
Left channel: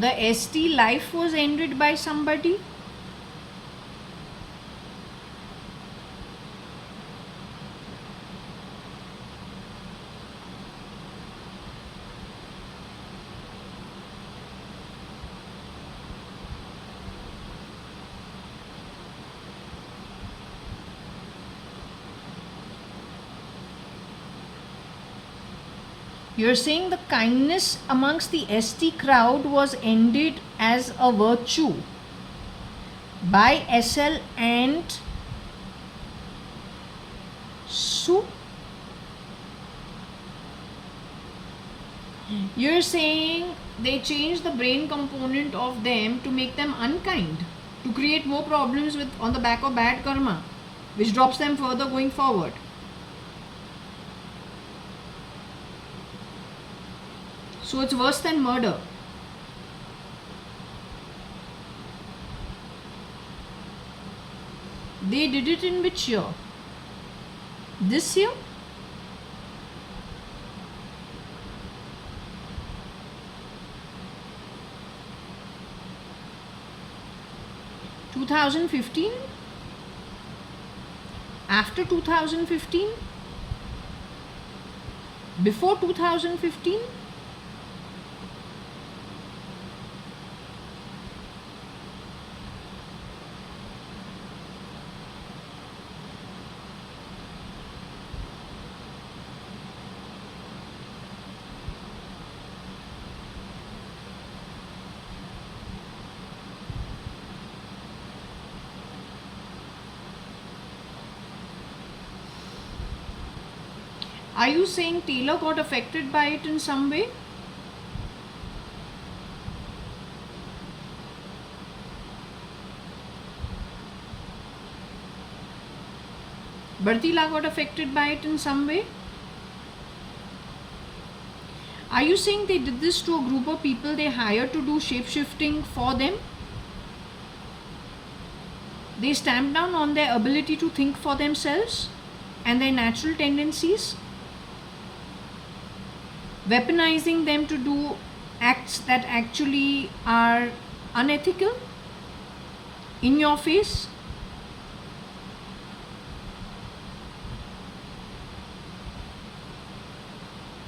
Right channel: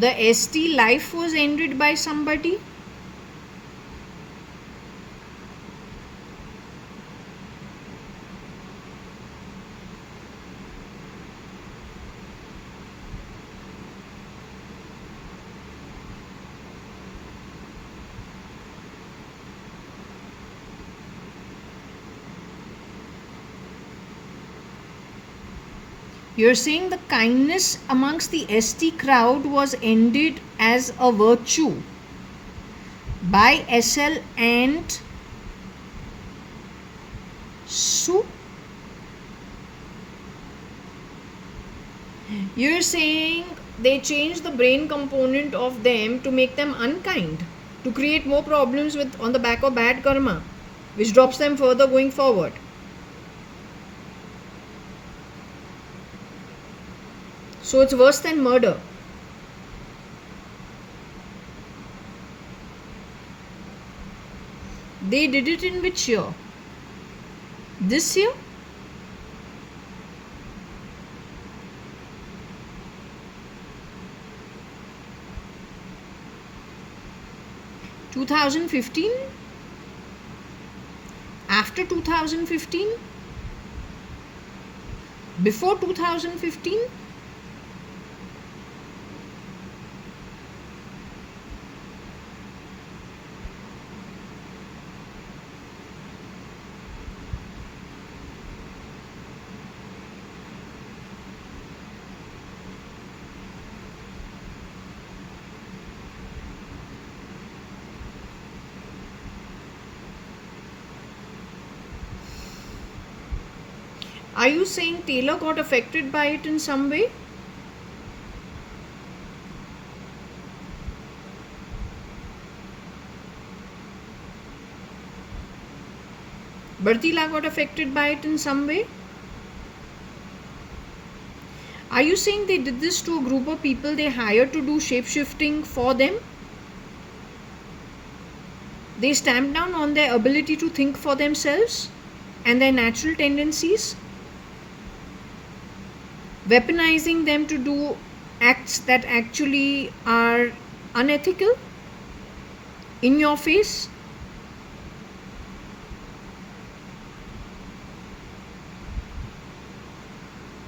The ST life was ended by somebody. You're saying the kindness amongst the ST crowd was ended as a virtue by SL and Su. You're saying they changed the brain component of them to make them unkind, to create more problems with on the back of bad karma, which drops them further going forward. So it's worse than murder. They did it in which year? This year? (2015), after 2015, before 2015. Are you saying Taylor got affected by it in some way? Bartila got affected by it in some way? Are you saying they did this to a group of people they hired to do shape-shifting for them? They stamped down on their ability to think for themselves and their natural tendencies, weaponizing them to do acts that actually are unethical in your face.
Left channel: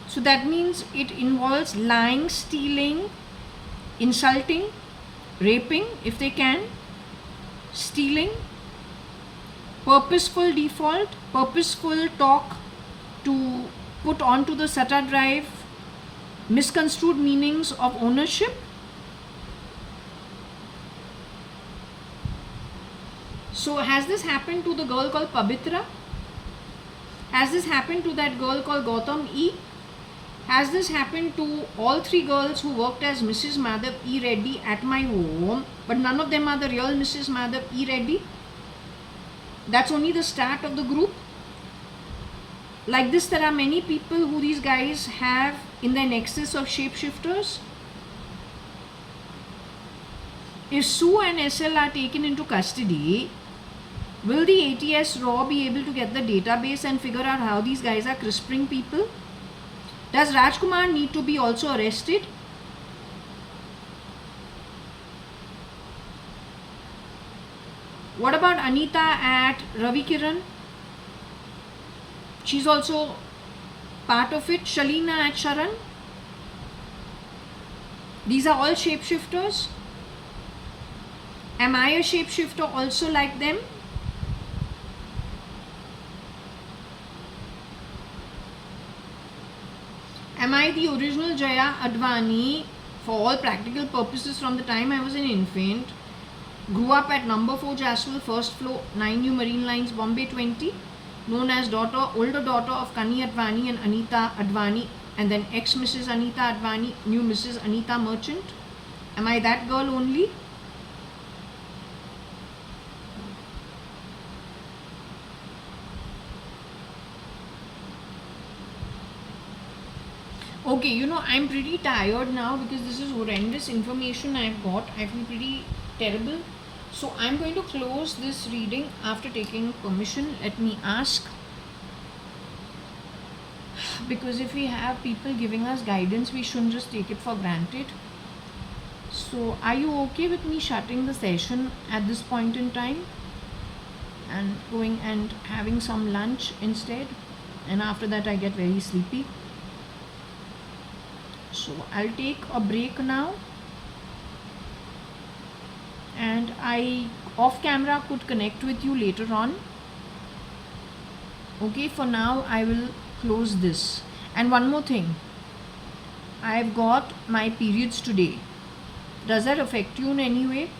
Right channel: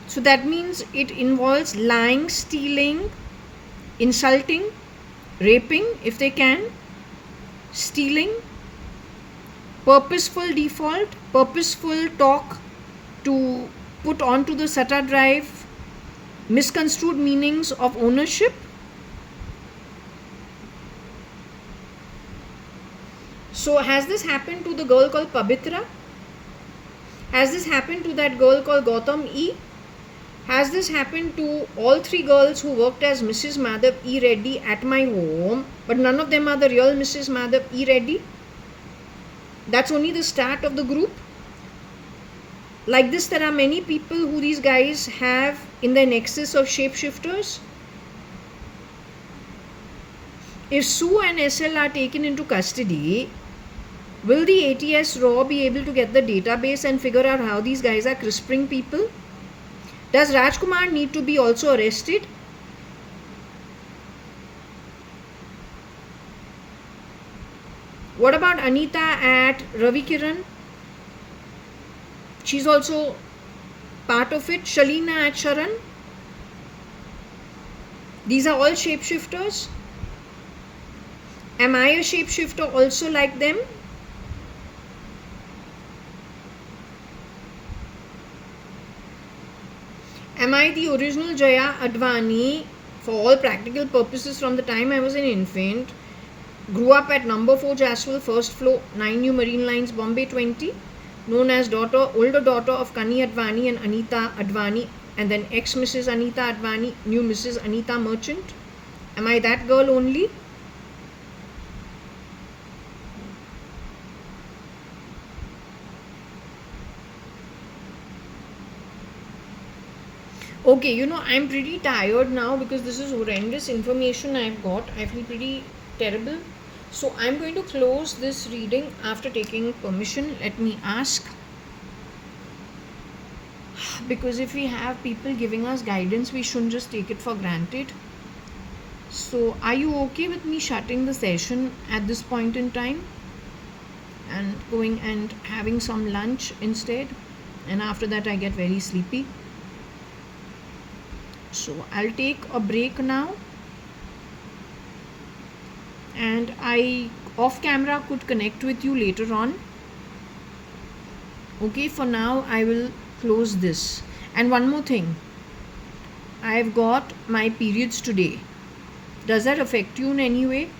So that means it involves lying, stealing, insulting, raping if they can, stealing, purposeful default, purposeful talk to put onto the SATA drive misconstrued meanings of ownership. So has this happened to the girl called Pabitra? Has this happened to that girl called Gautam E? Has this happened to all three girls who worked as Mrs. Madhav E. Reddy at my home, but none of them are the real Mrs. Madhav E. Reddy? That's only the start of the group. Like this, there are many people who these guys have in their nexus of shapeshifters. If Sue and SL are taken into custody, will the ATS RAW be able to get the database and figure out how these guys are crisping people? Does Rajkumar need to be also arrested? What about Anita at Ravi Kiran? She's also part of it. Shalina at Sharan. These are all shapeshifters. Am I a shapeshifter also like them? Am I the original JAYA.ADVANI for all practical purposes from the time I was an infant? Grew up at number 4 Jaswal, first floor, 9 New Marine Lines, Bombay 20. Known as older daughter of Kani Advani and Anita Advani, and then ex-Mrs. Anita Advani, new Mrs. Anita Merchant. Am I that girl only? Okay, you know, I'm pretty tired now because this is horrendous information I've got. I feel pretty terrible. So I'm going to close this reading after taking permission. Let me ask. Because if we have people giving us guidance, we shouldn't just take it for granted. So are you okay with me shutting the session at this point in time and going and having some lunch instead? And after that I get very sleepy. So I'll take a break now, and I off camera could connect with you later on. Okay, for now I will close this. And one more thing, I've got my periods today. Does that affect you in any way?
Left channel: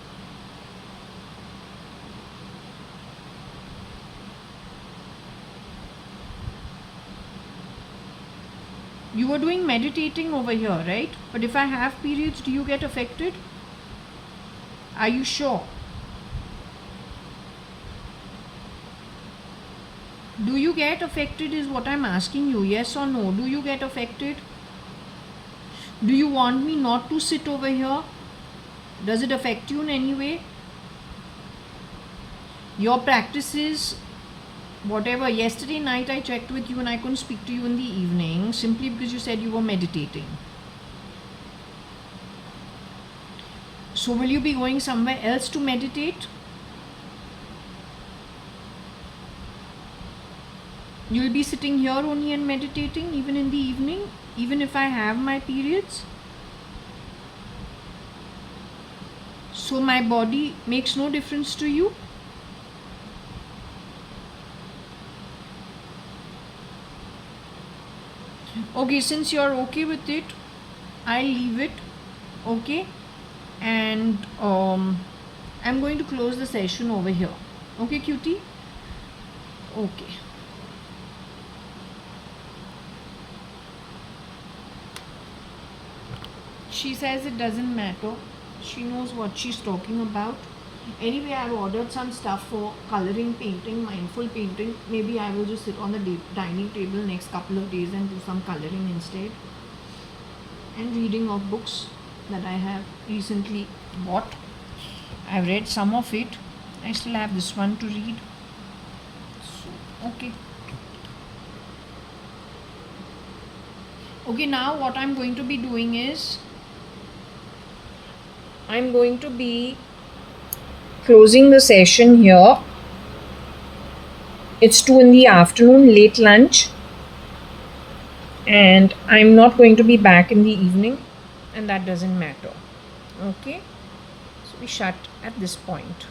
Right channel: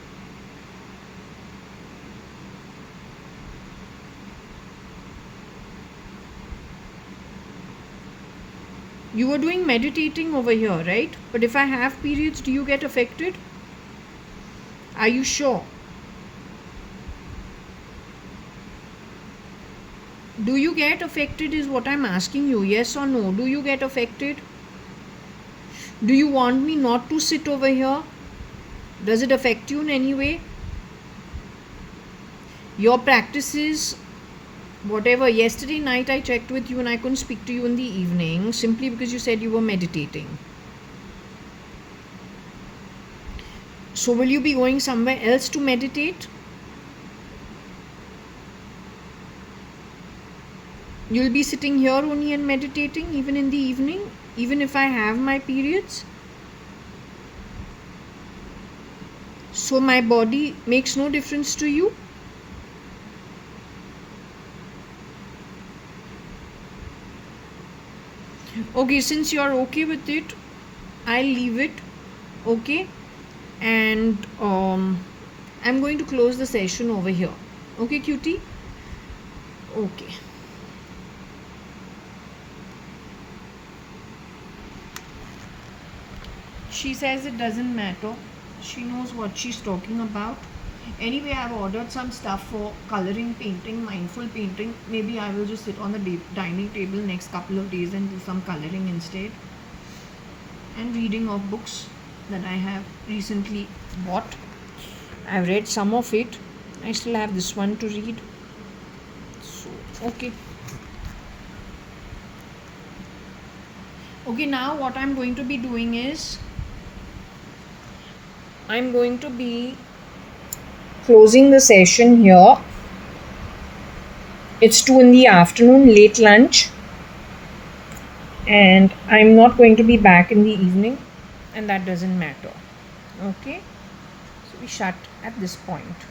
You were doing meditating over here, right? But if I have periods, do you get affected? Are you sure? Do you get affected is what I'm asking you. Yes or no? Do you get affected? Do you want me not to sit over here? Does it affect you in any way? Your practices, whatever. Yesterday night I checked with you and I couldn't speak to you in the evening simply because you said you were meditating. So will you be going somewhere else to meditate? You'll be sitting here only and meditating even in the evening, even if I have my periods? So my body makes no difference to you? Okay, since you're okay with it, I'll leave it. Okay, and I'm going to close the session over here. Okay, cutie? Okay. She says it doesn't matter. She knows what she's talking about. Anyway, I've ordered some stuff for coloring, painting, mindful painting. Maybe I will just sit on the dining table next couple of days and do some coloring instead. And reading of books that I have recently bought. I've read some of it. I still have this one to read. So, okay. Okay, now what I'm going to be doing is I'm going to be closing the session here. It's 2 in the afternoon, late lunch, and I'm not going to be back in the evening, and that doesn't matter. Okay, so we shut at this point.